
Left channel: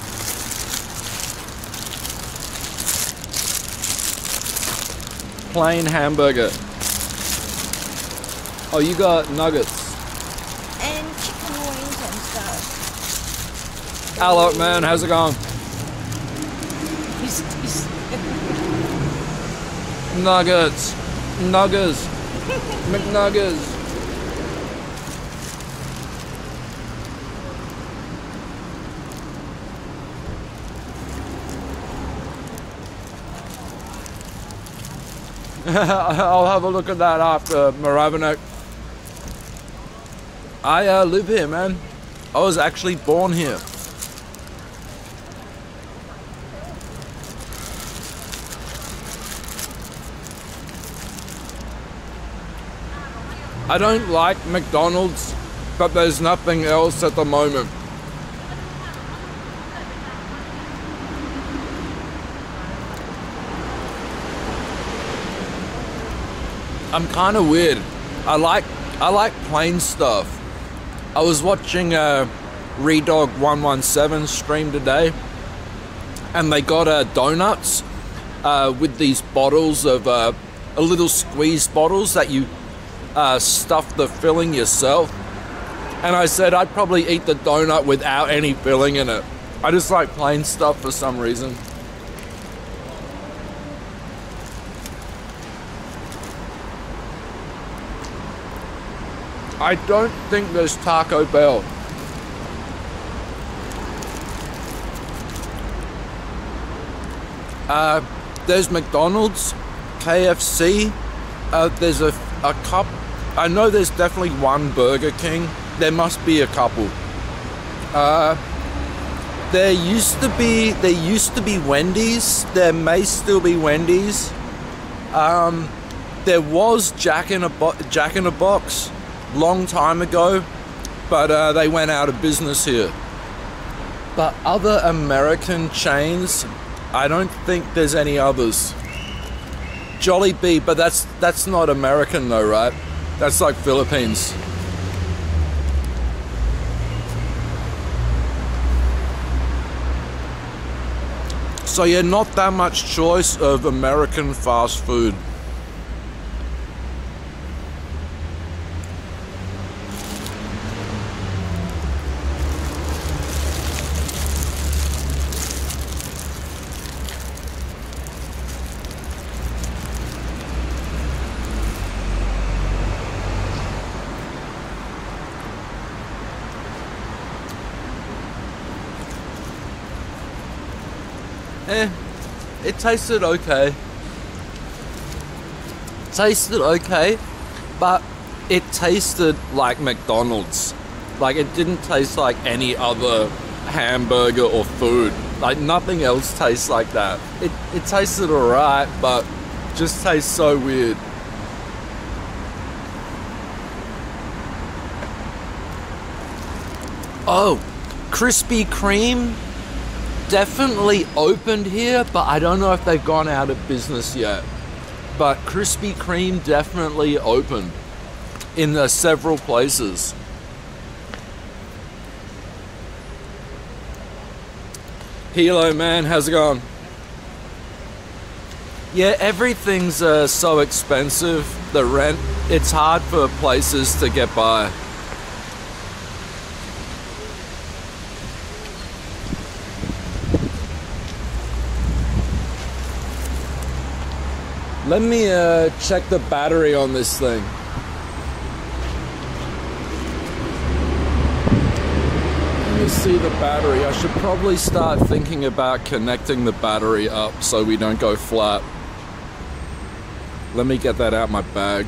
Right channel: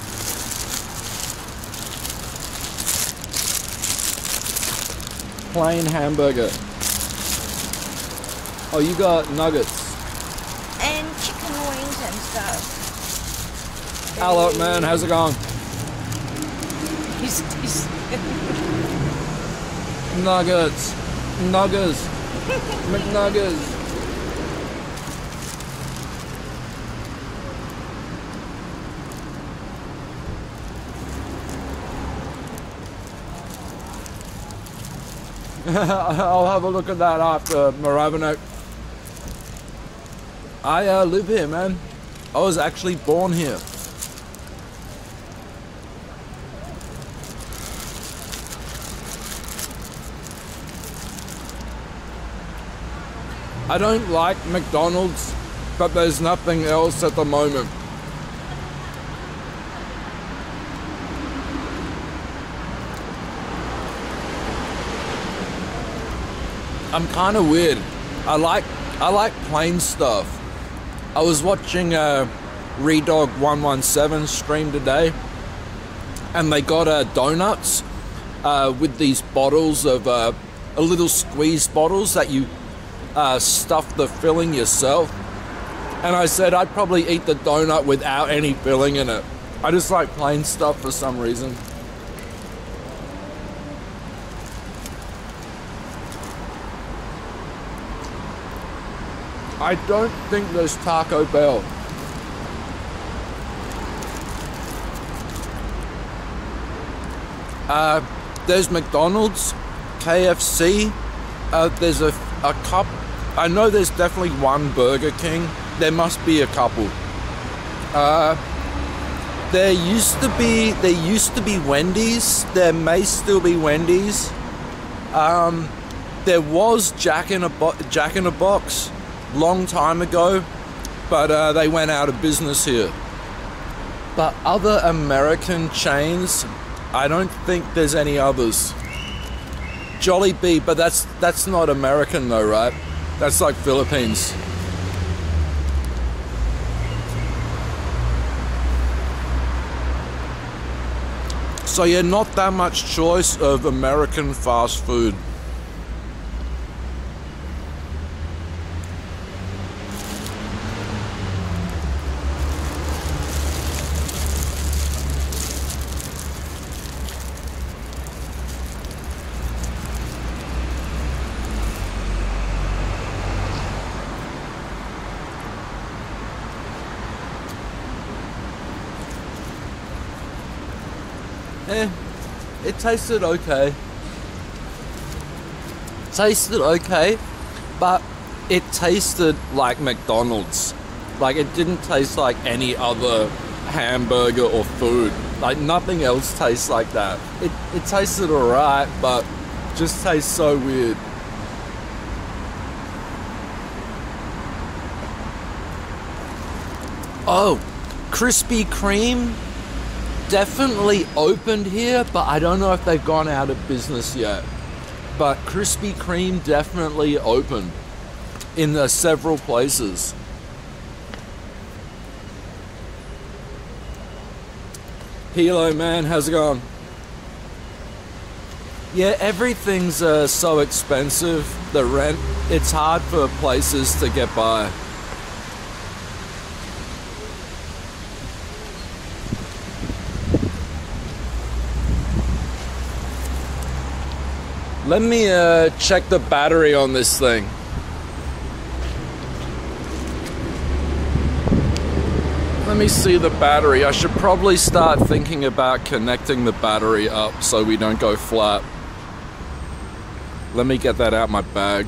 Plain hamburger. Oh, you got nuggets. and chicken wings and stuff. Hello, man. How's it going? He's Nuggets. Nuggets. McNuggets. I'll have a look at that after Maravinek. I live here, man. I was actually born here. I don't like McDonald's, but there's nothing else at the moment. I'm kind of weird. I like plain stuff. I was watching Redog117 stream today, and they got donuts with these bottles of little squeeze bottles that you stuff the filling yourself. And I said I'd probably eat the donut without any filling in it. I just like plain stuff for some reason. I don't think there's Taco Bell. There's McDonald's, KFC, there's a cup. I know there's definitely one Burger King. There must be a couple. There used to be Wendy's. There may still be Wendy's. There was Jack in a Box long time ago, but they went out of business here. But other American chains, I don't think there's any others. Jollibee, but that's not American though, right? That's like Philippines. So yeah, not that much choice of American fast food. It tasted okay. But it tasted like McDonald's. Like, it didn't taste like any other hamburger or food. Like, nothing else tastes like that. It tasted alright, but just tastes so weird. Oh, Krispy Kreme definitely opened here, but I don't know if they've gone out of business yet. But Krispy Kreme definitely opened in several places. Hello, man, how's it going? Yeah, everything's so expensive. The rent, it's hard for places to get by. Let me check the battery on this thing. Let me see the battery. I should probably start thinking about connecting the battery up so we don't go flat. Let me get that out my bag.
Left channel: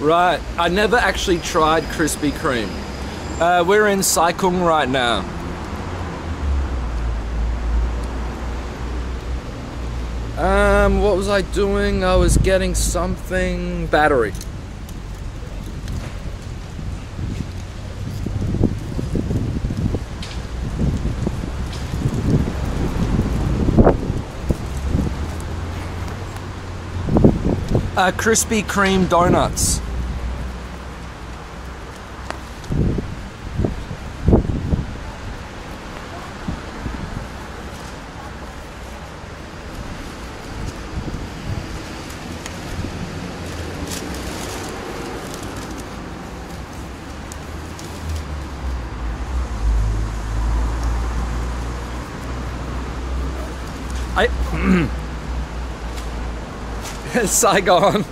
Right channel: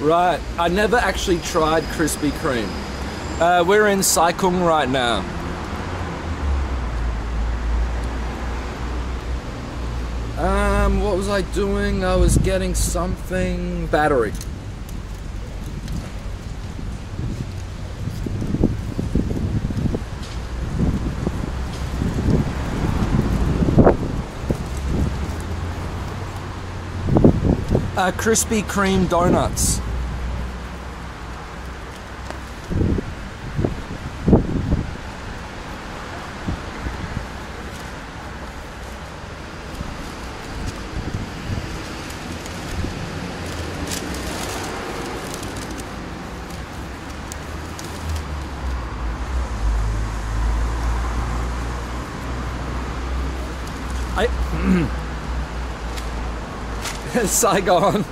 Right, I never actually tried Krispy Kreme. We're in Sai Kung right now. What was I doing? I was getting something. Battery. Krispy Kreme donuts. Saigon.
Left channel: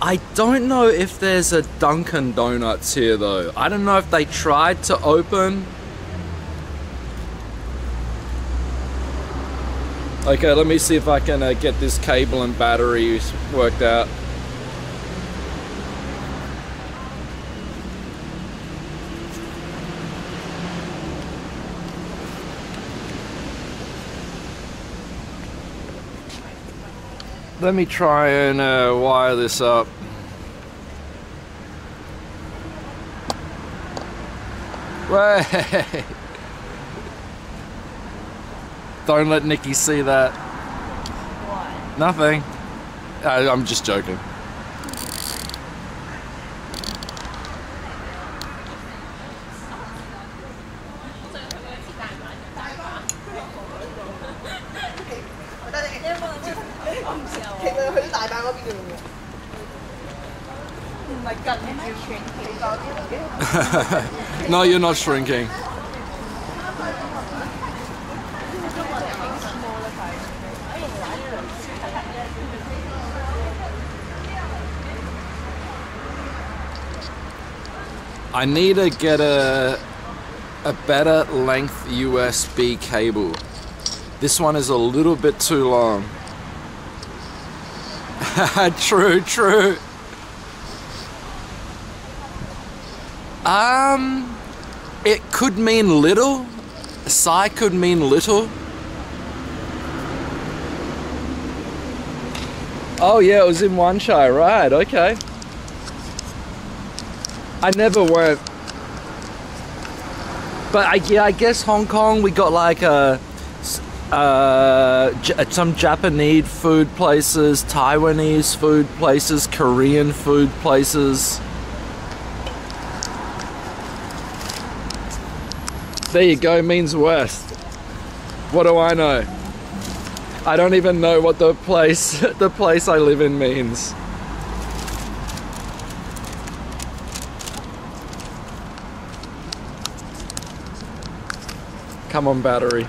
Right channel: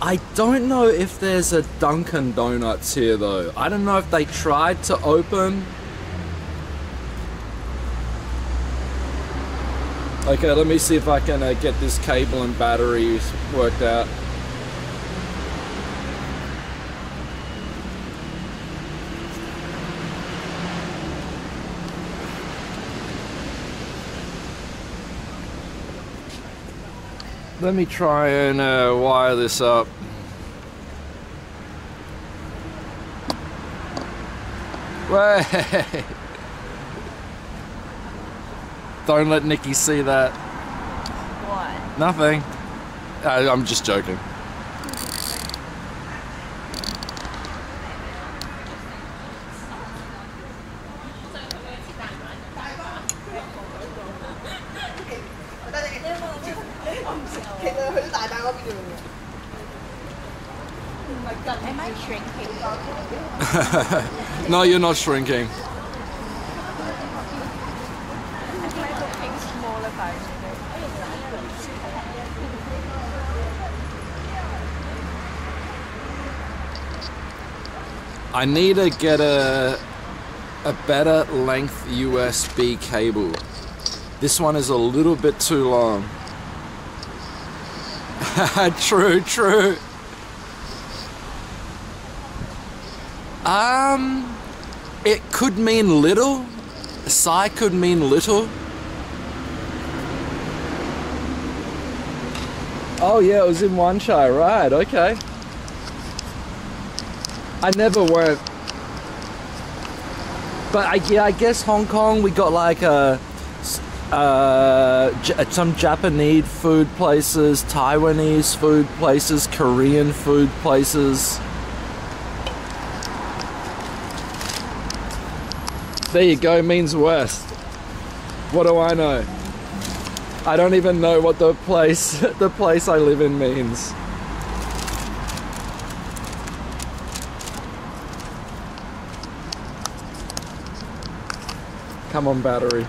I don't know if there's a Dunkin' Donuts here though. I don't know if they tried to open. Okay, let me see if I can get this cable and battery worked out. Let me try and wire this up. Wait. Don't let Nikki see that. What? Nothing. I'm just joking. Am I shrinking? No, you're not shrinking. Smaller version. I need to get a better length USB cable. This one is a little bit too long. True, true. It could mean little. Psi could mean little. Oh yeah, it was in Wan Chai, right, okay. I never went. But yeah, I guess Hong Kong, we got like some Japanese food places, Taiwanese food places, Korean food places. There you go, means west. What do I know? I don't even know what the place I live in means. Come on, battery.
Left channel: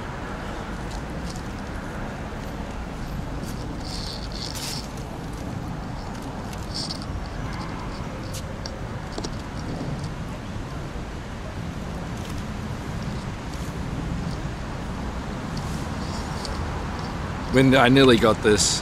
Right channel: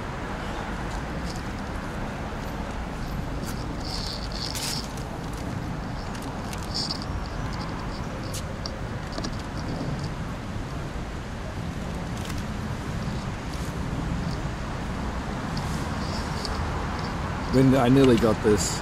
I nearly got this.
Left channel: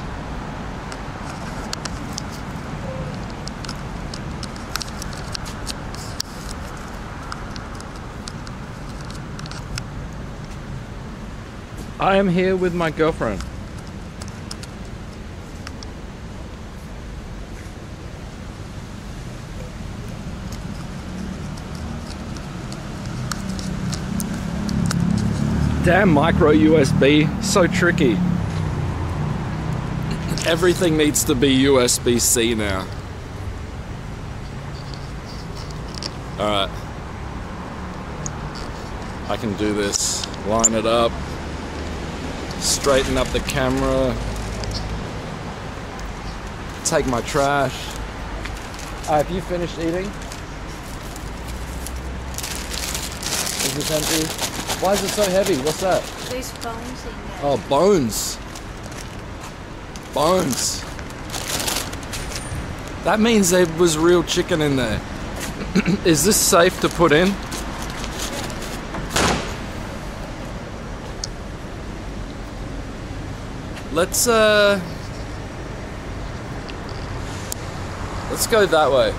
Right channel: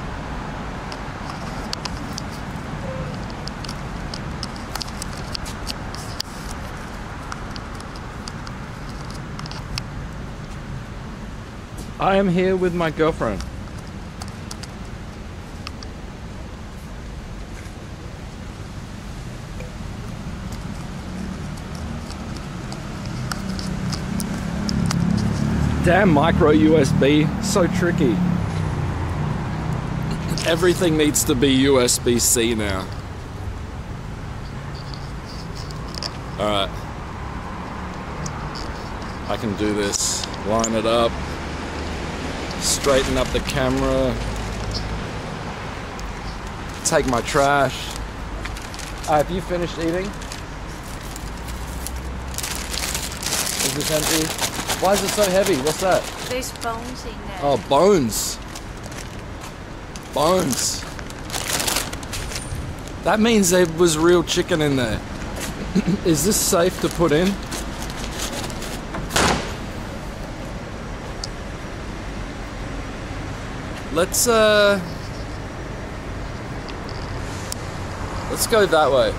I am here with my girlfriend. Damn micro USB, so tricky. Everything needs to be USB-C now. Alright. I can do this. Line it up. Straighten up the camera. Take my trash. Have you finished eating? Is this empty? Why is it so heavy? What's that? There's bones in there. Oh, bones. Bones. That means there was real chicken in there. Is this safe to put in? Let's go that way.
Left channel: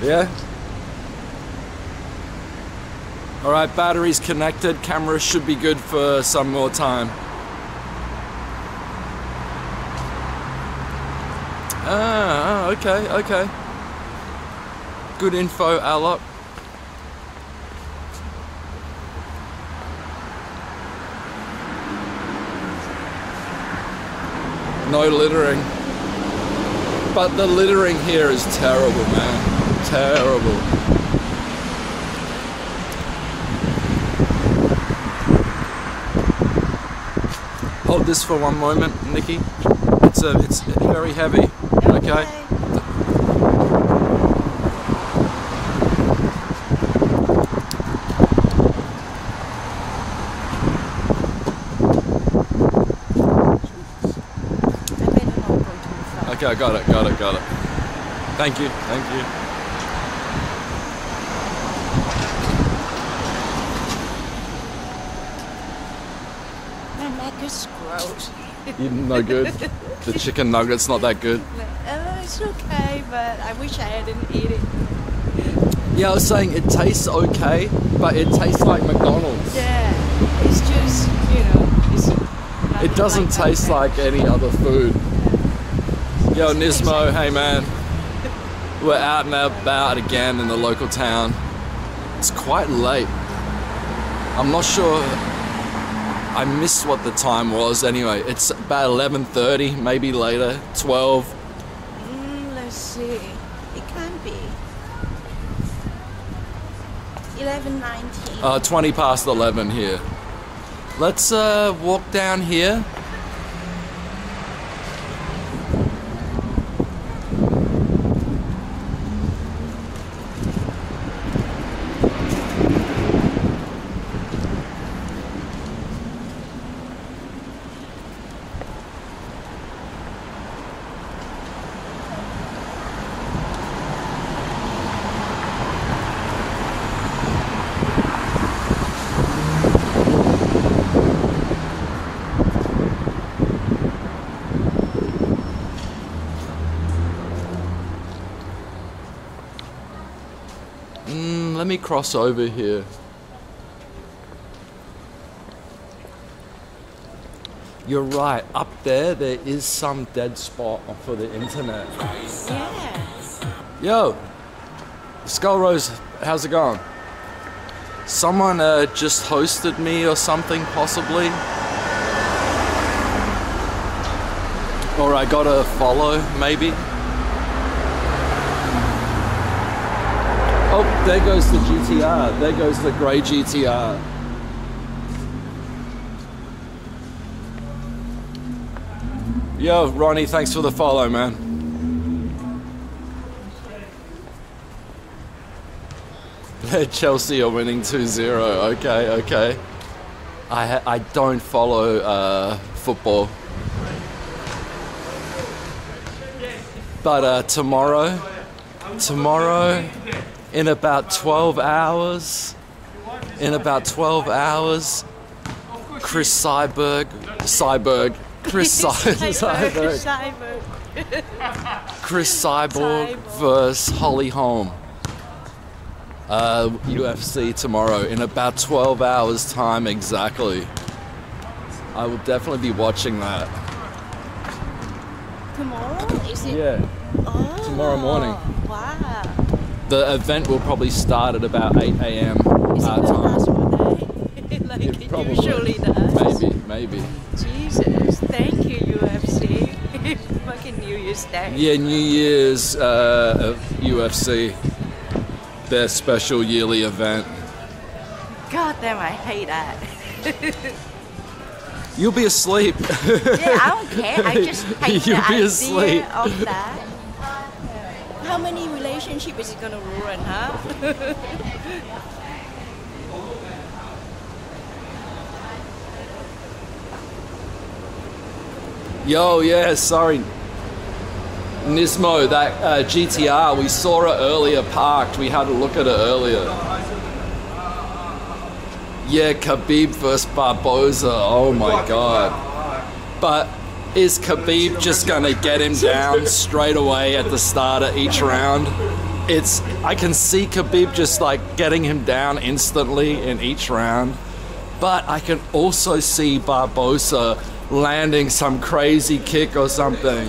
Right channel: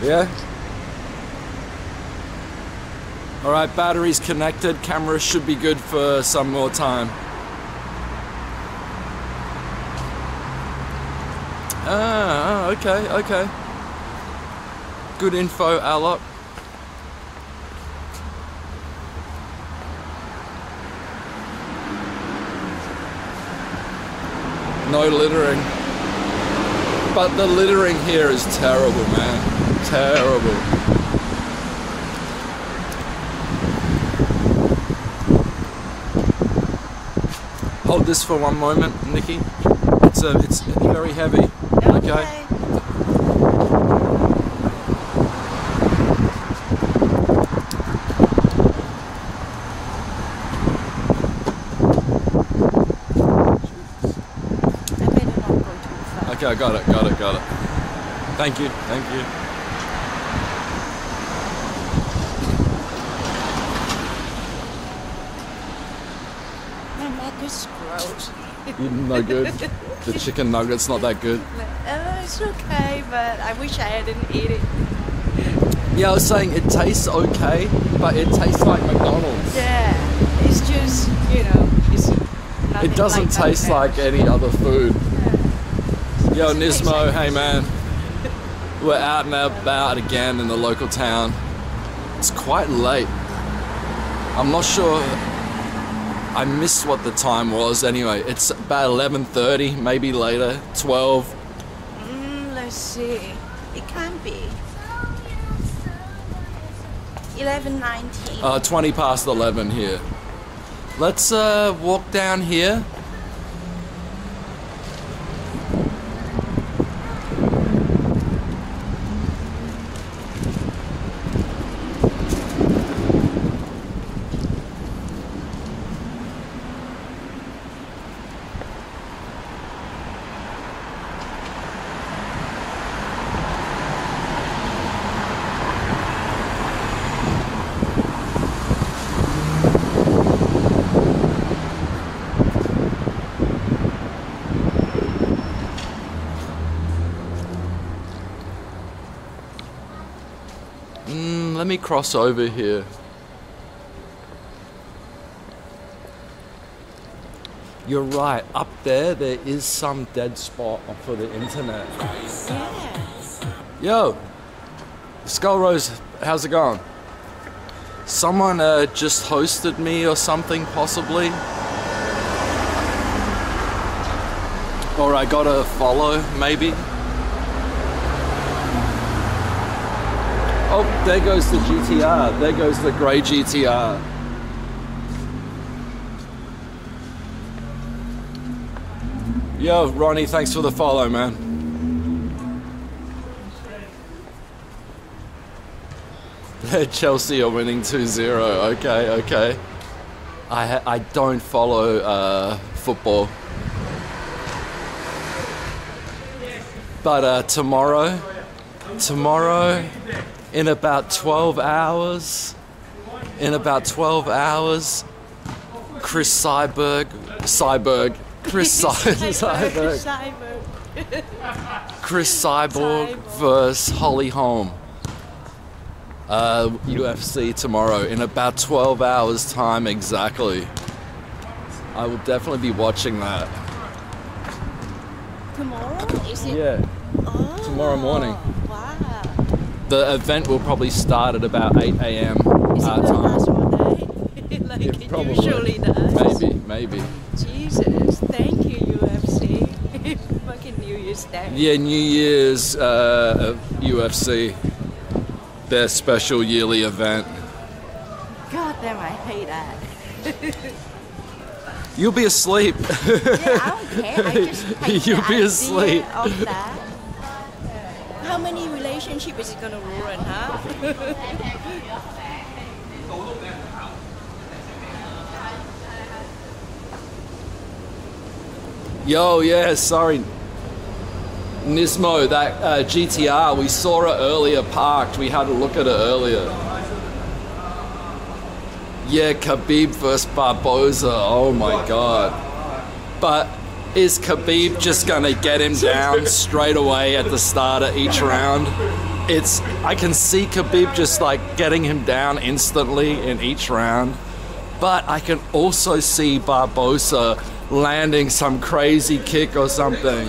Yeah? Alright, battery's connected. Camera should be good for some more time. Ah, okay, okay. Good info, Alok. No littering. But the littering here is terrible, man. Terrible. Hold this for one moment, Nikki. It's very heavy. Okay. Okay, I got it. Thank you. My neck is gross. You're no good. The chicken nugget's not that good. It's okay, but I wish I hadn't eaten it. Yeah, I was saying it tastes okay, but it tastes like McDonald's. Yeah, it's just, it's nothing. It doesn't taste like any other food. Yo, Nismo, hey man. We're out and about again in the local town. It's quite late. I'm not sure I missed what the time was anyway. It's about 11:30, maybe later, 12. Let's see. It can be 11:19. 20 past 11 here. Let's walk down here. Let me cross over here. You're right, up there is some dead spot for the internet. Yeah. Yo, Skull Rose, how's it going? Someone just hosted me or something, possibly. Or I got a follow, maybe. Oh, there goes the GTR. There goes the grey GTR. Yo, Ronnie, thanks for the follow, man. Chelsea are winning 2-0. Okay, okay. I don't follow football. But tomorrow, in about 12 hours, Chris Cyborg, Chris Cyborg versus Holly Holm. UFC tomorrow in about 12 hours time exactly. I will definitely be watching that. Tomorrow? Is it? Yeah. Oh, Tomorrow morning. Wow. The event will probably start at about 8 a.m. Is it gonna time. last all day? Like it Probably. usually does? Maybe. Jesus, thank you UFC. Fucking New Year's Day. Yeah, New Year's UFC. Their special yearly event. God damn, I hate that. You'll be asleep. Yeah, I don't care. I just hate You'll the be idea asleep. of that. How many relationships is it gonna ruin, huh? Yo, yeah, sorry. Nismo, that GTR, we saw it earlier parked. We had a look at it earlier. Yeah, Khabib versus Barboza. Oh my god. But is Khabib just gonna get him down straight away at the start of each round? I can see Khabib just like getting him down instantly in each round. But I can also see Barboza landing some crazy kick or something.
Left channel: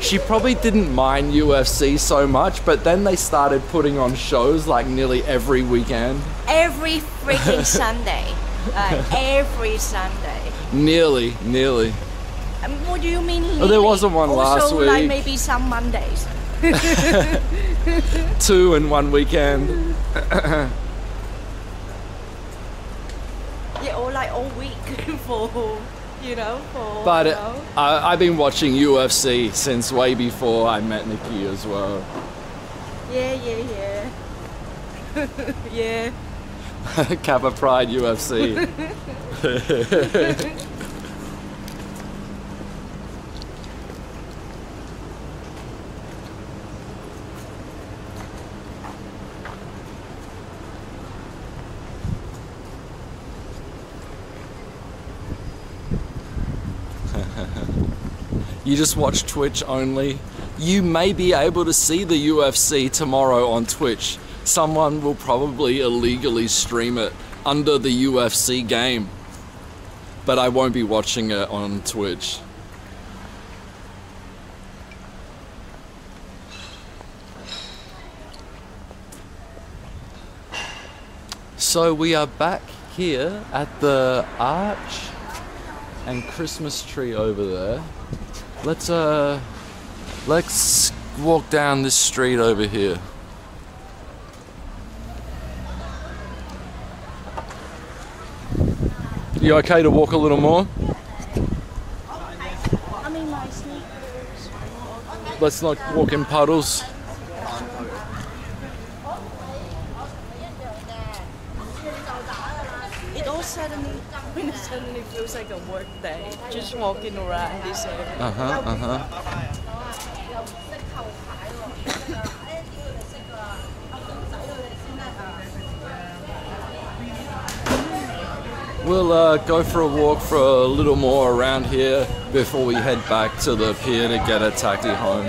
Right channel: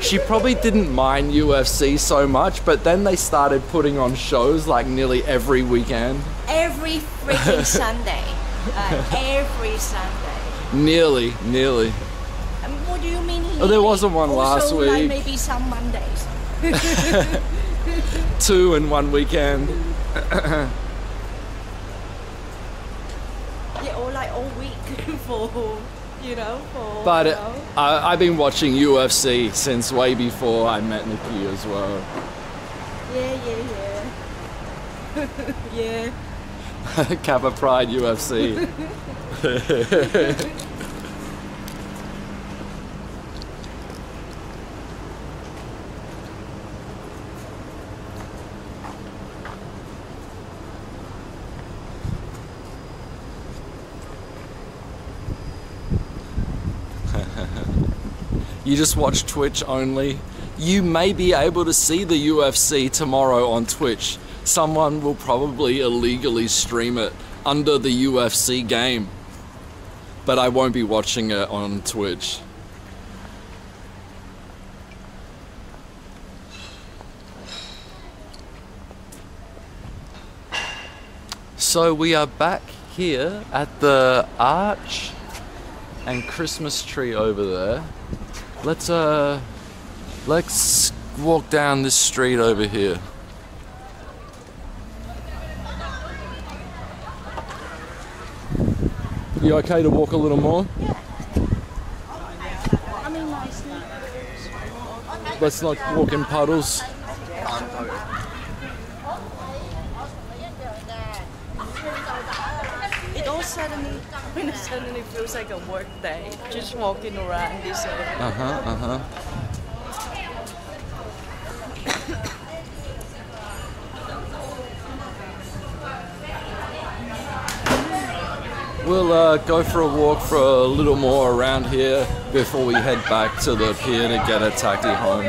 She probably didn't mind UFC so much, but then they started putting on shows like nearly every weekend. Every freaking Sunday. Every Sunday. Nearly. What do you mean? Oh, there wasn't one last also, week. Like maybe some Mondays. 2 in one weekend. Yeah, or like all week for, But you know. I've been watching UFC since way before I met Nikki as well. Yeah. Yeah. Kappa Pride UFC. You just watch Twitch only. You may be able to see the UFC tomorrow on Twitch. Someone will probably illegally stream it under the UFC game. But I won't be watching it on Twitch. So we are back here at the arch and Christmas tree over there. Let's walk down this street over here. You okay to walk a little more? I mean, my sneakers. Let's not walk in puddles. It all suddenly feels like a work day, just walking around this area. We'll go for a walk for a little more around here before we head back to the pier to get a taxi home.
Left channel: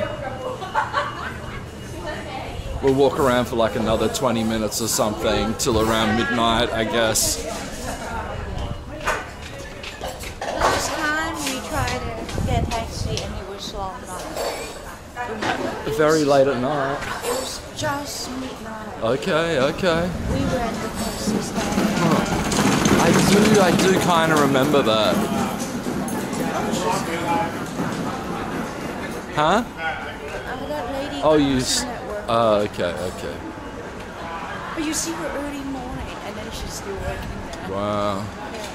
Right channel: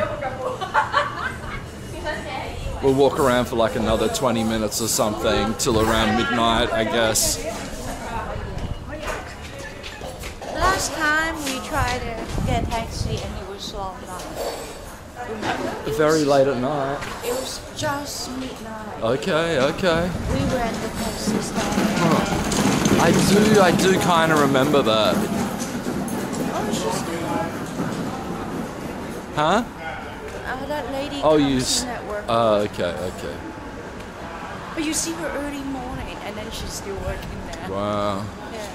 We'll walk around for like another 20 minutes or something till around midnight, I guess. Last time we tried to get a taxi and it was long night. Remember? Very late at night. It was just midnight. Okay. We were at the taxi stand. I do kind of remember that. Huh? That lady. Oh, you. comes in at work. Okay. But you see her early morning, and then she's still working there. Wow. Yeah.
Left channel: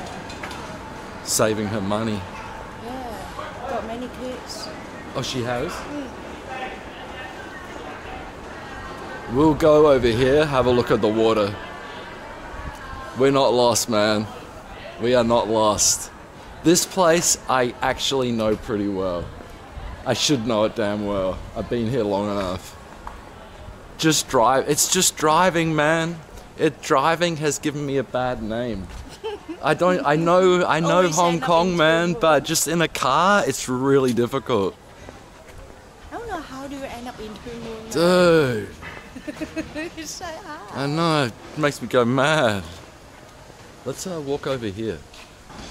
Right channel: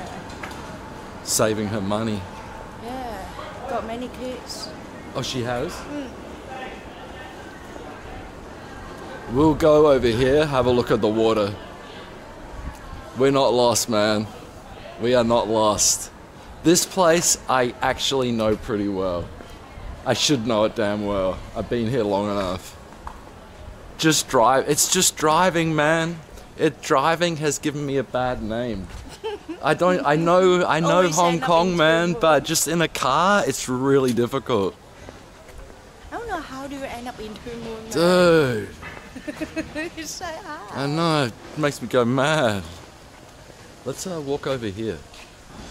Saving her money. Yeah. Got many kids. Oh, she has? We'll go over here, have a look at the water. We're not lost, man. We are not lost. This place I actually know pretty well. I should know it damn well. I've been here long enough. Just drive. It's just driving, man. Driving has given me a bad name. I know Hong Kong, man, but just in a car, it's really difficult. I don't know how do you end up in Two Moon. Dude. You say hi. I know, it makes me go mad. Let's walk over here.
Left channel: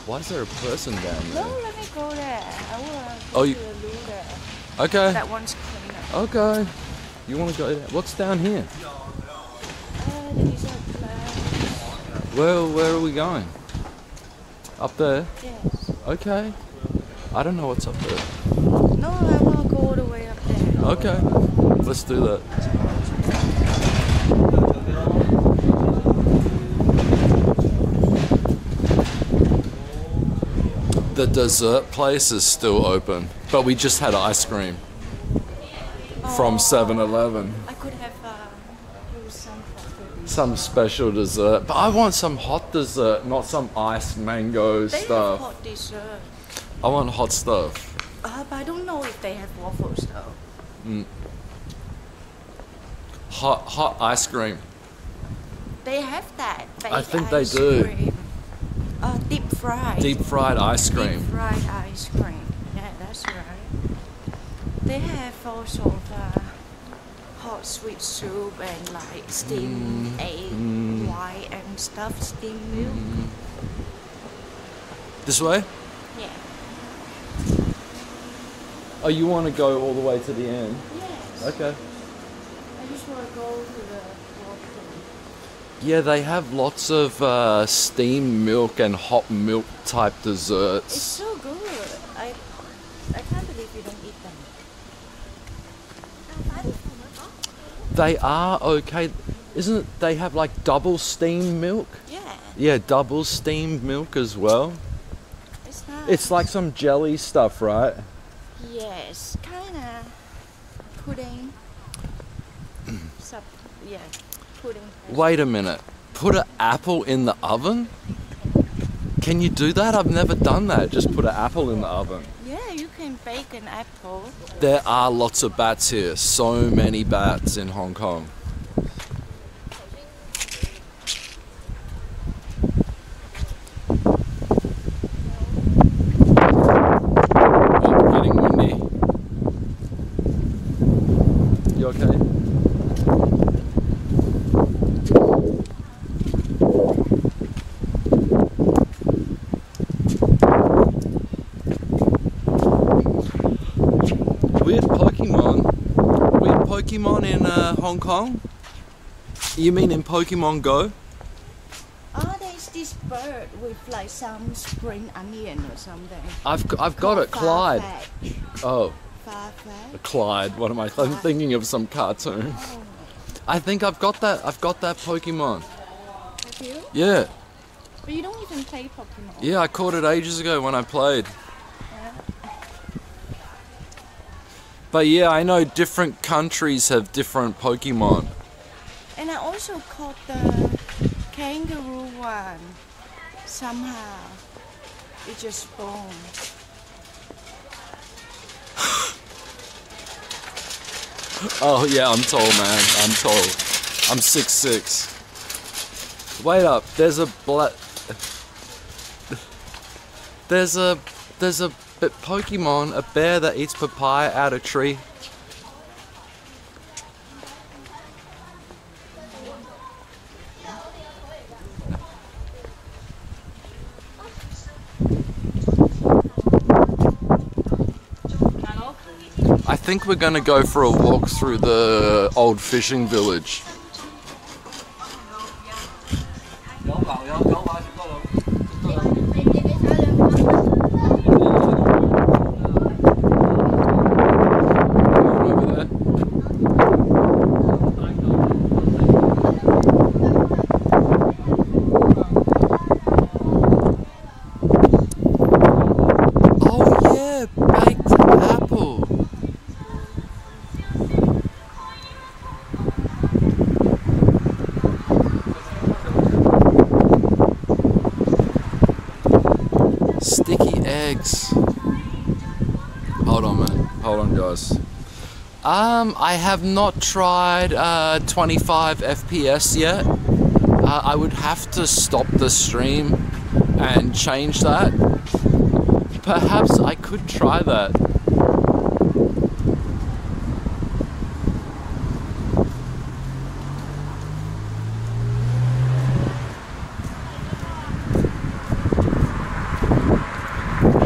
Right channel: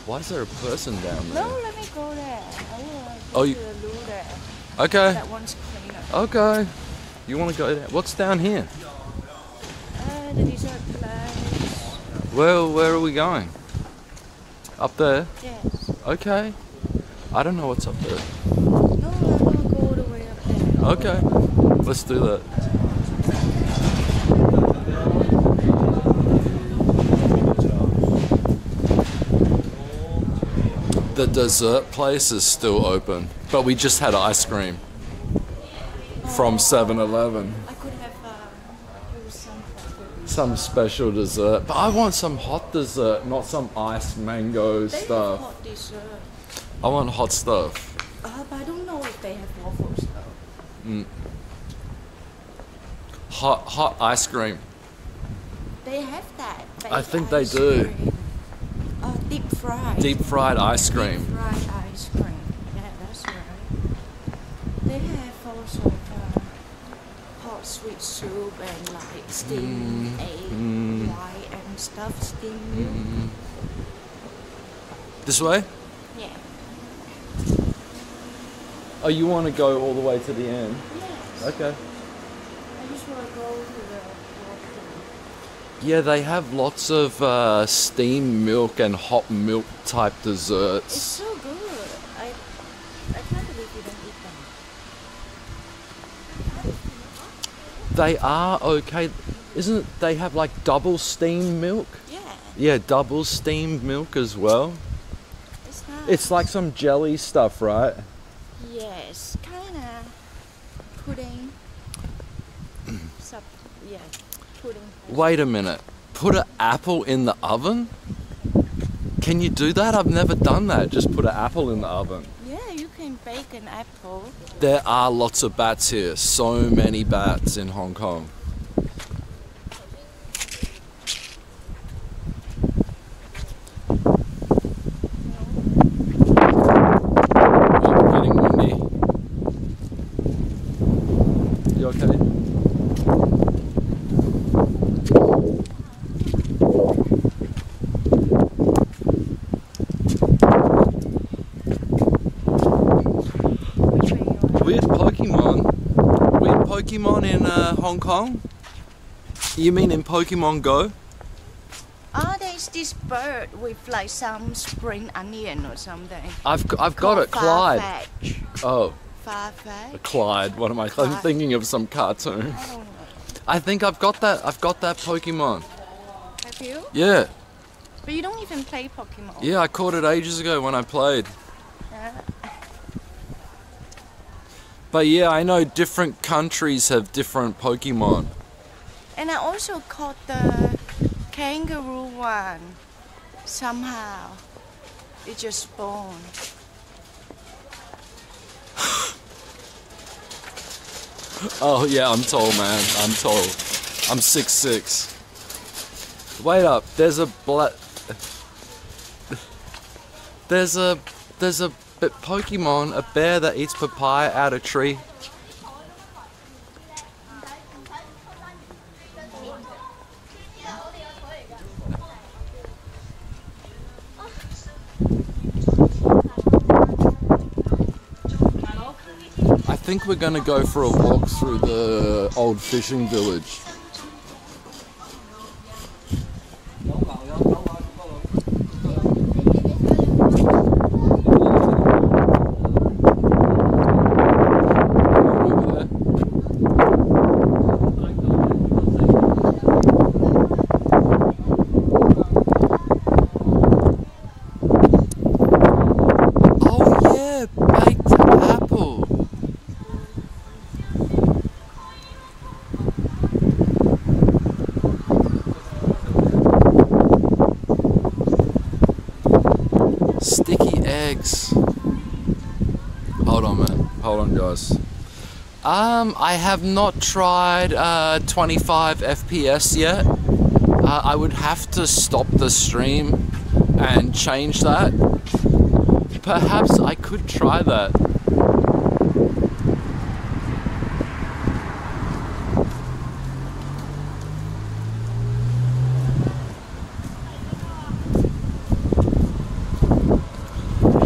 Why is there a person down there? No, let me go there. I will Oh, go you- to the loo there. Okay. That one's cleaner. Okay. You want to go there? What's down here? The dessert place. Where are we going? Up there? Yes. Okay. I don't know what's up there. No, I want to go all the way up there. Okay. Let's do that. The dessert place is still open, but we just had ice cream from 7-Eleven. I could have used some coffee. Some special dessert, but I want some hot dessert, not some iced mango They stuff. have hot dessert. I want hot stuff. But I don't know if they have waffles though. Hot ice cream. They have that. I think they ice do. cream. Deep fried. Deep fried ice cream. Deep fried ice cream. Yeah, that's right. They have also hot sweet soup and like steamed egg white and stuff, steamed milk. This way? Yeah. Oh, you want to go all the way to the end? Yes. Okay. I just want to go to the washroom. Yeah, they have lots of steamed milk and hot milk type It's desserts. so good. I can't believe you don't eat them. They are okay. Isn't it? They have like double steamed milk? Yeah. Yeah, double steamed milk as well. It's nice. It's like some jelly stuff, right? Yes, kind of pudding. Yeah, pudding. Wait a minute. Put an apple in the oven? Can you do that? I've never done that. Just put an apple in the oven. Yeah, you can bake an apple. There are lots of bats here. So many bats in Hong Kong. Oh, getting windy. You okay? Weird Pokemon in Hong Kong? You mean in Pokemon Go? this bird with like some spring onion or something? I've got it, Clyde. Farfetch. Oh, Farfetch. Clyde. What am I? I'm thinking of some cartoon. Oh. I think I've got that. I've got that Pokemon. Have you? Yeah. But you don't even play Pokemon. Yeah, I caught it ages ago when I played. But yeah, I know different countries have different Pokemon. And I also caught the kangaroo one. Somehow. It just spawned. Oh yeah, I'm tall, man. I'm tall. I'm 6'6". Wait up, there's a Pokemon, a bear that eats papaya out of a tree. I think we're gonna go for a walk through the old fishing village. Going over there. Oh yeah, baked apple. Sticky eggs. Hold on, man. Hold on, guys. I have not tried 25 FPS yet. I would have to stop the stream and change that. Perhaps I could try that.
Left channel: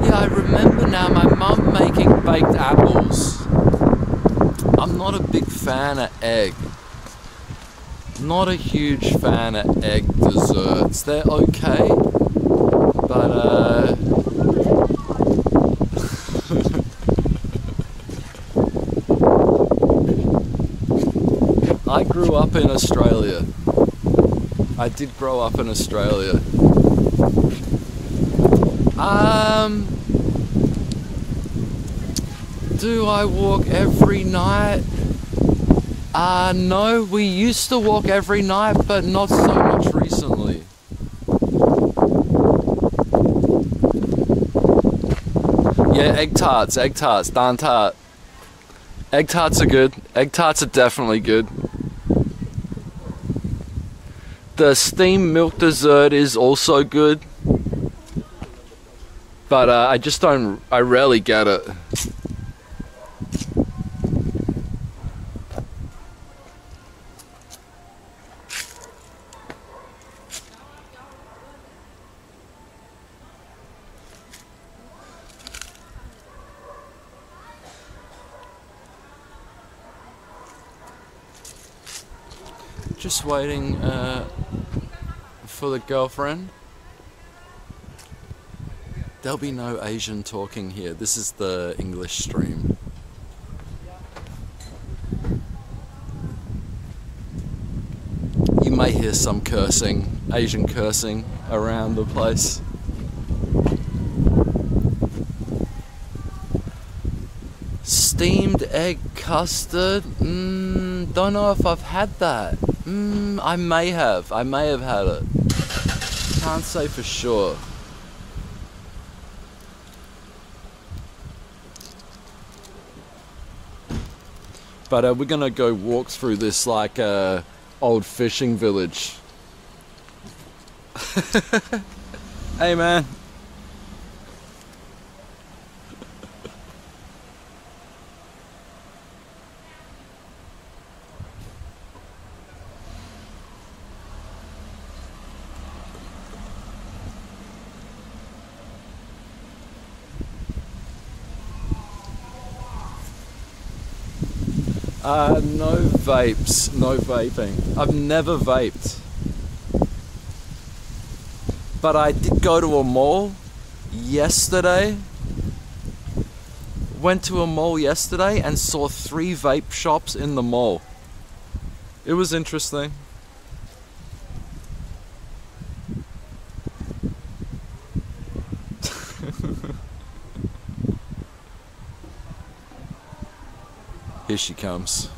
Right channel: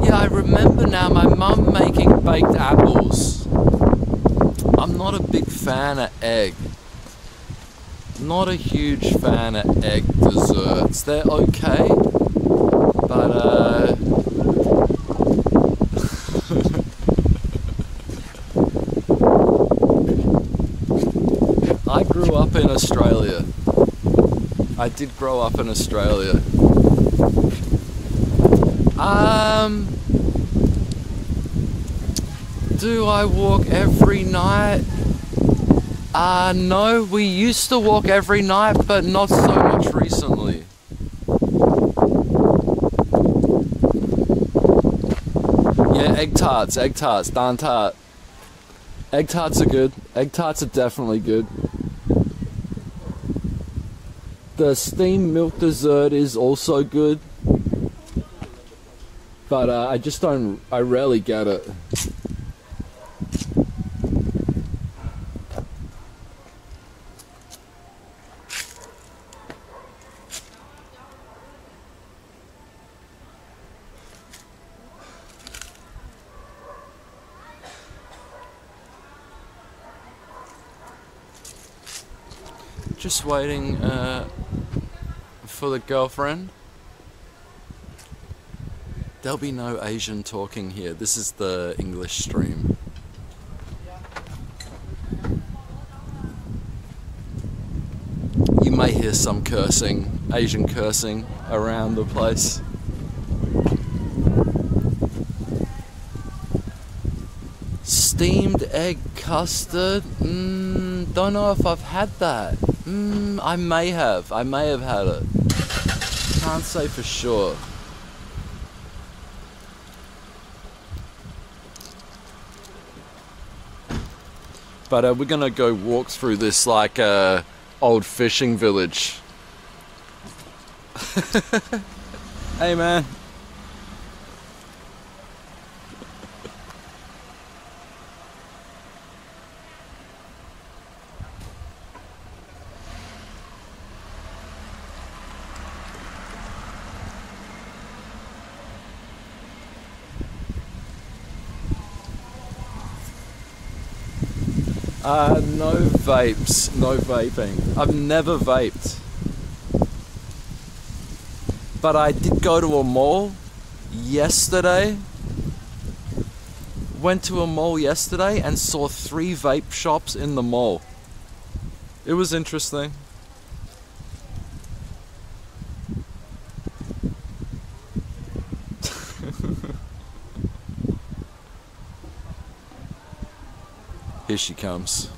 Yeah, I remember now my mum making baked apples. I'm not a big fan of egg. Not a huge fan of egg desserts. They're okay, but I grew up in Australia. I did grow up in Australia. Do I walk every night? No, we used to walk every night, but not so much recently. Yeah, egg tarts, dan tart. Egg tarts are good. Egg tarts are definitely good. The steamed milk dessert is also good. But I rarely get it. Just waiting for the girlfriend. There'll be no Asian talking here. This is the English stream. You may hear some cursing, Asian cursing around the place. Steamed egg custard? Don't know if I've had that. I may have had it. Can't say for sure. But we're gonna go walk through this like old fishing village. Hey man. No vapes, no vaping. I've never vaped. But I did go to a mall yesterday. Went to a mall yesterday and saw 3 vape shops in the mall. It was interesting. Here she comes.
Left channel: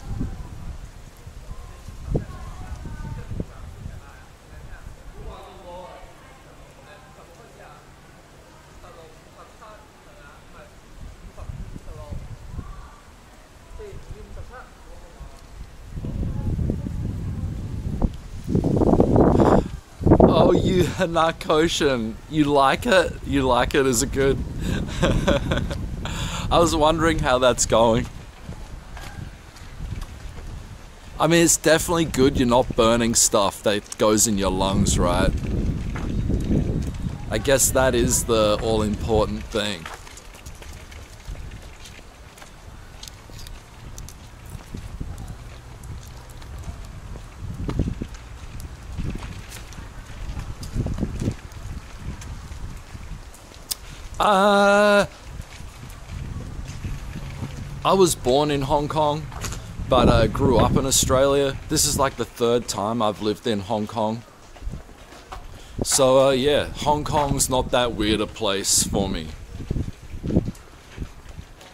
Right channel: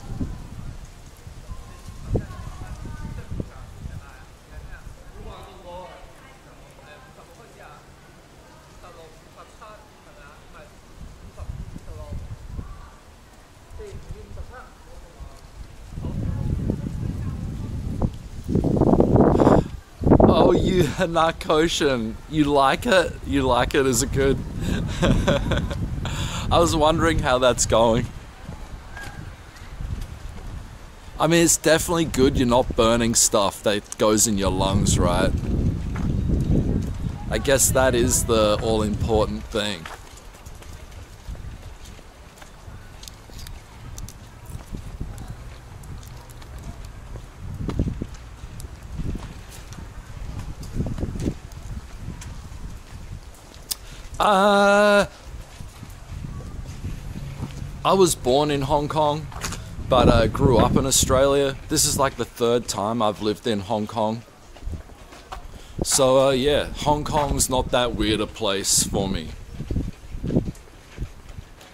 Oh, you Hanakoshin, you like it? You like it? Is it good? I was wondering how that's going. I mean, it's definitely good you're not burning stuff that goes in your lungs, right? I guess that is the all-important thing. I was born in Hong Kong, but grew up in Australia. This is like the 3rd time I've lived in Hong Kong. So yeah, Hong Kong's not that weird a place for me.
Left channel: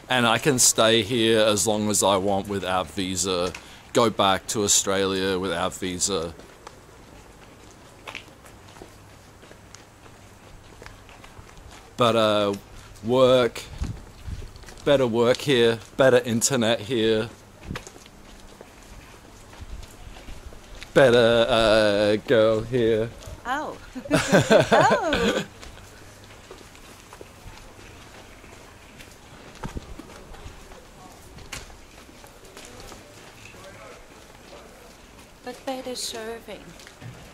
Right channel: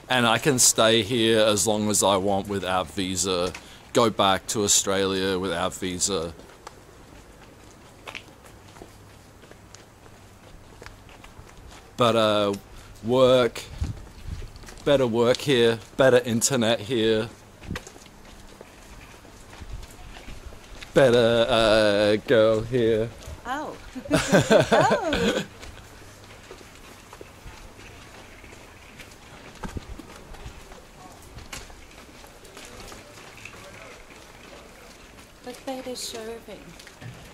And I can stay here as long as I want without visa, go back to Australia without visa. But work, better work here, better internet here, better girl here. Oh. Oh. But better serving.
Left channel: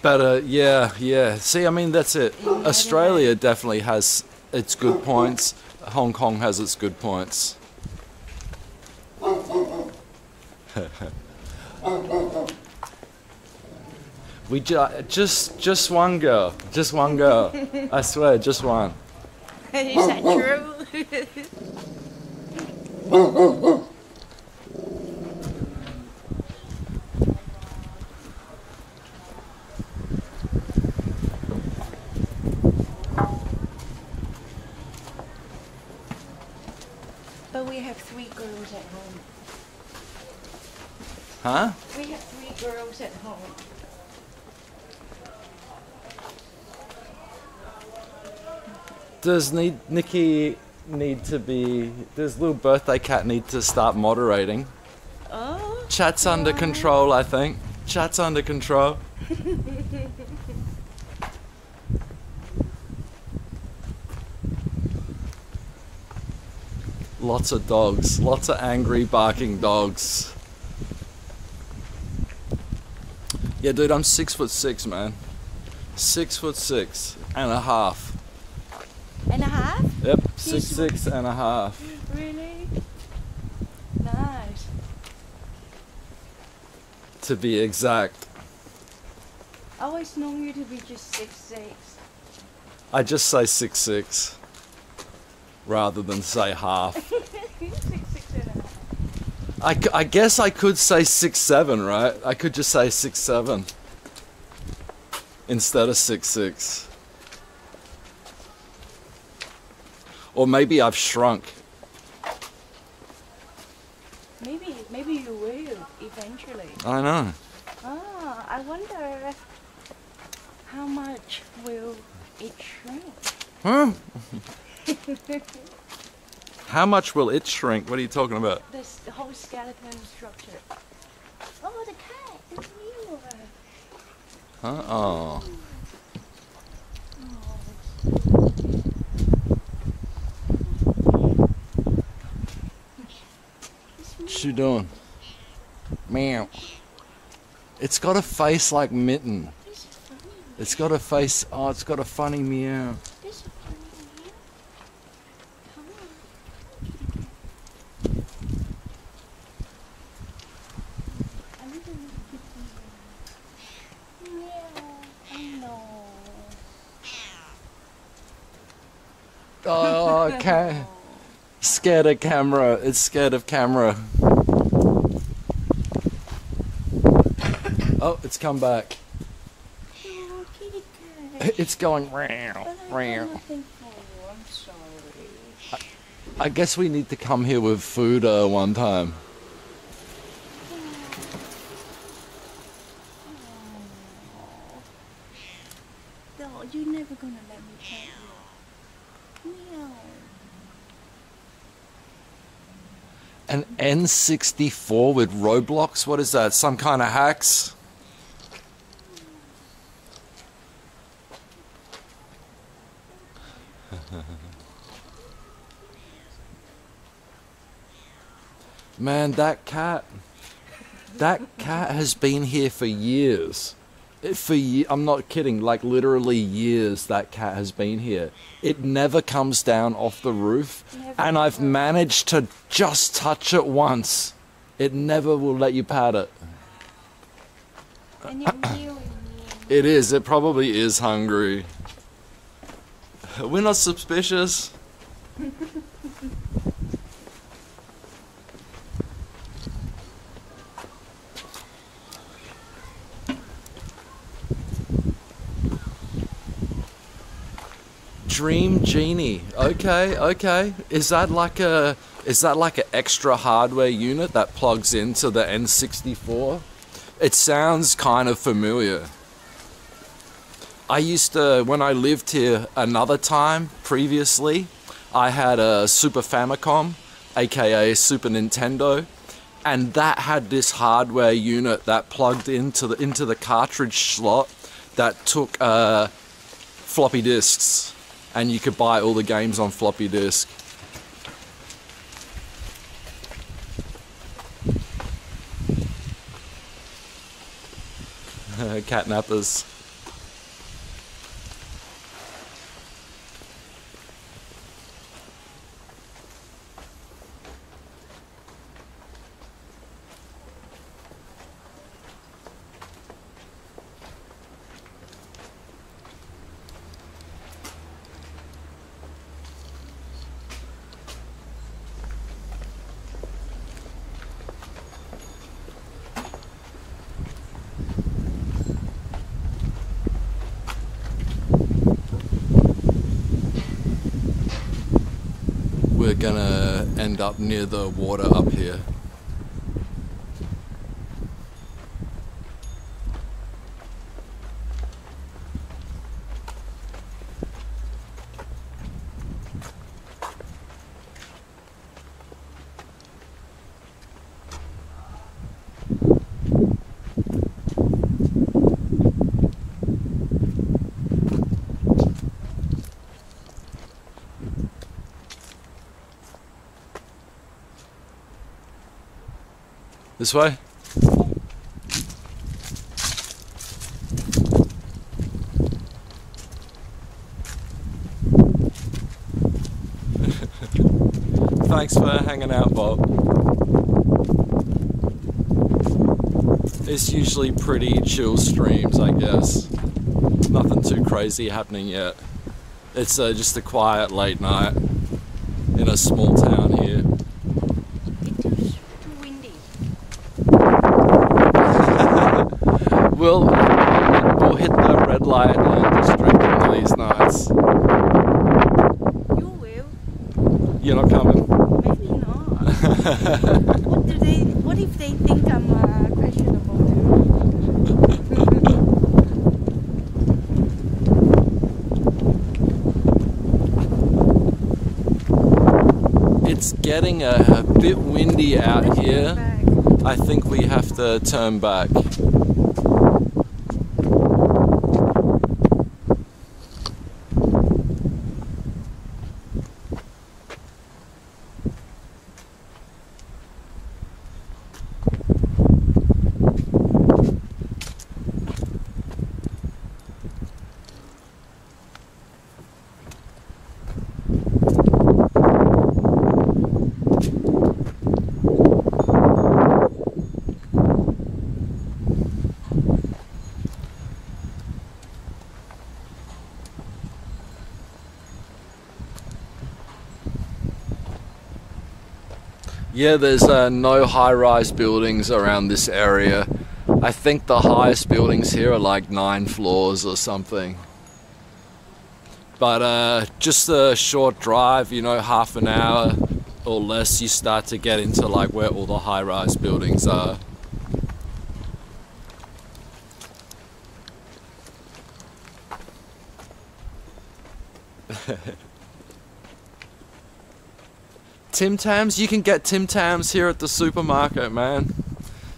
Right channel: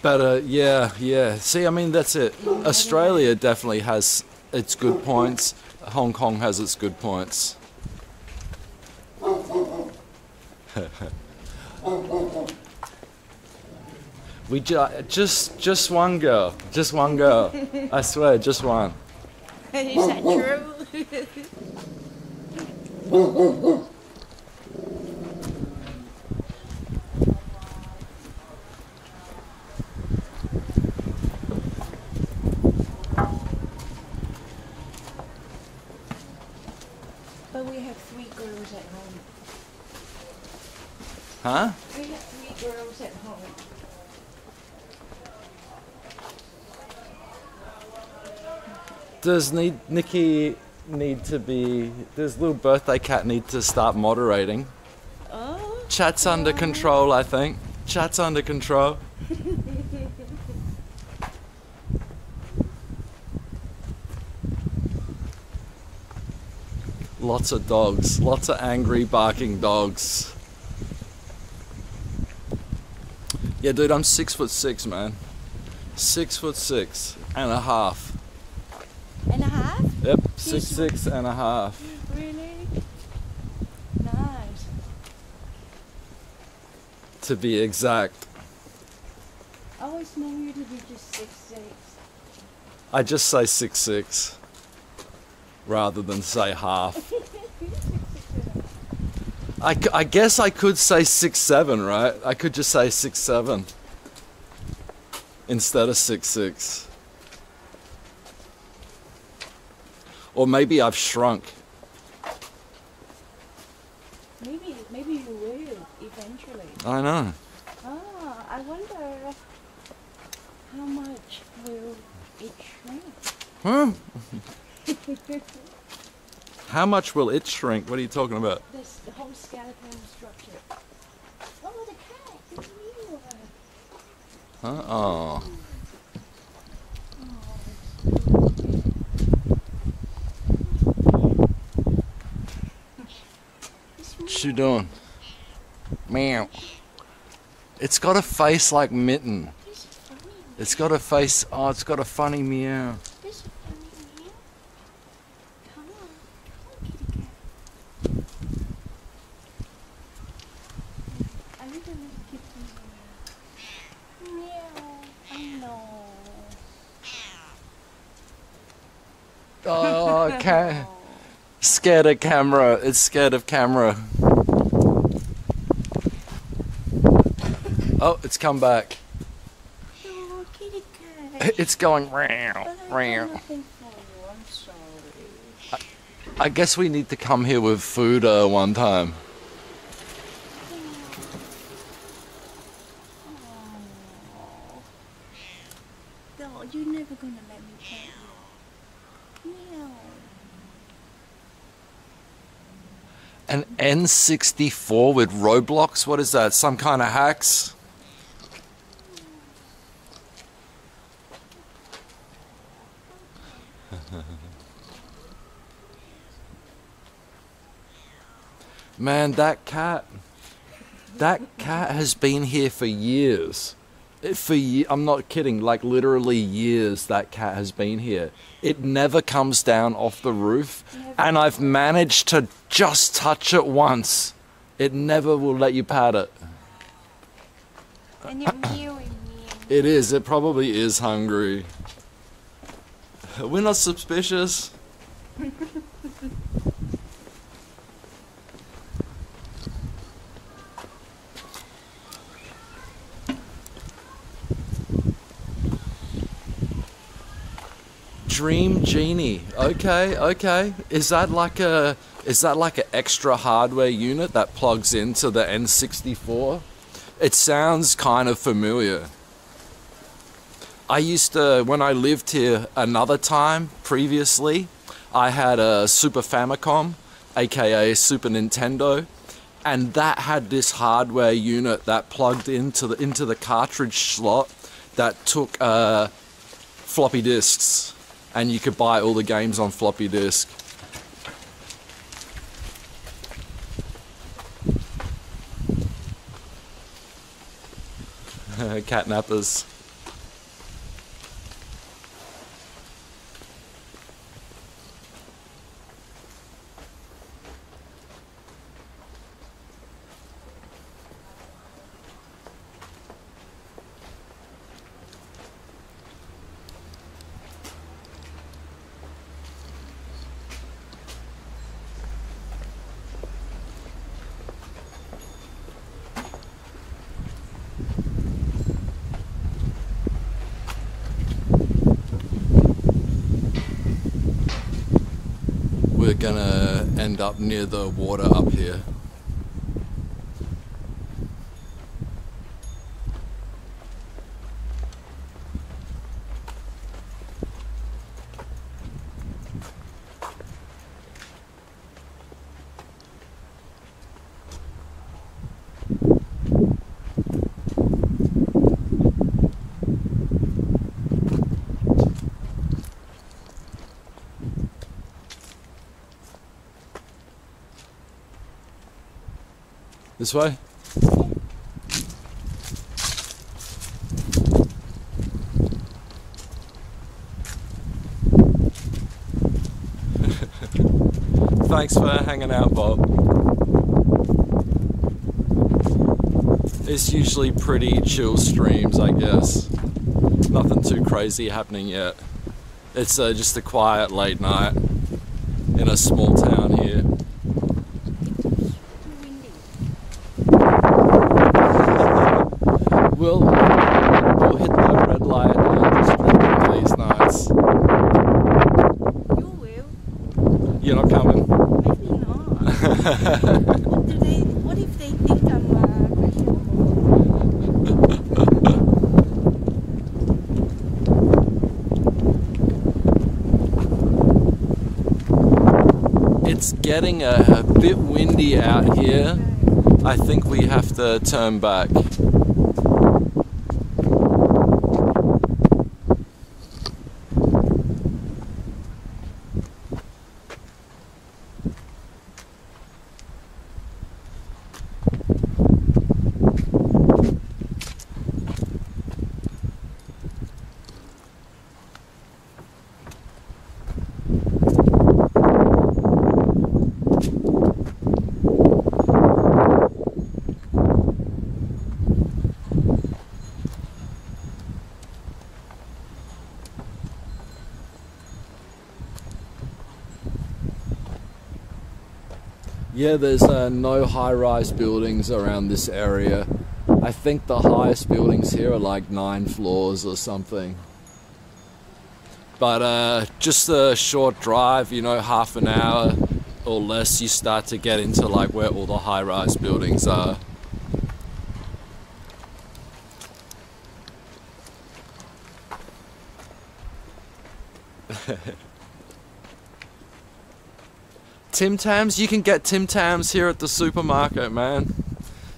Better, yeah. See, I mean, that's it. Australia definitely has its good points. Hong Kong has its good points. We just one girl, I swear, just one. Is that true? But we have 3 girls at home. Huh? We have 3 girls at home. Does Nikki need to be? Does little birthday cat need to start moderating? Oh. Chat's under control, I think. Chat's under control. Lots of dogs. Lots of angry, barking dogs. Yeah, dude, I'm 6'6", man. 6'6" and a half. And a half? Yep, 6'6" and a half. Really? Nice. To be exact. I always known you to be just 6'6". I just say 6'6", rather than say half. 6'6" and a half. I guess I could say 6'7", right? I could just say 6'7" instead of 6'6". Or maybe I've shrunk. Maybe you will eventually. I know. Ah, I wonder how much will it shrink? Huh? How much will it shrink? What are you talking about? The whole skeleton structure. Oh, the cat! It's you! Oh. Oh, What you doing? Meow. It's got a face like Mitten. this is funny. It's got a face. Oh, it's got a funny meow. This is funny meow. Come on, kitty cat. A little kitty meow. Meow. I know. Oh, okay. Scared of camera. It's scared of camera. Oh, it's come back. Oh, kitty cat. It's going But I round, got round. nothing for you. I'm sorry. I guess we need to come here with food one time. No, you're never gonna let me pet you. Meow. An N64 with Roblox? What is that? Some kind of hacks? Man, that cat has been here for years. I'm not kidding, like literally years that cat has been here. It never comes down off the roof, and I've managed to just touch it once. It never will let you pat it. And you're mewing me. It is, it probably is hungry. We're not suspicious. Dream Genie. Okay, okay. Is that like an extra hardware unit that plugs into the N64? It sounds kind of familiar. I used to, when I lived here another time previously, I had a Super Famicom, aka Super Nintendo, and that had this hardware unit that plugged into the cartridge slot that took floppy disks. And you could buy all the games on floppy disk. Catnappers. We're gonna end up near the water up here. This way? Thanks for hanging out, Bob. It's usually pretty chill streams, I guess. Nothing too crazy happening yet. It's just a quiet late night in a small town here. We'll hit the red light district one of these nights. You will. You're not coming? Maybe not. What if they think I'm questionable too? It's getting a bit windy out here. I think we have to turn back. Yeah, there's no high-rise buildings around this area. I think the highest buildings here are like 9 floors or something. But just a short drive, you know, half an hour or less, you start to get into like where all the high-rise buildings are. Tim Tams, you can get Tim Tams here at the supermarket, man.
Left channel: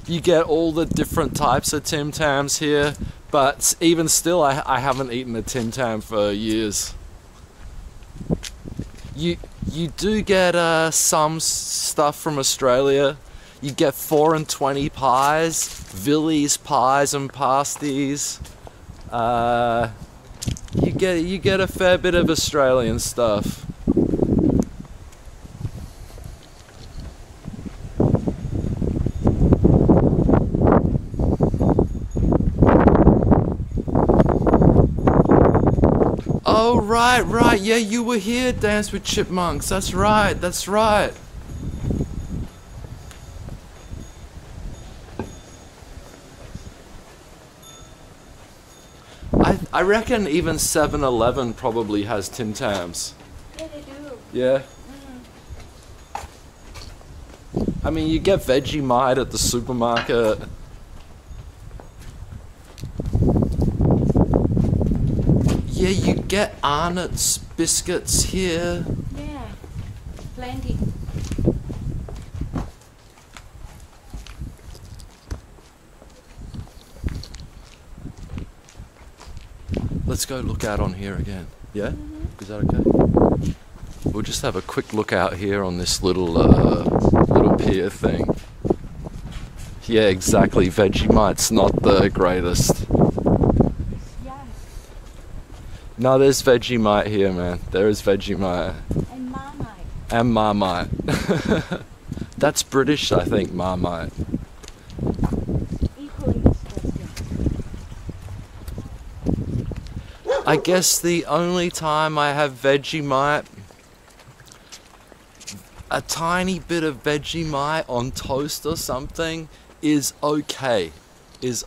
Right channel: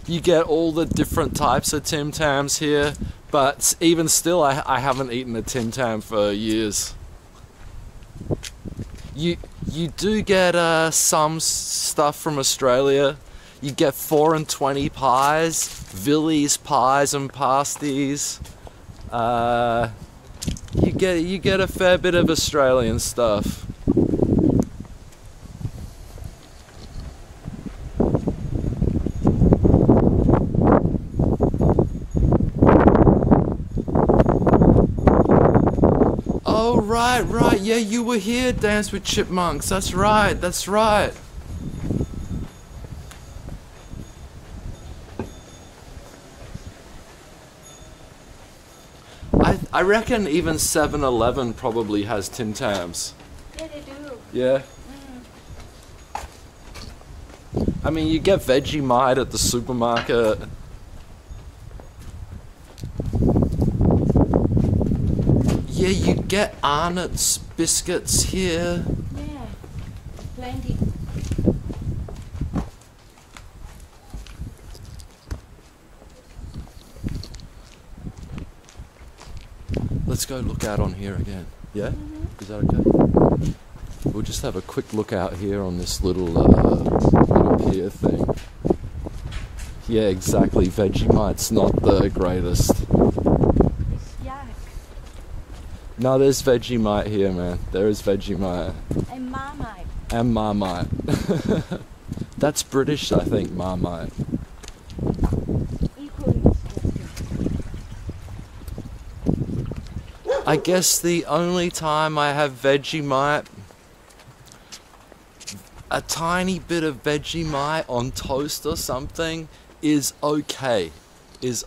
You get all the different types of Tim Tams here, but even still, I haven't eaten a Tim Tam for years. You do get some stuff from Australia. You get 4 and 20 pies, Villies pies and pasties. You get a fair bit of Australian stuff. Oh, right, yeah, you were here, Dance with Chipmunks, that's right. I reckon even 7-Eleven probably has Tim Tams. Yeah, they do. Yeah? I mean, you get Vegemite at the supermarket. Yeah, you get Arnott's biscuits here. Yeah, plenty. Let's go look out on here again. Yeah? Is that okay? We'll just have a quick look out here on this little pier thing. Yeah, exactly. Vegemite's not the greatest. It's yuck. No, there's Vegemite here, man. There is Vegemite. And Marmite. And Marmite. That's British, I think, Marmite. Equally disgusting. I guess the only time I have Vegemite, a tiny bit of Vegemite on toast or something is okay. That's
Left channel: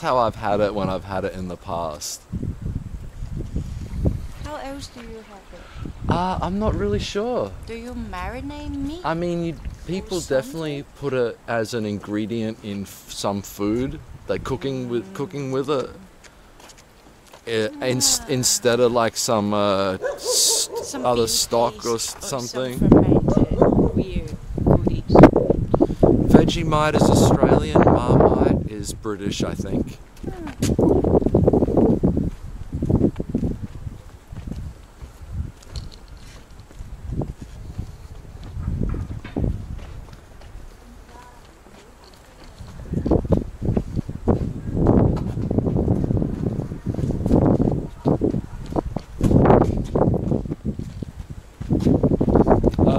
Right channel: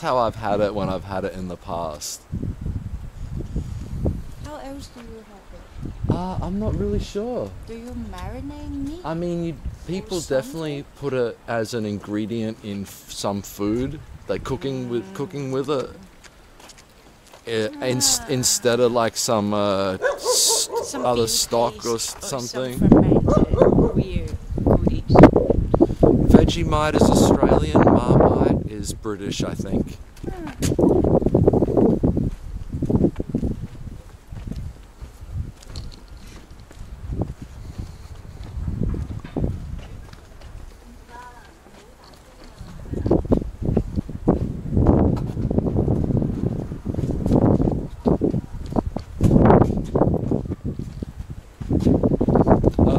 how I've had it when I've had it in the past. How else do you have it? I'm not really sure. Do you marinate meat? I mean, people definitely put it as an ingredient in some food, like cooking with it. Instead of like some other bean stock paste or something. Some fermented weird goodies. Vegemite is Australian, Marmite is British, I think.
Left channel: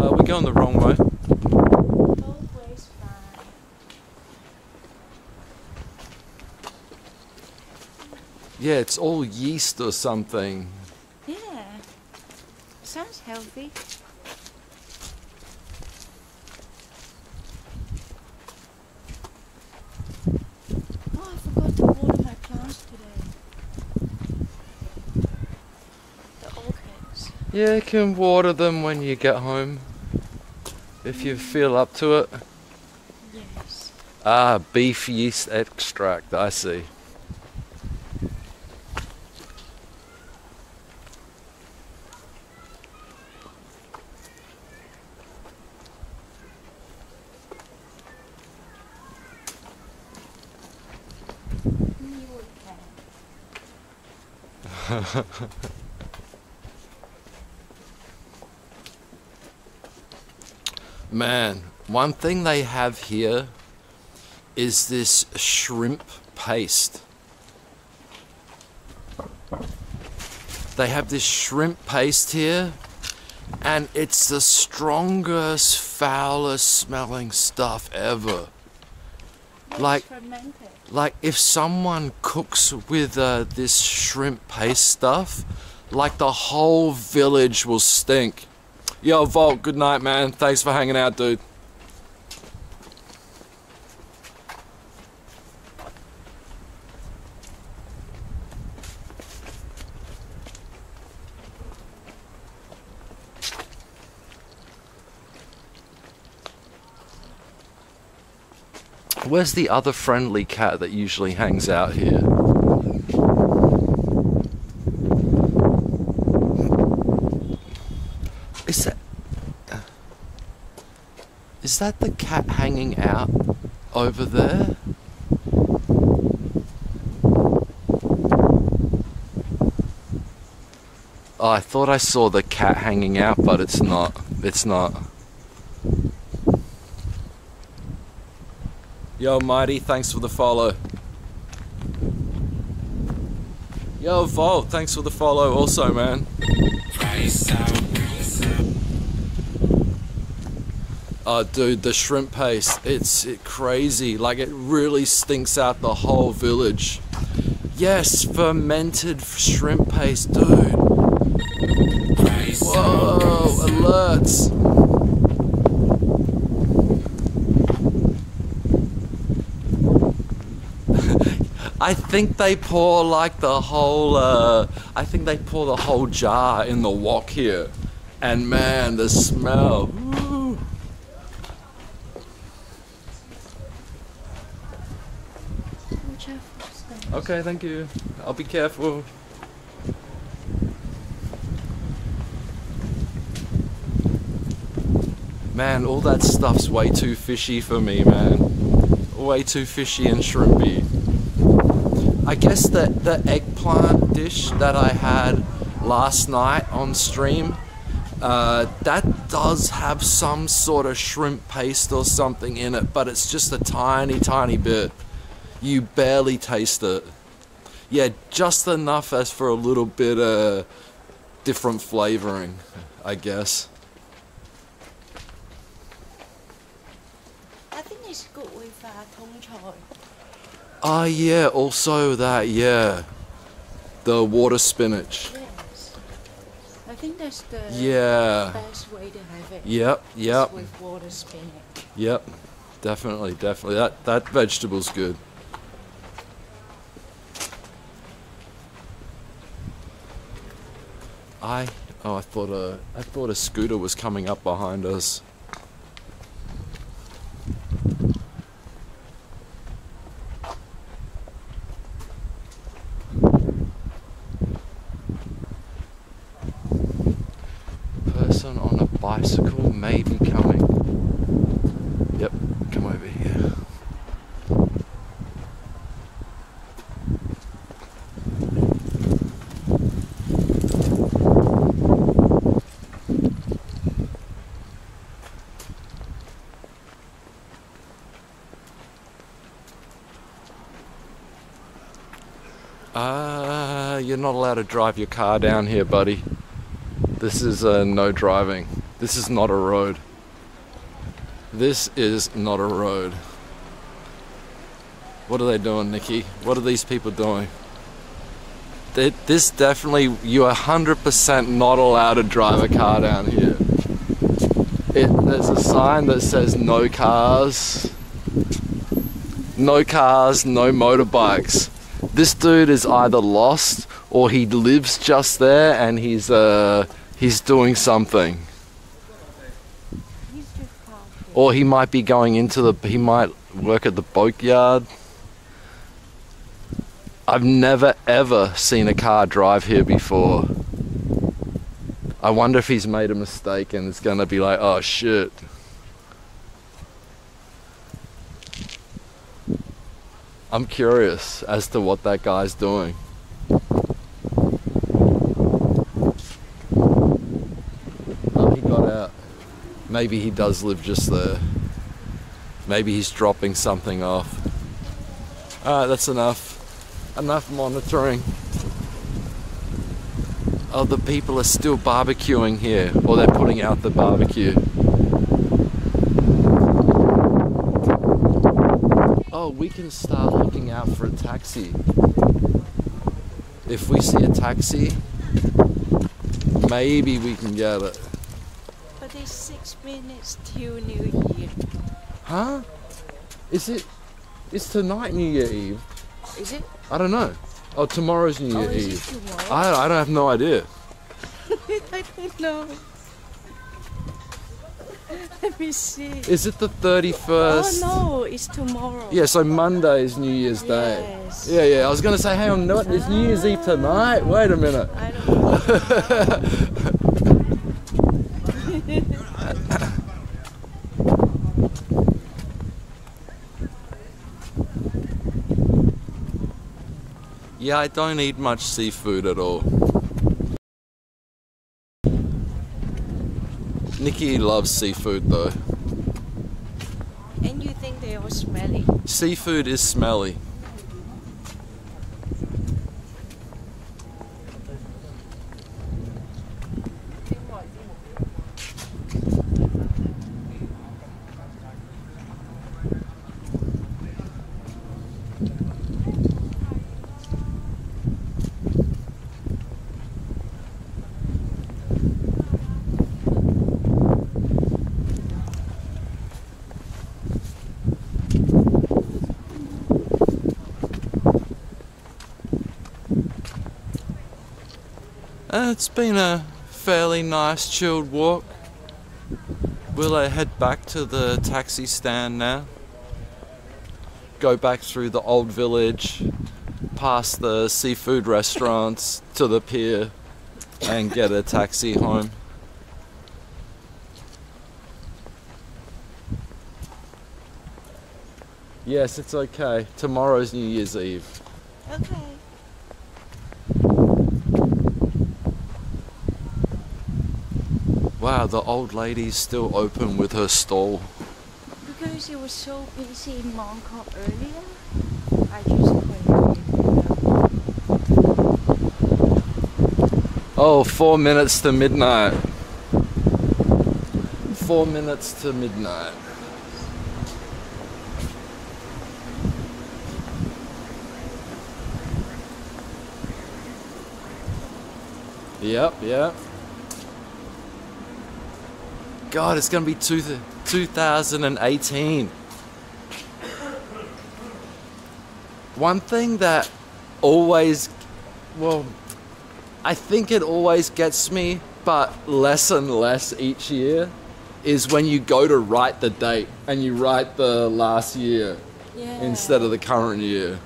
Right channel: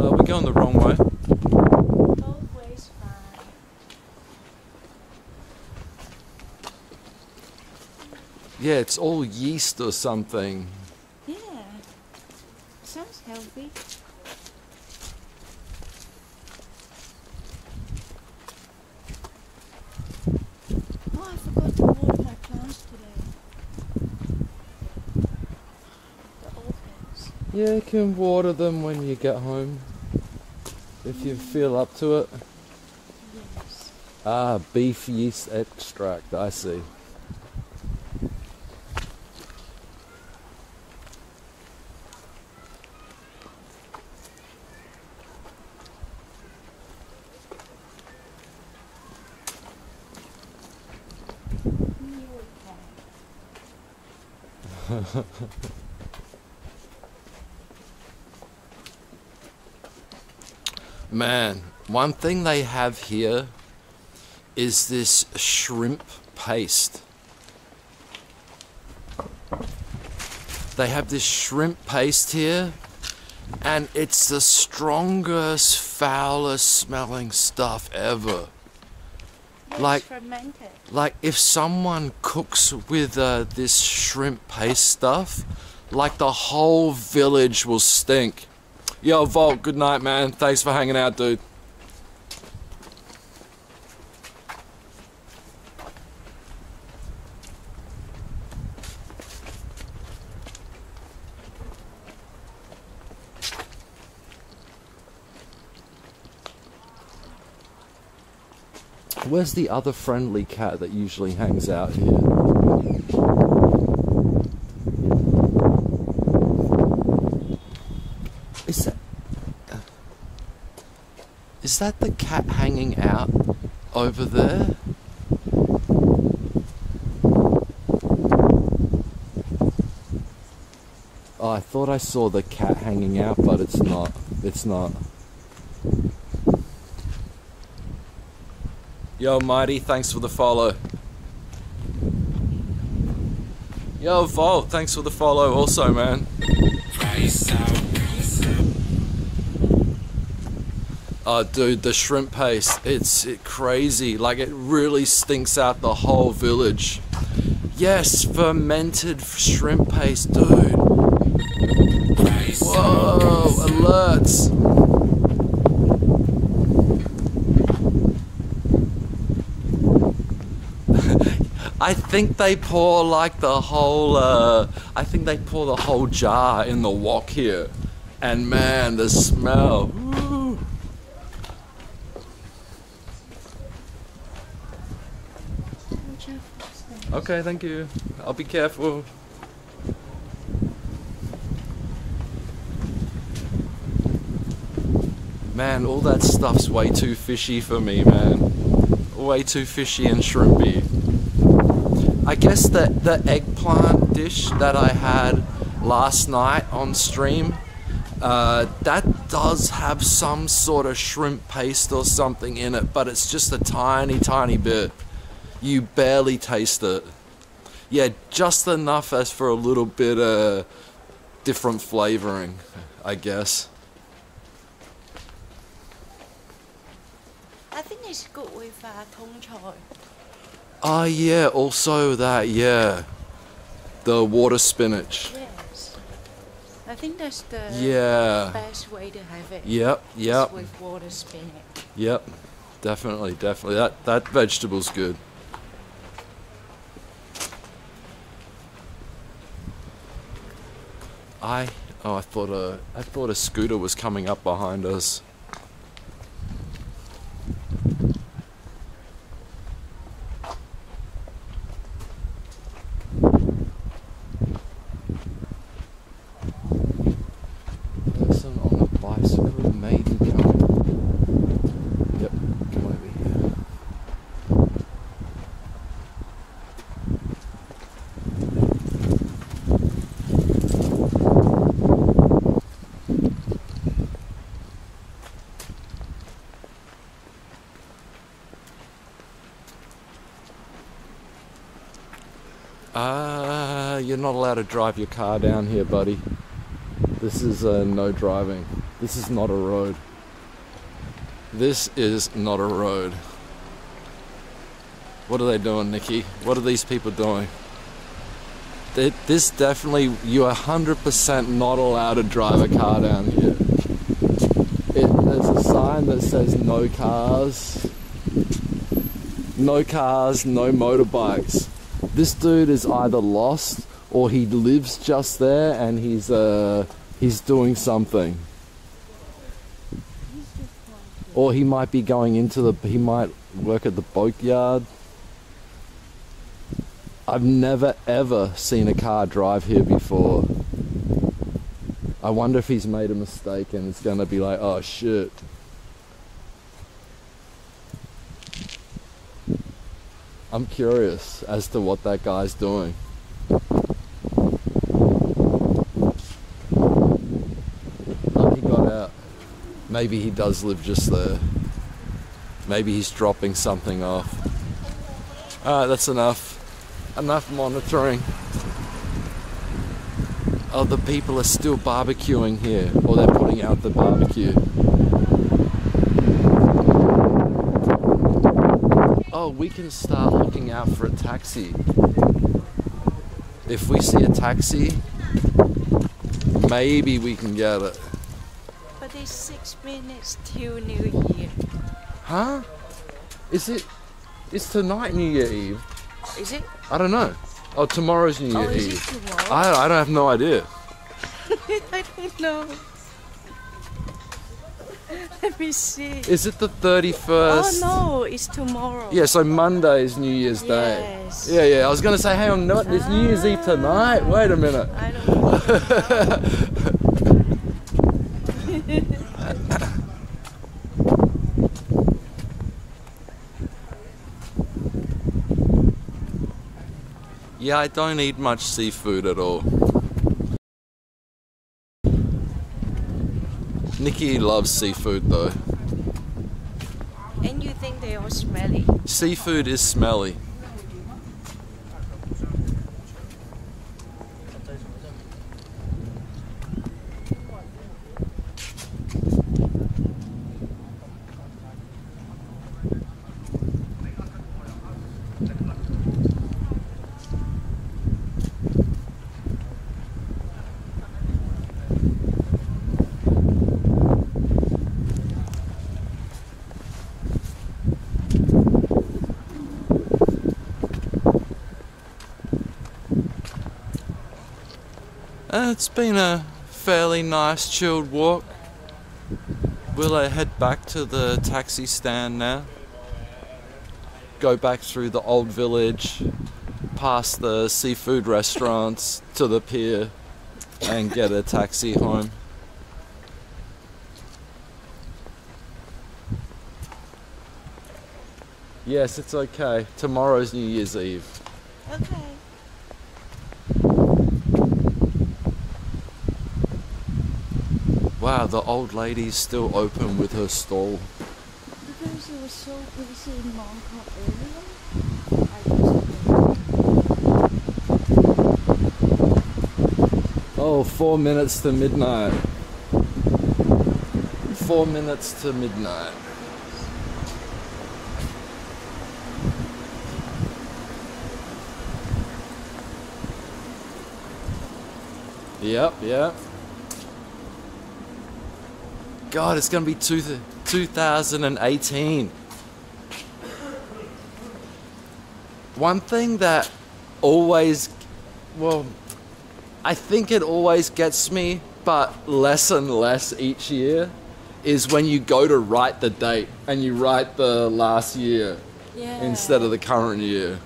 We're going the wrong way. Both ways fine. Yeah, it's all yeast or something. Yeah. Sounds healthy. Oh, I forgot to water my plants today. The orchids. Yeah, you can water them when you get home. If you feel up to it. Yes. Ah, beef yeast extract, I see. You can. Man, one thing they have here is this shrimp paste. They have this shrimp paste here, and it's the strongest, foulest smelling stuff ever. It's fermented. Like if someone cooks with this shrimp paste stuff, like the whole village will stink. Yo, Volt, good night, man. Thanks for hanging out, dude. Where's the other friendly cat that usually hangs out here? Is that the cat hanging out over there? Oh, I thought I saw the cat hanging out, but it's not. It's not. Yo, Mighty, thanks for the follow. Yo, Volt, thanks for the follow also, man. Oh, dude, the shrimp paste, it's crazy. Like, it really stinks out the whole village. Yes, fermented shrimp paste, dude. Whoa, alerts. I think they pour like the whole, I think they pour the whole jar in the wok here. And man, the smell. Woo. Okay, thank you. I'll be careful. Man, all that stuff's way too fishy for me, man. Way too fishy and shrimpy. I guess the eggplant dish that I had last night on stream, that does have some sort of shrimp paste or something in it, but it's just a tiny, tiny bit. You barely taste it. Yeah, just enough as for a little bit of different flavoring, I guess. I think it's good with Tong Choi. Ah, yeah, also that, yeah. The water spinach. Yes. I think that's the best way to have it. Yep, yep. With water spinach. Yep, definitely, definitely. That vegetable's good. I thought a scooter was coming up behind us. Person on a bicycle may be coming. Yep, come over here. You're not allowed to drive your car down here, buddy. This is no driving. This is not a road. This is not a road. What are they doing, Nikki? What are these people doing? This definitely, you're 100% not allowed to drive a car down here. There's a sign that says no cars. No cars, no motorbikes. This dude is either lost or he lives just there and he's doing something. Or he might be going into he might work at the boatyard. I've never ever seen a car drive here before. I wonder if he's made a mistake and it's gonna be like, oh shit. I'm curious as to what that guy's doing. Oh, he got out. Maybe he does live just there. Maybe he's dropping something off. Alright, that's enough. Enough monitoring. Oh, the people are still barbecuing here. Or they're putting out the barbecue. Oh, we can start looking out for a taxi. If we see a taxi, maybe we can get it. 26 minutes till New Year. Huh? Is it? It's tonight New Year Eve. Is it? I don't know. Oh, tomorrow's New Year Is Eve. it tomorrow? I don't have no idea. I don't know. Let me see. Is it the 31st? Oh no, it's tomorrow. Yeah, so Monday is New Year's Day. Yes. Yeah. I was gonna say, hang on, no, it's New Year's Eve tonight. Wait a minute. I don't know. Yeah, I don't eat much seafood at all. Nikki loves seafood though. And you think they are smelly? Seafood is smelly. It's been a fairly nice chilled walk. We'll head back to the taxi stand now. Go back through the old village, past the seafood restaurants to the pier and get a taxi home. Yes, it's okay. Tomorrow's New Year's Eve. Okay. Wow, the old lady's still open with her stall. Because it was so busy in HongKong earlier, I just couldn't. Oh, 4 minutes to midnight. 4 minutes to midnight. Yep. God, it's gonna be 2018. One thing that always, well, I think it always gets me, but less and less each year, is when you go to write the date and you write the last year instead of the current year.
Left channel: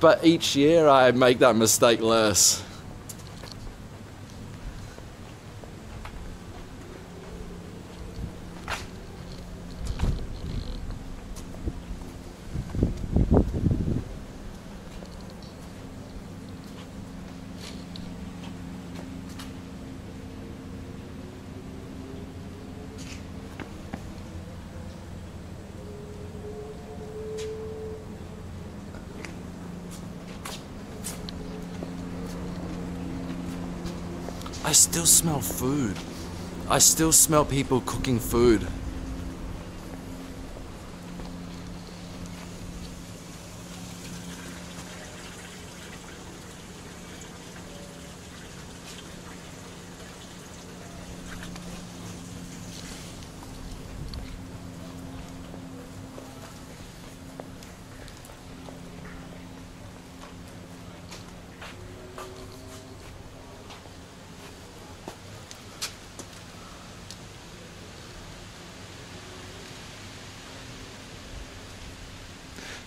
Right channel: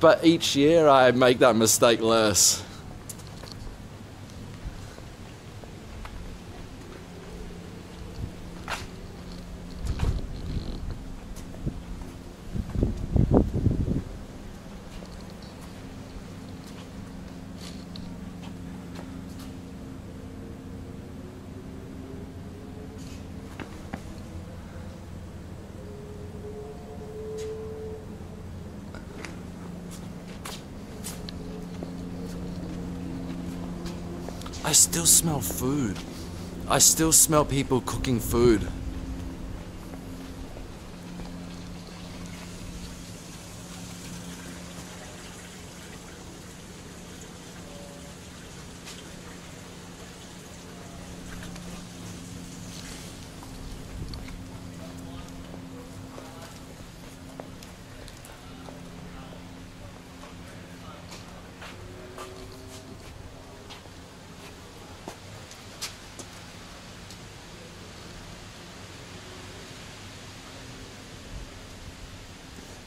But each year I make that mistake less. I still smell food. I still smell people cooking food.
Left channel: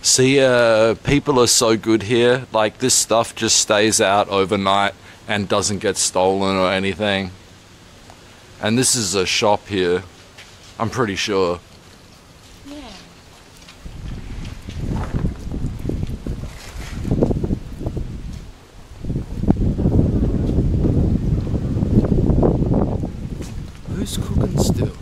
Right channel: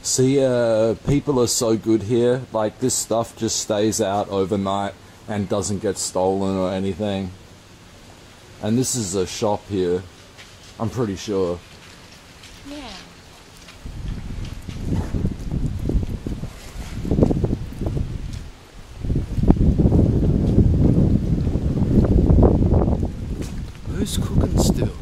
See, people are so good here. Like, this stuff just stays out overnight and doesn't get stolen or anything. And this is a shop here, I'm pretty sure. Yeah. Who's cooking still?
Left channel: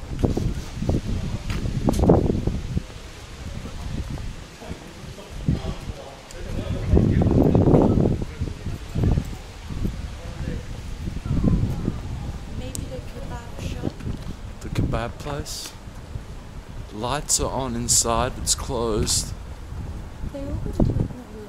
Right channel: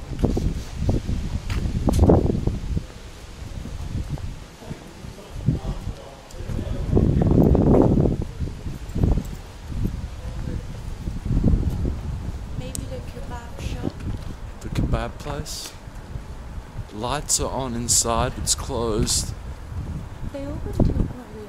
Kebab place. Lights are on inside, it's closed. They open till quite late.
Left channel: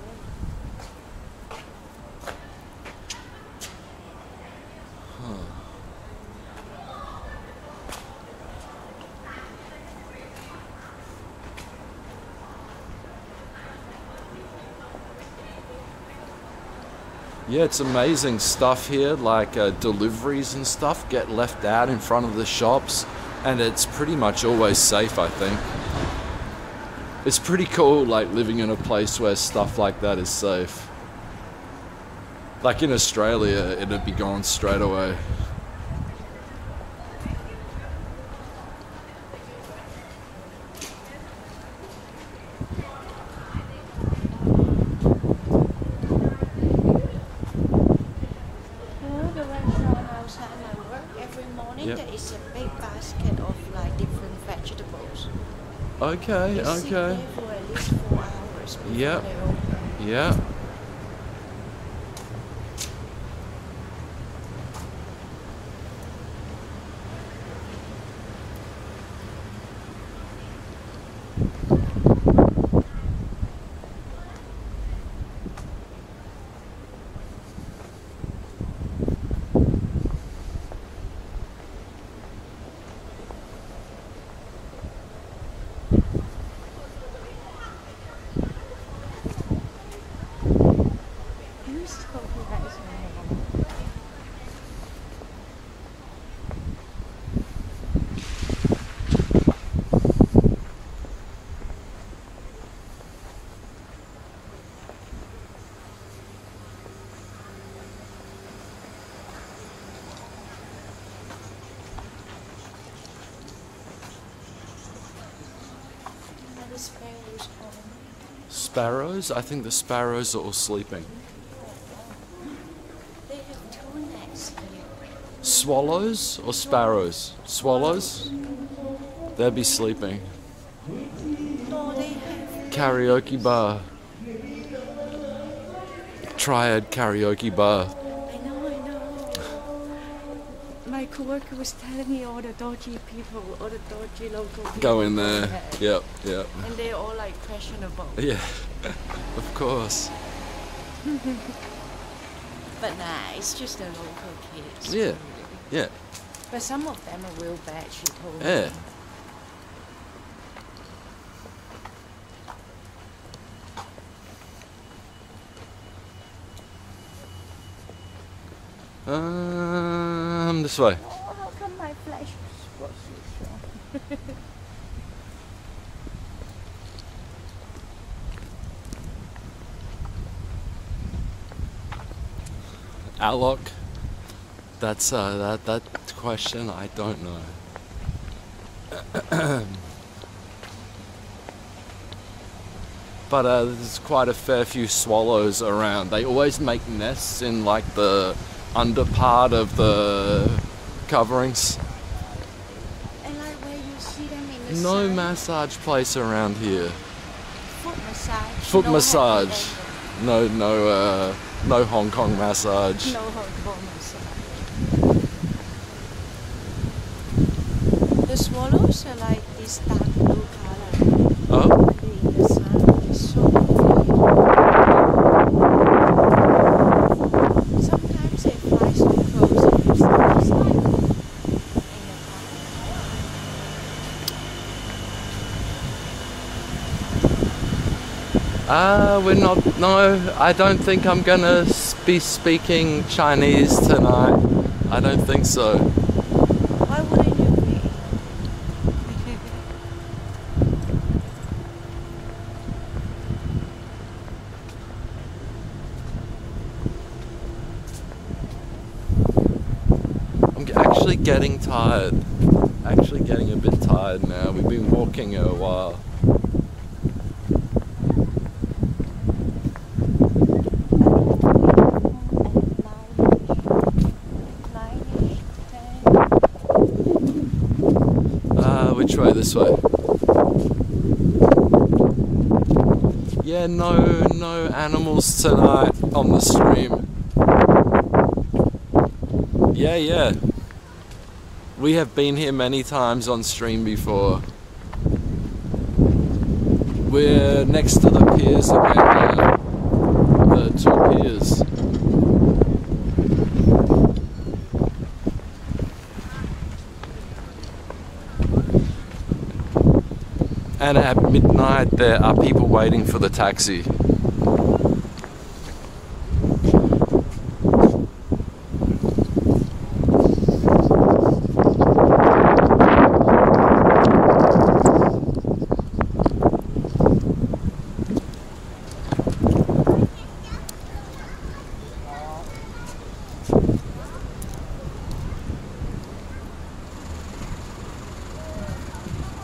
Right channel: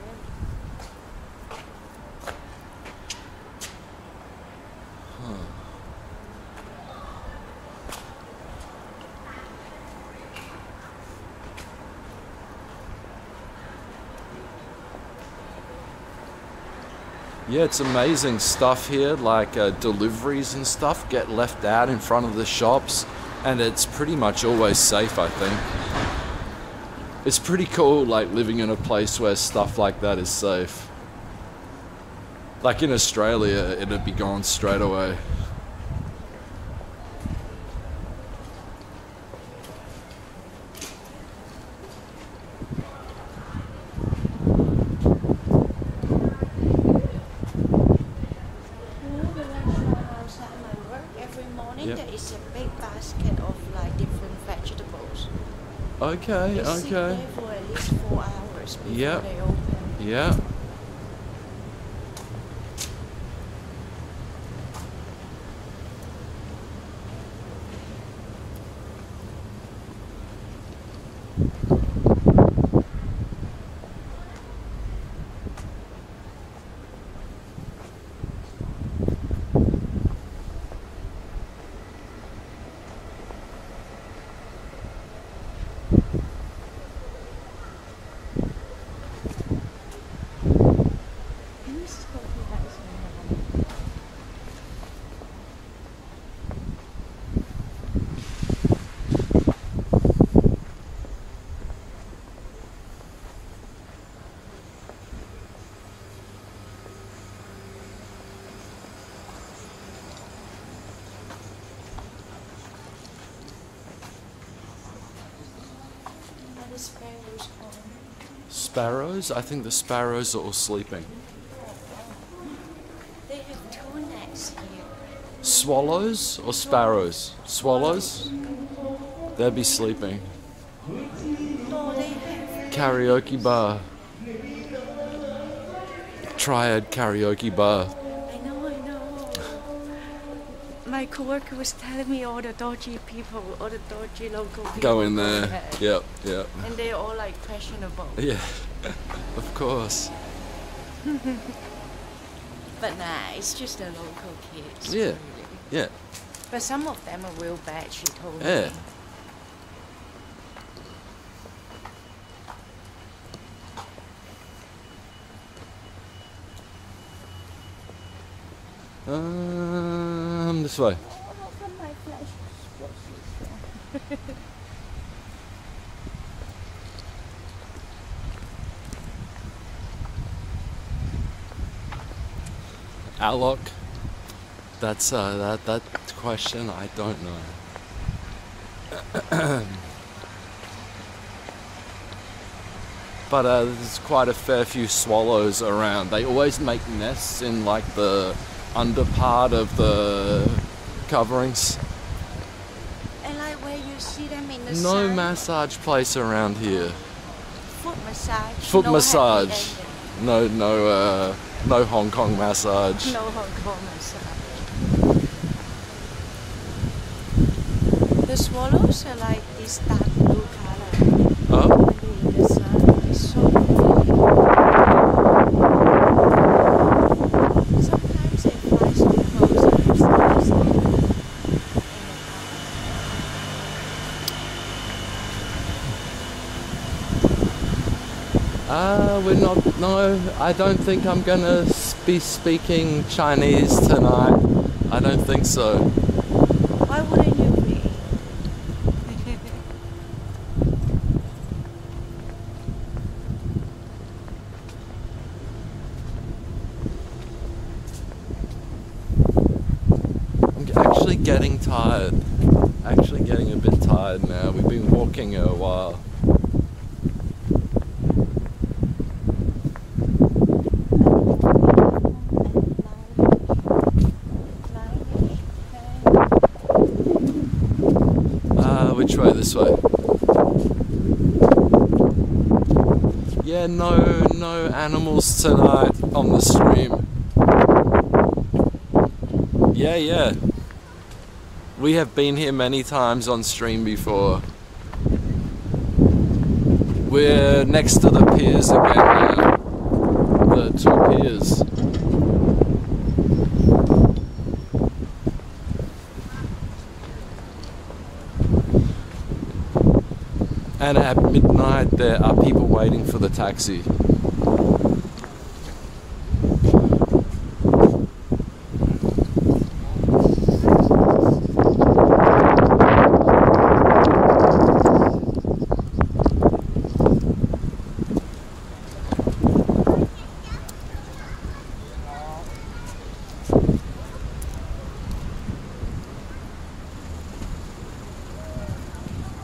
Yeah, it's amazing stuff here, like deliveries and stuff get left out in front of the shops, and it's pretty much always safe, I think. It's pretty cool, like, living in a place where stuff like that is safe. Like in Australia, it'd be gone straight away. Yep. There is a big basket of like different vegetables. Okay, They sit okay. there for at least 4 hours before Yep. they open. Yeah. The sparrows home. Sparrows? I think the sparrows are all sleeping. They have two nests here. Swallows or sparrows? Swallows? They'll be sleeping. No, they have. Karaoke bar. Triad karaoke bar. I know. My coworker was telling me all the dodgy people, all the dodgy local people. Go in there. Yep, yep. And they're all like questionable. Yeah, of course. But nah, it's just the local kids. Yeah, really. yeah, But some of them are real bad, she told me. yeah. This way. Oh, how come my flash was so strong? Alok. That's that question I don't know. But there's quite a fair few swallows around. They always make nests in like the under part of the coverings. And like where you see them in the No sun. massage place around here. Foot massage. Foot no massage. happy No Hong Kong massage. ending. No Hong Kong massage. The swallows are like this dark blue color. Oh? When they're in the sun, it's so pretty. Sometimes they fly so close and you still see them in the We're not. No, I don't think I'm gonna be speaking Chinese tonight. I don't think so. Why wouldn't you be? I'm actually getting tired. Actually getting a bit tired now. We've been walking a while. Which way? This way. Yeah, no animals tonight on the stream. Yeah. We have been here many times on stream before. We're next to the piers again now. The two piers. And at midnight there are people waiting for the taxi.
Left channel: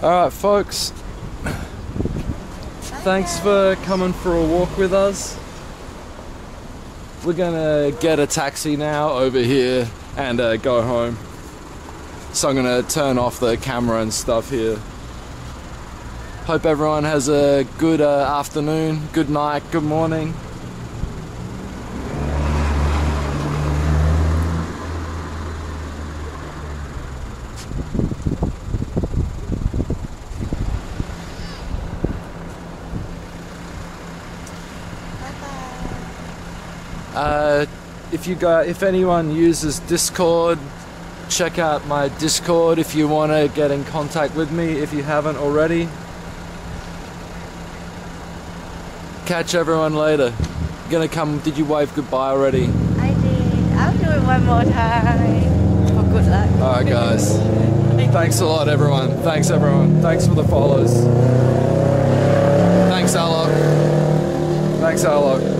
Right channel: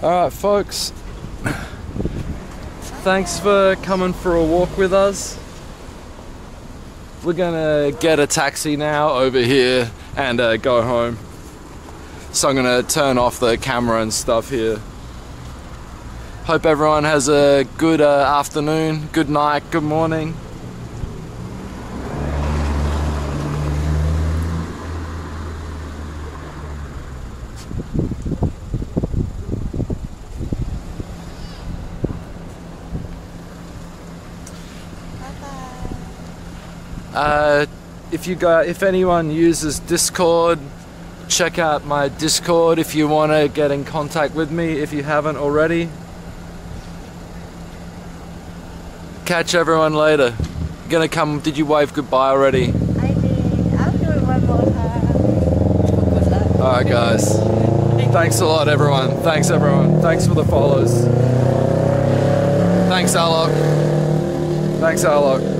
Alright folks, thanks for coming for a walk with us. We're gonna get a taxi now over here and go home. So I'm gonna turn off the camera and stuff here. Hope everyone has a good afternoon, good night, good morning. If anyone uses Discord, check out my Discord if you want to get in contact with me if you haven't already. Catch everyone later. Gonna come, did you wave goodbye already? I did. I'll do it one more time. For good luck. Alright guys. Thanks a lot everyone. Thanks everyone. Thanks for the follows. Thanks Alok. Thanks Alok.